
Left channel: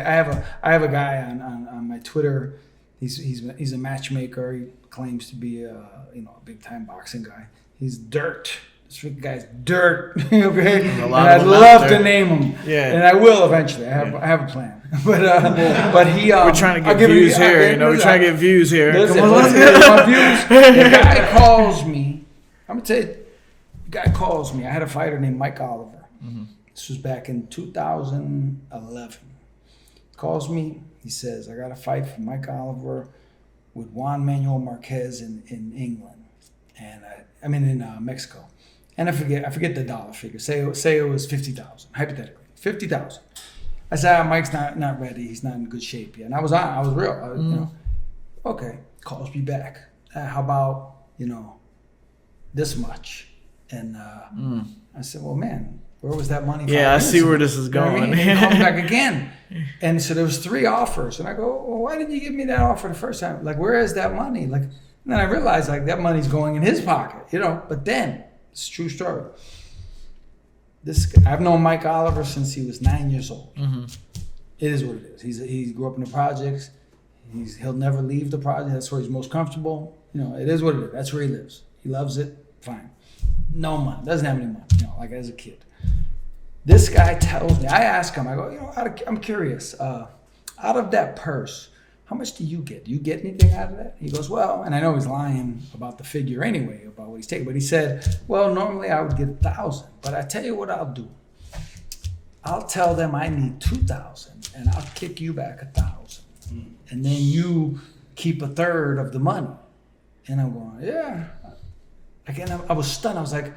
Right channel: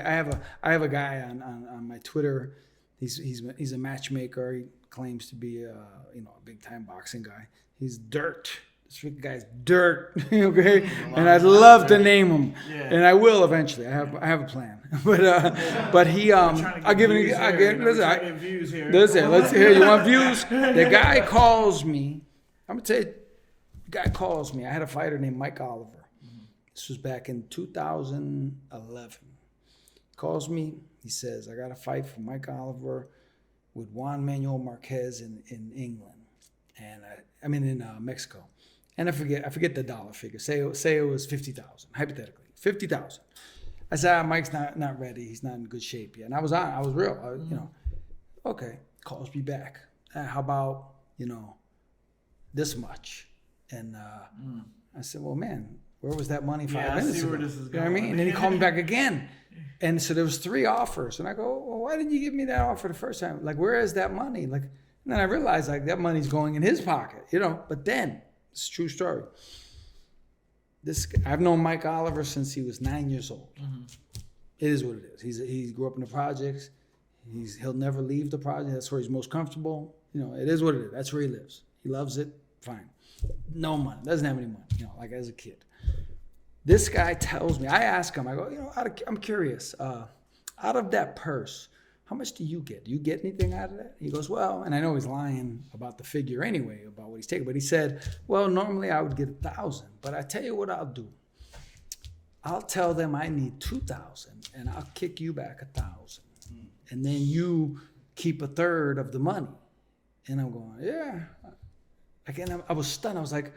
have a guy on my Twitter. He's a matchmaker. He claims to be a big time boxing guy. He's dirt. This guy's dirt. Okay, and I'd love to name him. Yeah, and I will eventually. I have a plan. But he. We're trying to get views here. We're trying to get views here. Listen, you want views? The guy calls me. I'm gonna tell you. The guy calls me. I had a fighter named Mike Oliver. This was back in 2011. Calls me. He says, I got a fight for Mike Oliver. with Juan Manuel Marquez in England, and in Mexico, and I forget the dollar figure. Say it was 50,000, hypothetically 50,000. I said, Mike's not ready. He's not in good shape yet. And I was real. Okay, calls me back. How about this much? And I said, well, man, where was that money? Yeah, I see where this is going. And he called me back again. And so there was 3 offers. And I go, well, why didn't you give me that offer the first time? Like, where is that money? Like, and then I realized, like, that money's going in his pocket, But then, it's a true story. I've known Mike Oliver since he was 9 years old. Mm-hmm. It is what it is. He grew up in the projects. He'll never leave the project. That's where he's most comfortable. It is what it is. That's where he lives. He loves it. Fine. No money. Doesn't have any money. Like as a kid. This guy tells me. I ask him. I go. I'm curious. Out of that purse, how much do you get? Do you get anything out of that? He goes, well, and I know he's lying about the figure anyway, about what he's taking. But he said, well, normally I would get 1,000, but I tell you what I'll do. I'll tell them I need 2,000, and I'll kick you back 1,000, and then you keep 1/3 of the money. And I'm going, yeah. Again, I was stunned. I was like,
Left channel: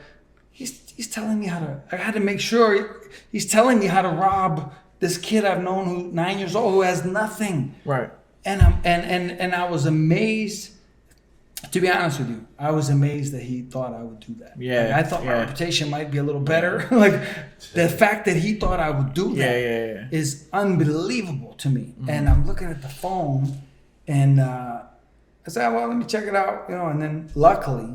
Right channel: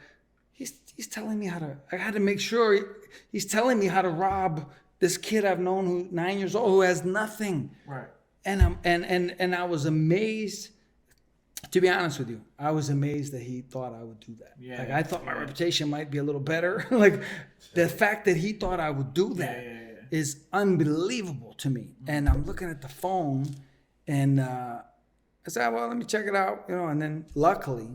he's telling me how to. I had to make sure he's telling me how to rob this kid I've known who's 9 years old who has nothing. Right. And I was amazed. To be honest with you, I was amazed that he thought I would do that. Yeah. Like, I thought my reputation might be a little better. Like the fact that he thought I would do that is unbelievable to me. Mm-hmm. And I'm looking at the phone, and I said, well, let me check it out, And then luckily,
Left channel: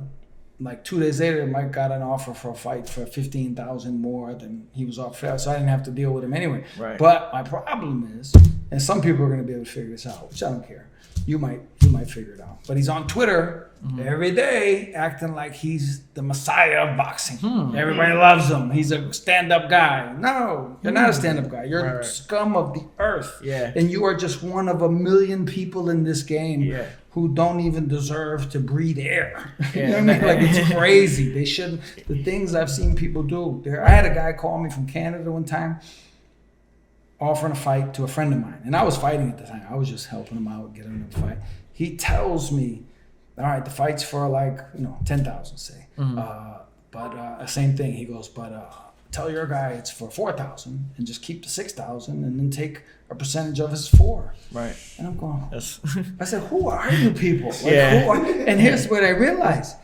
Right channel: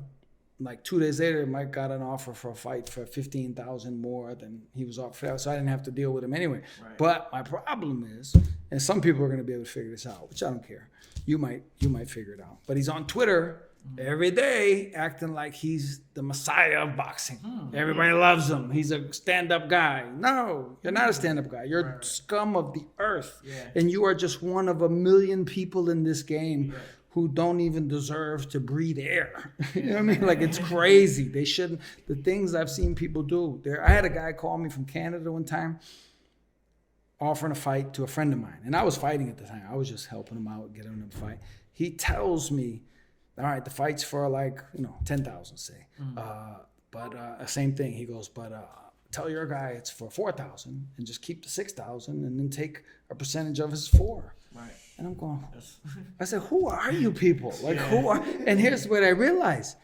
like 2 days later, Mike got an offer for a fight for $15,000 more than he was offered, so I didn't have to deal with him anyway. Right. But my problem is, and some people are going to be able to figure this out, which I don't care. You might figure it out. But he's on Twitter every day acting like he's the messiah of boxing. Everybody loves him. He's a stand-up guy. No, you're not a stand-up guy. You're scum of the earth. Yeah. And you are just one of a million people in this game who don't even deserve to breathe air. You know what I mean? Like, it's crazy. They shouldn't. The things I've seen people do. I had a guy call me from Canada one time, offering a fight to a friend of mine. And I was fighting at the time. I was just helping him out, getting him to fight. He tells me, all right, the fight's for like, 10,000, say. But same thing. He goes, but tell your guy it's for 4,000 and just keep the 6,000 and then take a percentage of his 4. Right. And I'm going, I said, who are you people? Like, who are? And here's what I realized.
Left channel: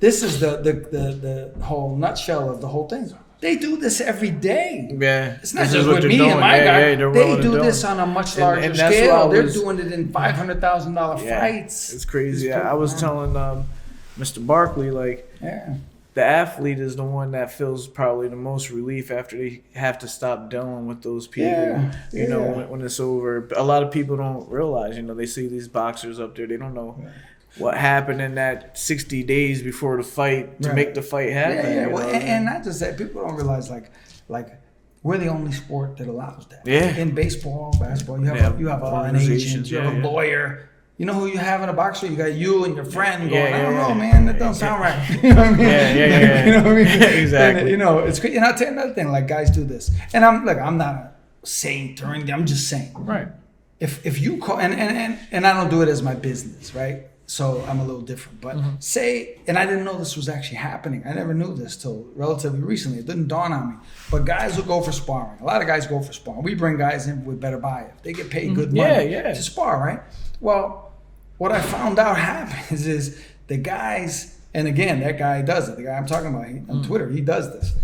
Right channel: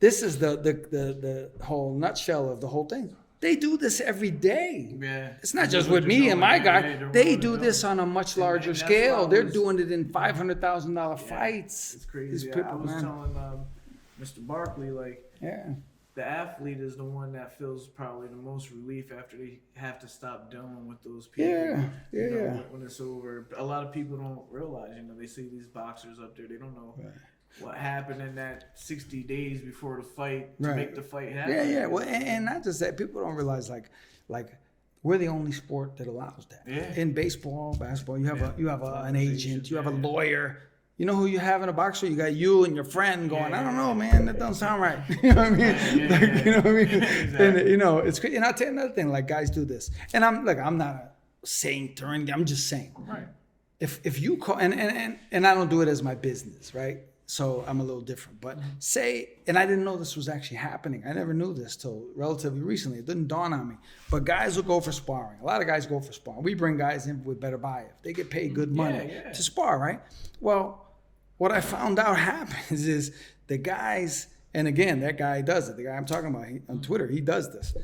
This is the whole nutshell of the whole thing. They do this every day. Yeah. It's not just with me and my guy. They do this on a much larger scale. They're doing it in $500,000 fights. It's crazy. I was telling Mr. Barkley, like, the athlete is the one that feels probably the most relief after they have to stop dealing with those people. When it's over. A lot of people don't realize, they see these boxers up there. They don't know what happened in that 60 days before the fight to make the fight happen. Well, and not just that. People don't realize, like we're the only sport that allows that. Yeah. In baseball, basketball, you have an agent, you have a lawyer. You know who you have in a boxer? You got you and your friend going, I don't know, man, that doesn't sound right. You know what I mean? Yeah. You know what I mean? Exactly. And, it's great. And I'll tell you another thing, like, guys do this. And I'm not a saint or anything. I'm just saying. Right. If you call, and I don't do it as my business, right? So I'm a little different. But say, and I didn't know this was actually happening. I never knew this till relatively recently. It didn't dawn on me. But guys will go for sparring. A lot of guys go for sparring. We bring guys in with better buy it. They get paid good money to spar, right? Well, what I found out happens is the guys, and again, that guy does it. The guy I'm talking about on Twitter, he does this.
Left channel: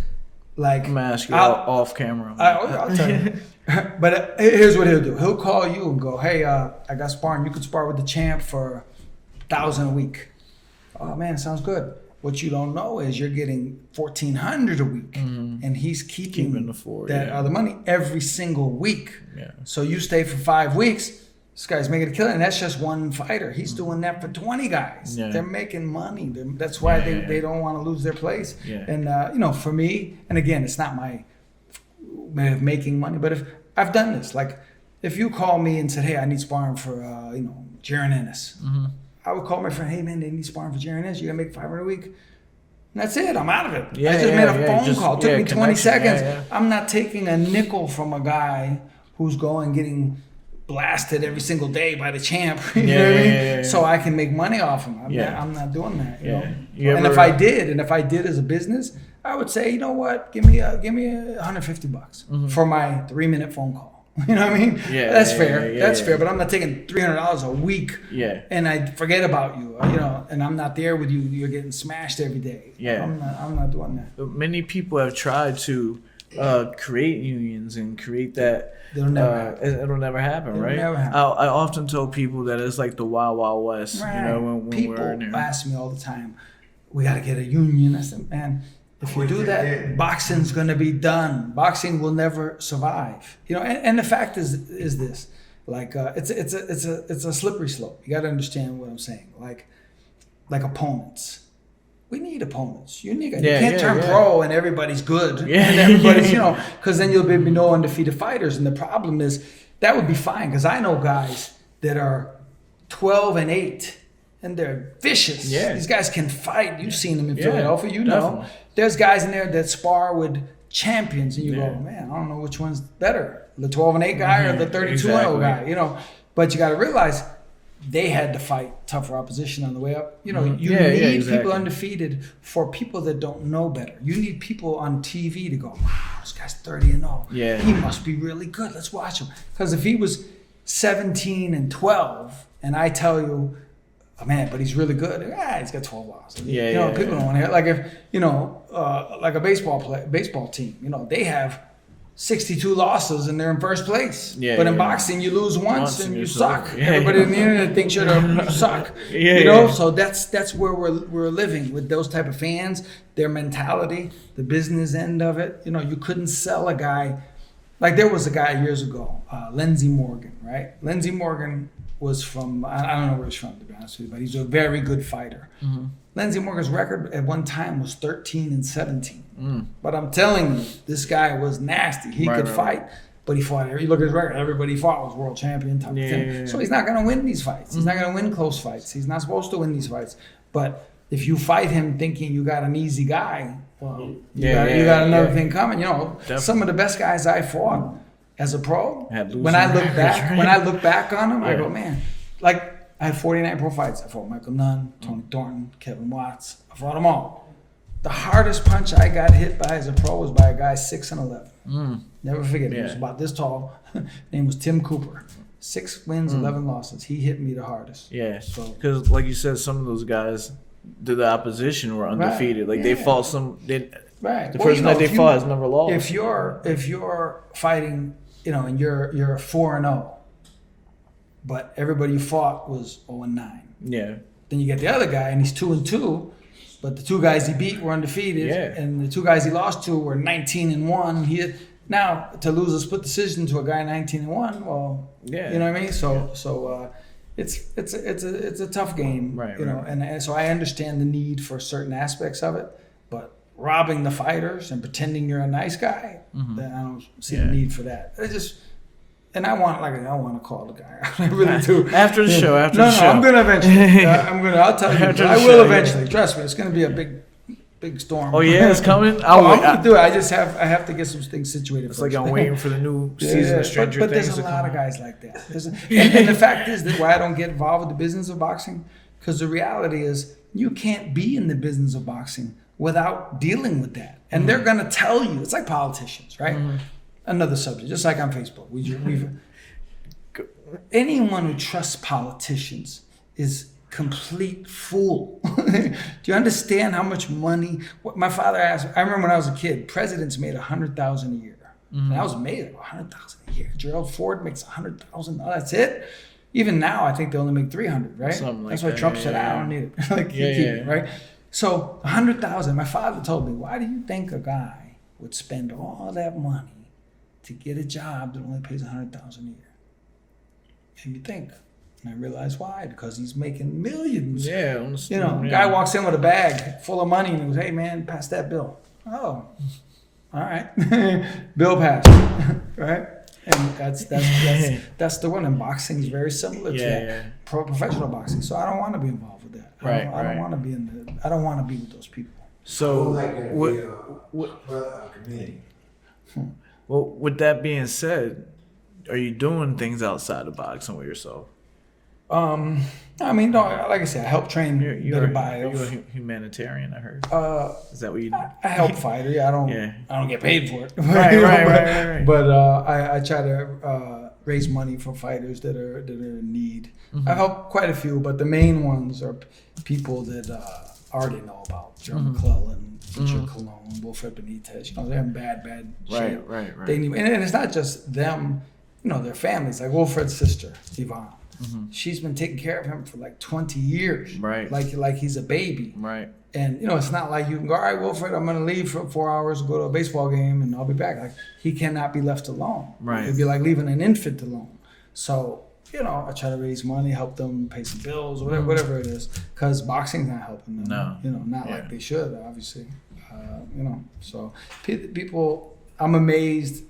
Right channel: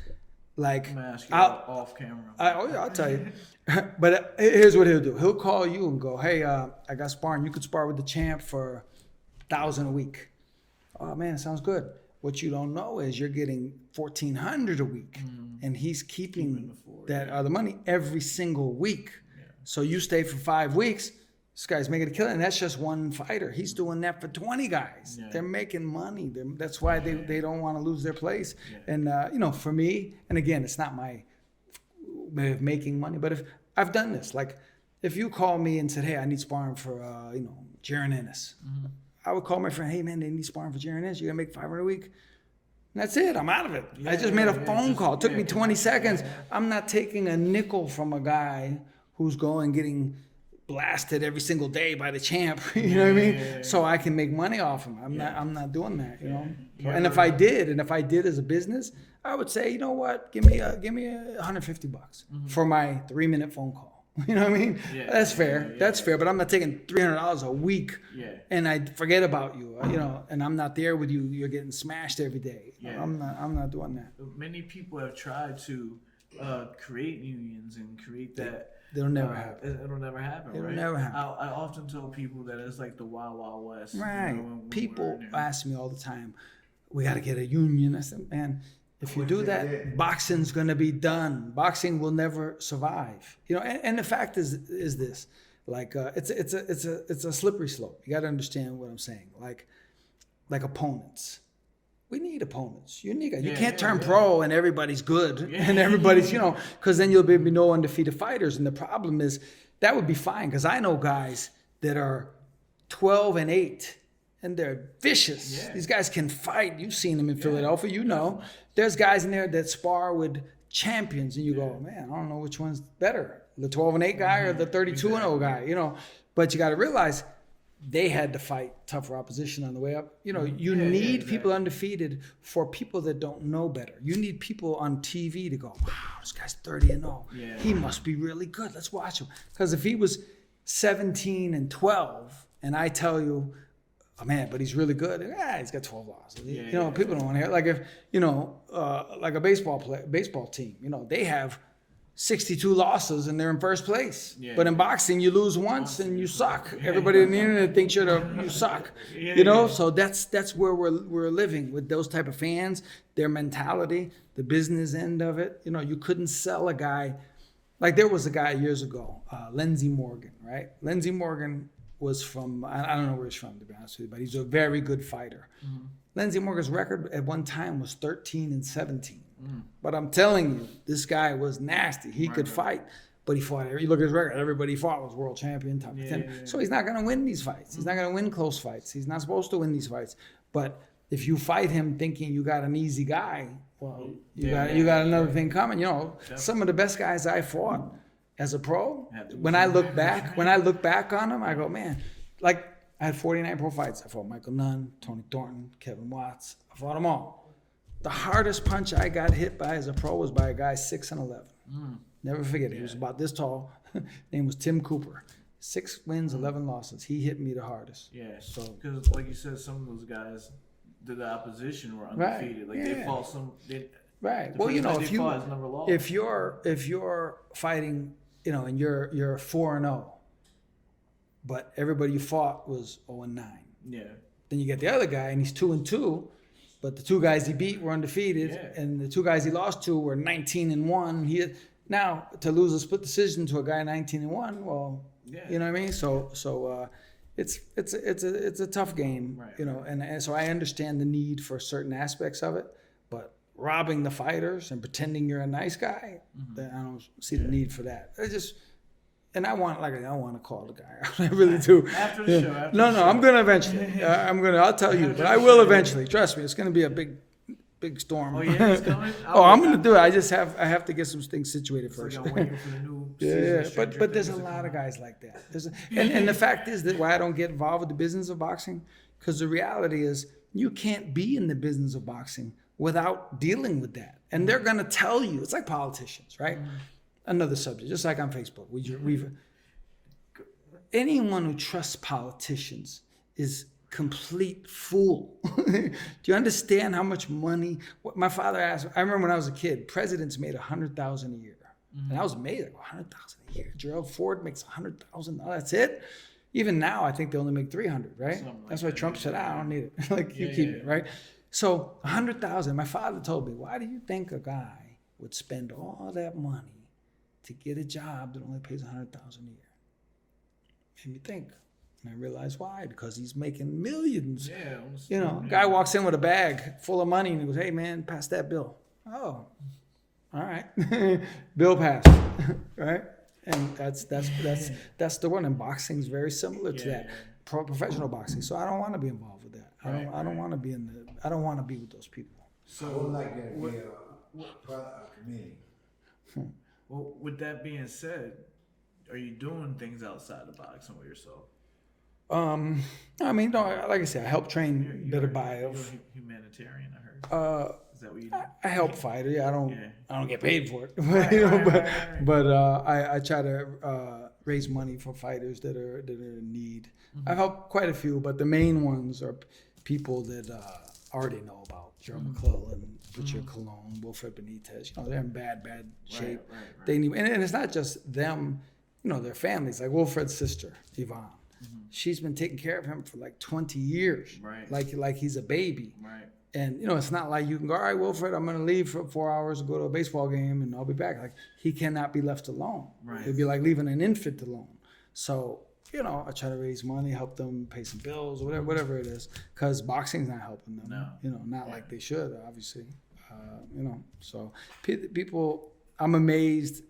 Like, I'm gonna ask you off camera. I'll tell you. But here's what he'll do. He'll call you and go, hey, I got sparring. You could spar with the champ for $1,000 a week. Oh man, sounds good. What you don't know is you're getting $1,400 a week, and he's keeping the other money every single week. Yeah. So you stay for 5 weeks. This guy's making a killing, and that's just one fighter. He's doing that for 20 guys. Yeah. They're making money. That's why they don't want to lose their place. Yeah. And for me, and again, it's not my way of making money, but if I've done this, like if you call me and said, hey, I need sparring for Jaron Ennis. I would call my friend, hey man, they need sparring for Jaron Ennis. You gotta make $500 a week. And that's it. I'm out of it. I just made a phone call. It took me 20 seconds. I'm not taking a nickel from a guy who's getting blasted every single day by the champ. You know what I mean? So I can make money off him. I'm not doing that. You know. And if I did as a business, I would say, you know what? Give me $150 for my 3-minute phone call. You know what I mean? That's fair. That's fair. But I'm not taking $300 a week. And I forget about you. You know, and I'm not there with you. You're getting smashed every day. I'm not doing that. Many people have tried to create unions and create that. It'll never happen. It'll never happen, right? Never happen. I often tell people that it's like the Wild Wild West. Right. You know, when people we're in there. ask me all the time, we got to get a union. I said, man, if we do that, boxing's going to be done. Boxing will never survive. You know, and the fact is this, like it's a slippery slope. You got to understand what I'm saying. Like opponents. We need opponents. You can't turn pro and everybody's good. And everybody's, you know, because then you'll be no undefeated fighters. And the problem is that would be fine because I know guys that are 12-8 and they're vicious. These guys can fight. You've seen them in Philadelphia. You know, definitely. There's guys in there that spar with champions, and you go, man, I don't know which one's better, the 12-8 guy or the 32-0 guy. You know, but you got to realize they had to fight tougher opposition on the way up. You know, you need people undefeated for people that don't know better. You need people on TV to go, wow, this guy's 30-0. He must be really good. Let's watch him. Because if he was 17-12, and I tell you, oh man, but he's really good. He's got 12 losses. You know, people don't want to hear. Like if like a baseball team. You know, they have 62 losses and they're in first place. But in boxing, you lose once and you suck. Everybody in the internet thinks you suck. You know, so that's where we're living with those type of fans, their mentality, the business end of it. You know, you couldn't sell a guy. Like there was a guy years ago, Lindsey Morgan, right? Lindsey Morgan was from, I don't know where he's from, to be honest with you, but he's a very good fighter. Lindsey Morgan's record at one time was 13-17. But I'm telling you, this guy was nasty. He could fight, but he fought. You look at his record, everybody he fought was world champion type of thing. So he's not going to win these fights. He's not going to win close fights. He's not supposed to win these fights. But if you fight him thinking you got an easy guy, well, you got another thing coming. You know, some of the best guys I fought as a pro, when I look back on them, I go, man, like I had 49 pro fights. I fought Michael Nunn, Tony Thornton, Kevin Watts. I fought them all. The hardest punch I got hit by as a pro was by a guy 6-11. Never forget it. He was about this tall. Name was Tim Cooper. 6 wins, 11 losses. He hit me the hardest. So because like you said, some of those guys, the opposition were undefeated. Like they fought some. The person that they fought has never lost. If you're fighting, you know, and you're 4-0, but everybody you fought was 0-9. Then you get the other guy and he's 2-2. But the 2 guys he beat were undefeated, and the 2 guys he lost to were 19-1. Now to lose a split decision to a guy 19-1, well, you know what I mean. So it's a tough game, you know. And so I understand the need for certain aspects of it, but robbing the fighters and pretending you're a nice guy, then I don't see the need for that. And I want to call the guy. I really do. After the show. No, I'm gonna eventually. I'll tell you. But I will eventually. Trust me. It's gonna be a big storm. Oh yeah, it's coming. I'm gonna do it. I have to get some things situated. It's first. Like I'm waiting for the new season of Stranger Things. But there's a lot of guys like that. And the fact is that why I don't get involved with the business of boxing, because the reality is you can't be in the business of boxing without dealing with that. And they're gonna tell you. It's like politicians, right? Another subject, just like on Facebook. Anyone who trusts politicians is complete fool. Do you understand how much money? What my father asked. I remember when I was a kid, presidents made $100,000 a year. And I was made $100,000 a year. Gerald Ford makes $100,000. That's it. Even now, I think they only make $300,000, right? That's why Trump said, "I don't need it." Like keep it, right? So $100,000. My father told me, "Why do you think a guy would spend all that money to get a job that only pays $100,000 a year?" And you think, and I realize why, because he's making millions. You know, guy walks in with a bag full of money and he goes, "Hey man, pass that bill." Oh, all right, bill passed, right? And that's the one. And boxing is very similar to that. Professional boxing. So I don't want to be involved with that. I don't want to be I don't want to be with those people. So community. Well, with that being said, are you doing things outside of boxing with yourself? I mean, no, like I said, I help train You're better a bios. humanitarian, I heard. Is that what you do? I help fighters. I don't. Yeah. I don't get paid for it. Right. But I try to raise money for fighters that are in need. Mm-hmm. I've helped quite a few, but the main ones are people that I already know about. Jeremy McClellan, Richard Colon, Wilfred Benitez. They're in bad shape. Right. They need, and it's not just them. Their families. Like Wilfred's sister, Yvonne. She's been taking care of him for like 20 years. Right. Like he's a baby. Right. And it's not like you can go, all right, Wilfred, I'm gonna leave for 4 hours to go to a baseball game and I'll be back. Like he cannot be left alone. Right. It'd be like leaving an infant alone. So, I try to raise money, help them pay some bills, whatever it is. Because boxing's not helping them. No. Not like they should, obviously. So people, I'm amazed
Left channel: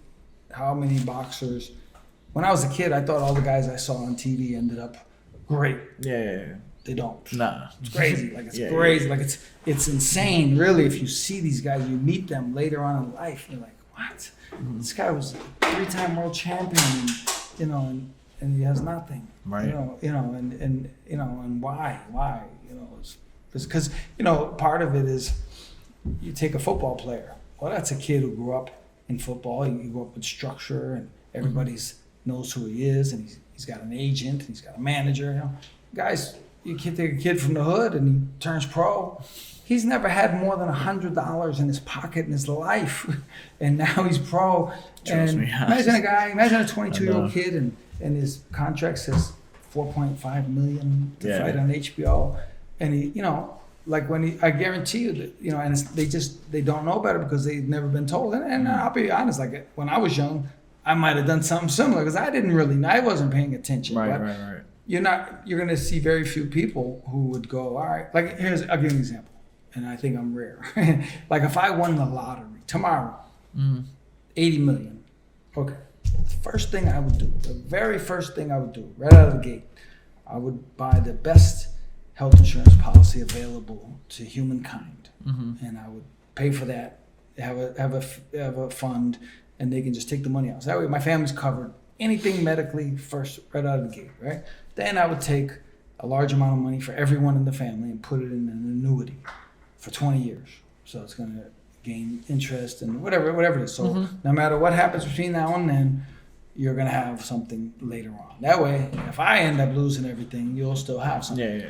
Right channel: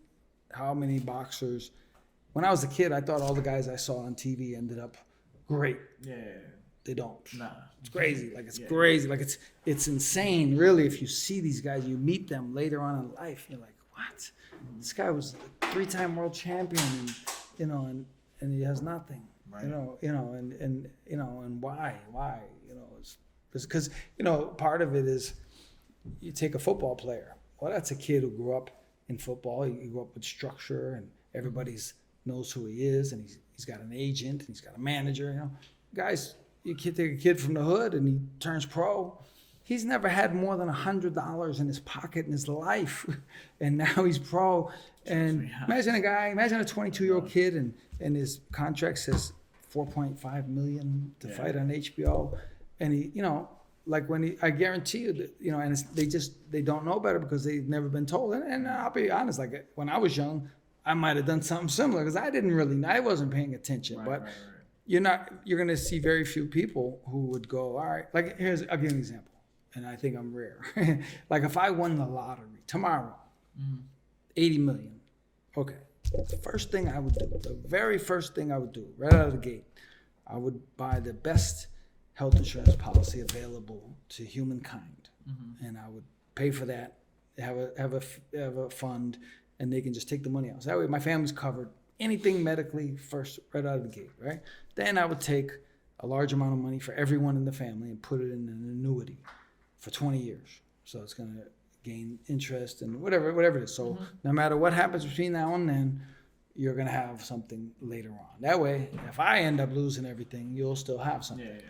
how many boxers. When I was a kid, I thought all the guys I saw on TV ended up great. Yeah. They don't. Nah. It's crazy. Like it's crazy. Like it's insane. Really, if you see these guys, you meet them later on in life, you're like, what? This guy was a 3-time world champion, and he has nothing. Right. And why? It's because part of it is you take a football player. Well, that's a kid who grew up in football. He grew up with structure, and everybody's knows who he is, and he's got an agent, and he's got a manager. Guys, you can take a kid from the hood and he turns pro. He's never had more than $100 in his pocket in his life, and now he's pro. And imagine a 22-year-old kid, and his contract says $4.5 million to fight on HBO, and he, I guarantee you that, and they don't know better because they've never been told. And I'll be honest, like when I was young, I might have done something similar because I wasn't paying attention. Right. You're going to see very few people who would go, all right, like I'll give you an example, and I think I'm rare. Like if I won the lottery tomorrow, 80 million, okay. The very first thing I would do, right out of the gate, I would buy the best health insurance policy available to humankind, and I would pay for that, have a fund, and they can just take the money out. So that way my family's covered. Anything medically first, right out of the gate, right? Then I would take a large amount of money for everyone in the family and put it in an annuity for 20 years. So it's going to gain interest and whatever it is. So no matter what happens between now and then, you're going to have something later on. That way, if I end up losing everything, you'll still have something. Yeah.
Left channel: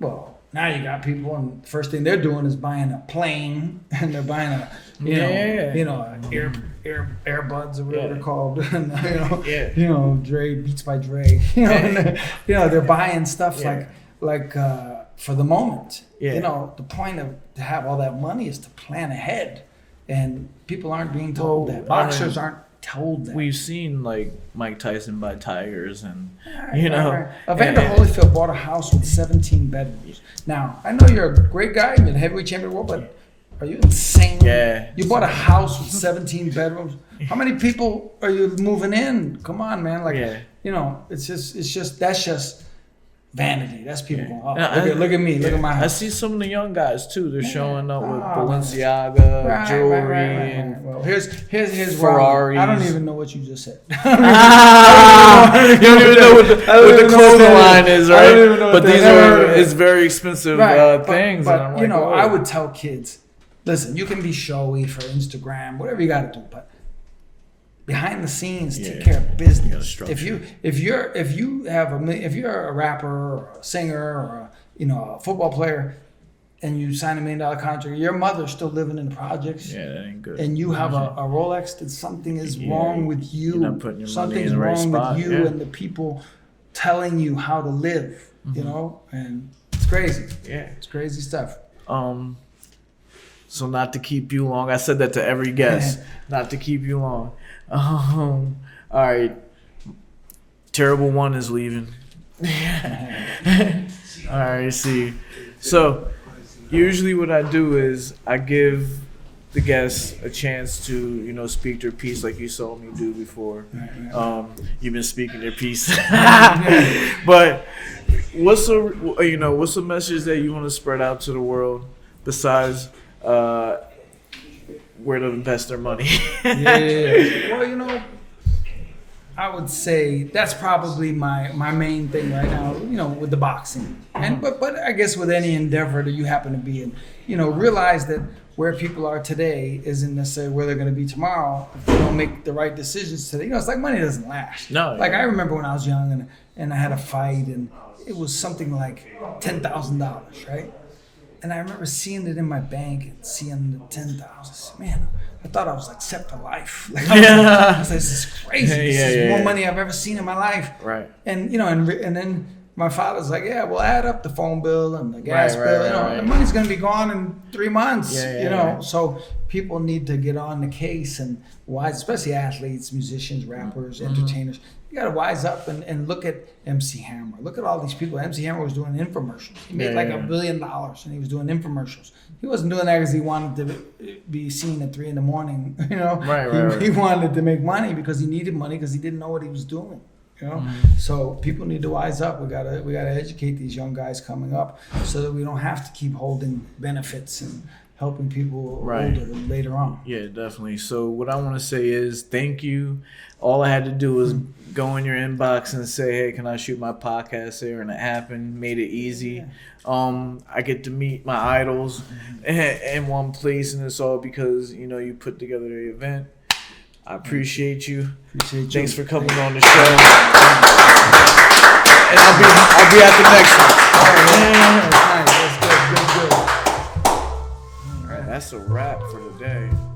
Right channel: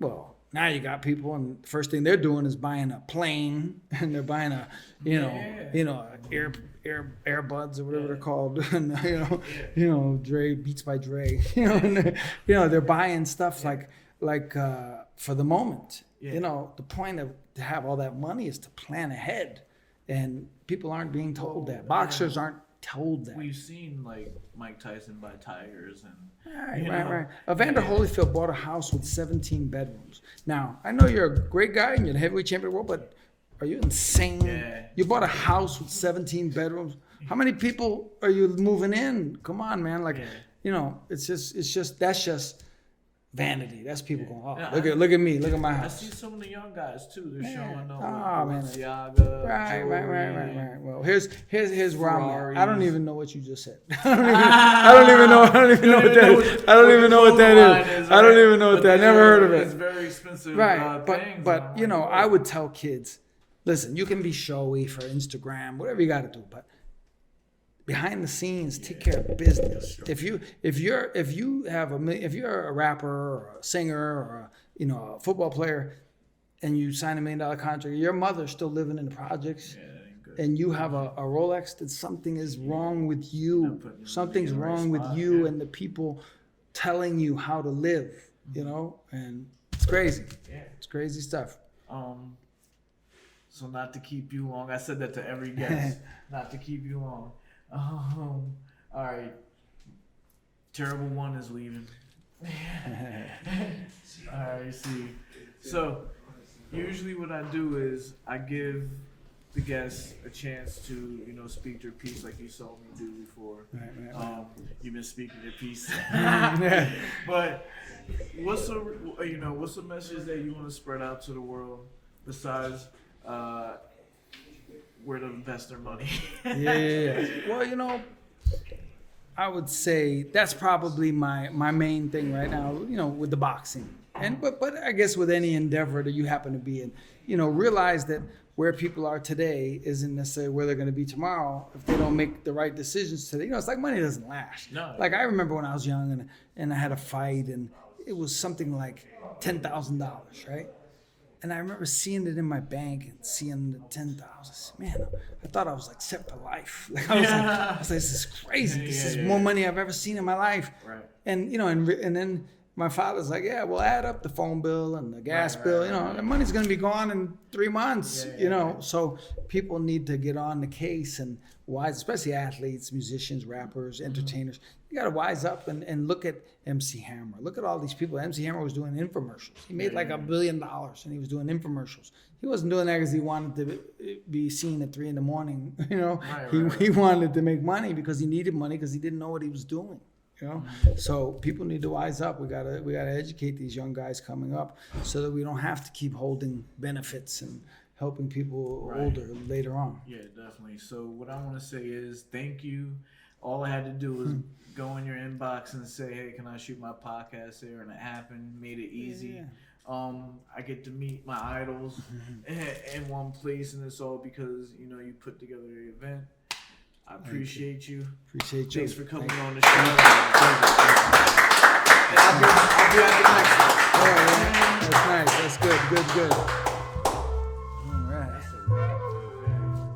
Well, now you got people, and the first thing they're doing is buying a plane, and they're buying earbuds or whatever they're called. Dre Beats by Dre. They're buying stuff like for the moment. Yeah. The point of to have all that money is to plan ahead, and people aren't being told that. Boxers aren't told that. We've seen like Mike Tyson buy tigers, and Right. Evander Holyfield bought a house with 17 bedrooms. Now I know you're a great guy, you're the heavyweight champion of the world, but are you insane? Yeah. You bought a house with 17 bedrooms. How many people are you moving in? Come on, man. It's just that's just vanity. That's people going, oh, look at me, look at my house. I see some of the young guys too. They're showing up with Balenciaga jewelry. Right. Well, here's Ferraris. I don't even know what you just said. You don't even know what the clothing line is, right? I don't even know what But that is. it's very expensive things. But I would tell kids, listen, you can be showy for Instagram, whatever you got to do, but behind the scenes, take care of business. If you're a rapper or a singer or a football player, and you sign $1 million contract, your mother's still living in the projects. Yeah, that ain't good. And you have a Rolex, that something is wrong with you. You're not putting your money Something's in the right wrong spot. with you and the people telling you how to live. And it's crazy. Yeah, it's crazy stuff. So not to keep you long, I said that to every guest. Not to keep you long. All right. Terrible One is leaving. All right, see. So usually what I do is I give the guests a chance to, speak their piece like you saw me do before. You've been speaking their piece. But what's a message that you want to spread out to the world besides where to invest their money? Well, I would say that's probably my main thing right now, you know, with the boxing. And but I guess with any endeavor that you happen to be in, you know, realize that where people are today isn't necessarily where they're going to be tomorrow if they don't make the right decisions today. You know, it's like money doesn't last. No. Like I remember when I was young and I had a fight and it was something like $10,000, right? And I remember seeing it in my bank and seeing the 10,000. Man, I thought I was like set for life. Like I was like, this is crazy. This is more money I've ever seen in my life. Right. And you know, and then my father's like, yeah, we'll add up the phone bill and the gas bill. You know, the money's gonna be gone in 3 months. You know, so people need to get on the case and wise, especially athletes, musicians, rappers, entertainers. You gotta wise up and look at MC Hammer. Look at all these people. MC Hammer was doing infomercials. He made like $1 billion and he was doing infomercials. He wasn't doing that because he wanted to be seen at 3 a.m. You know, he wanted to make money because he needed money because he didn't know what he was doing. You know, so people need to wise up. We gotta educate these young guys coming up so that we don't have to keep holding benefits and helping people older later on. Yeah, definitely. So what I want to say is thank you. All I had to do was go in your inbox and say, hey, can I shoot my podcast here? And it happened. Made it easy. I get to meet my idols in one place, and it's all because, you know, you put together the event. I appreciate you. Thanks for coming on the show. And I'll be at the next one. All right, that's nice. That's good. All right, that's a wrap for today.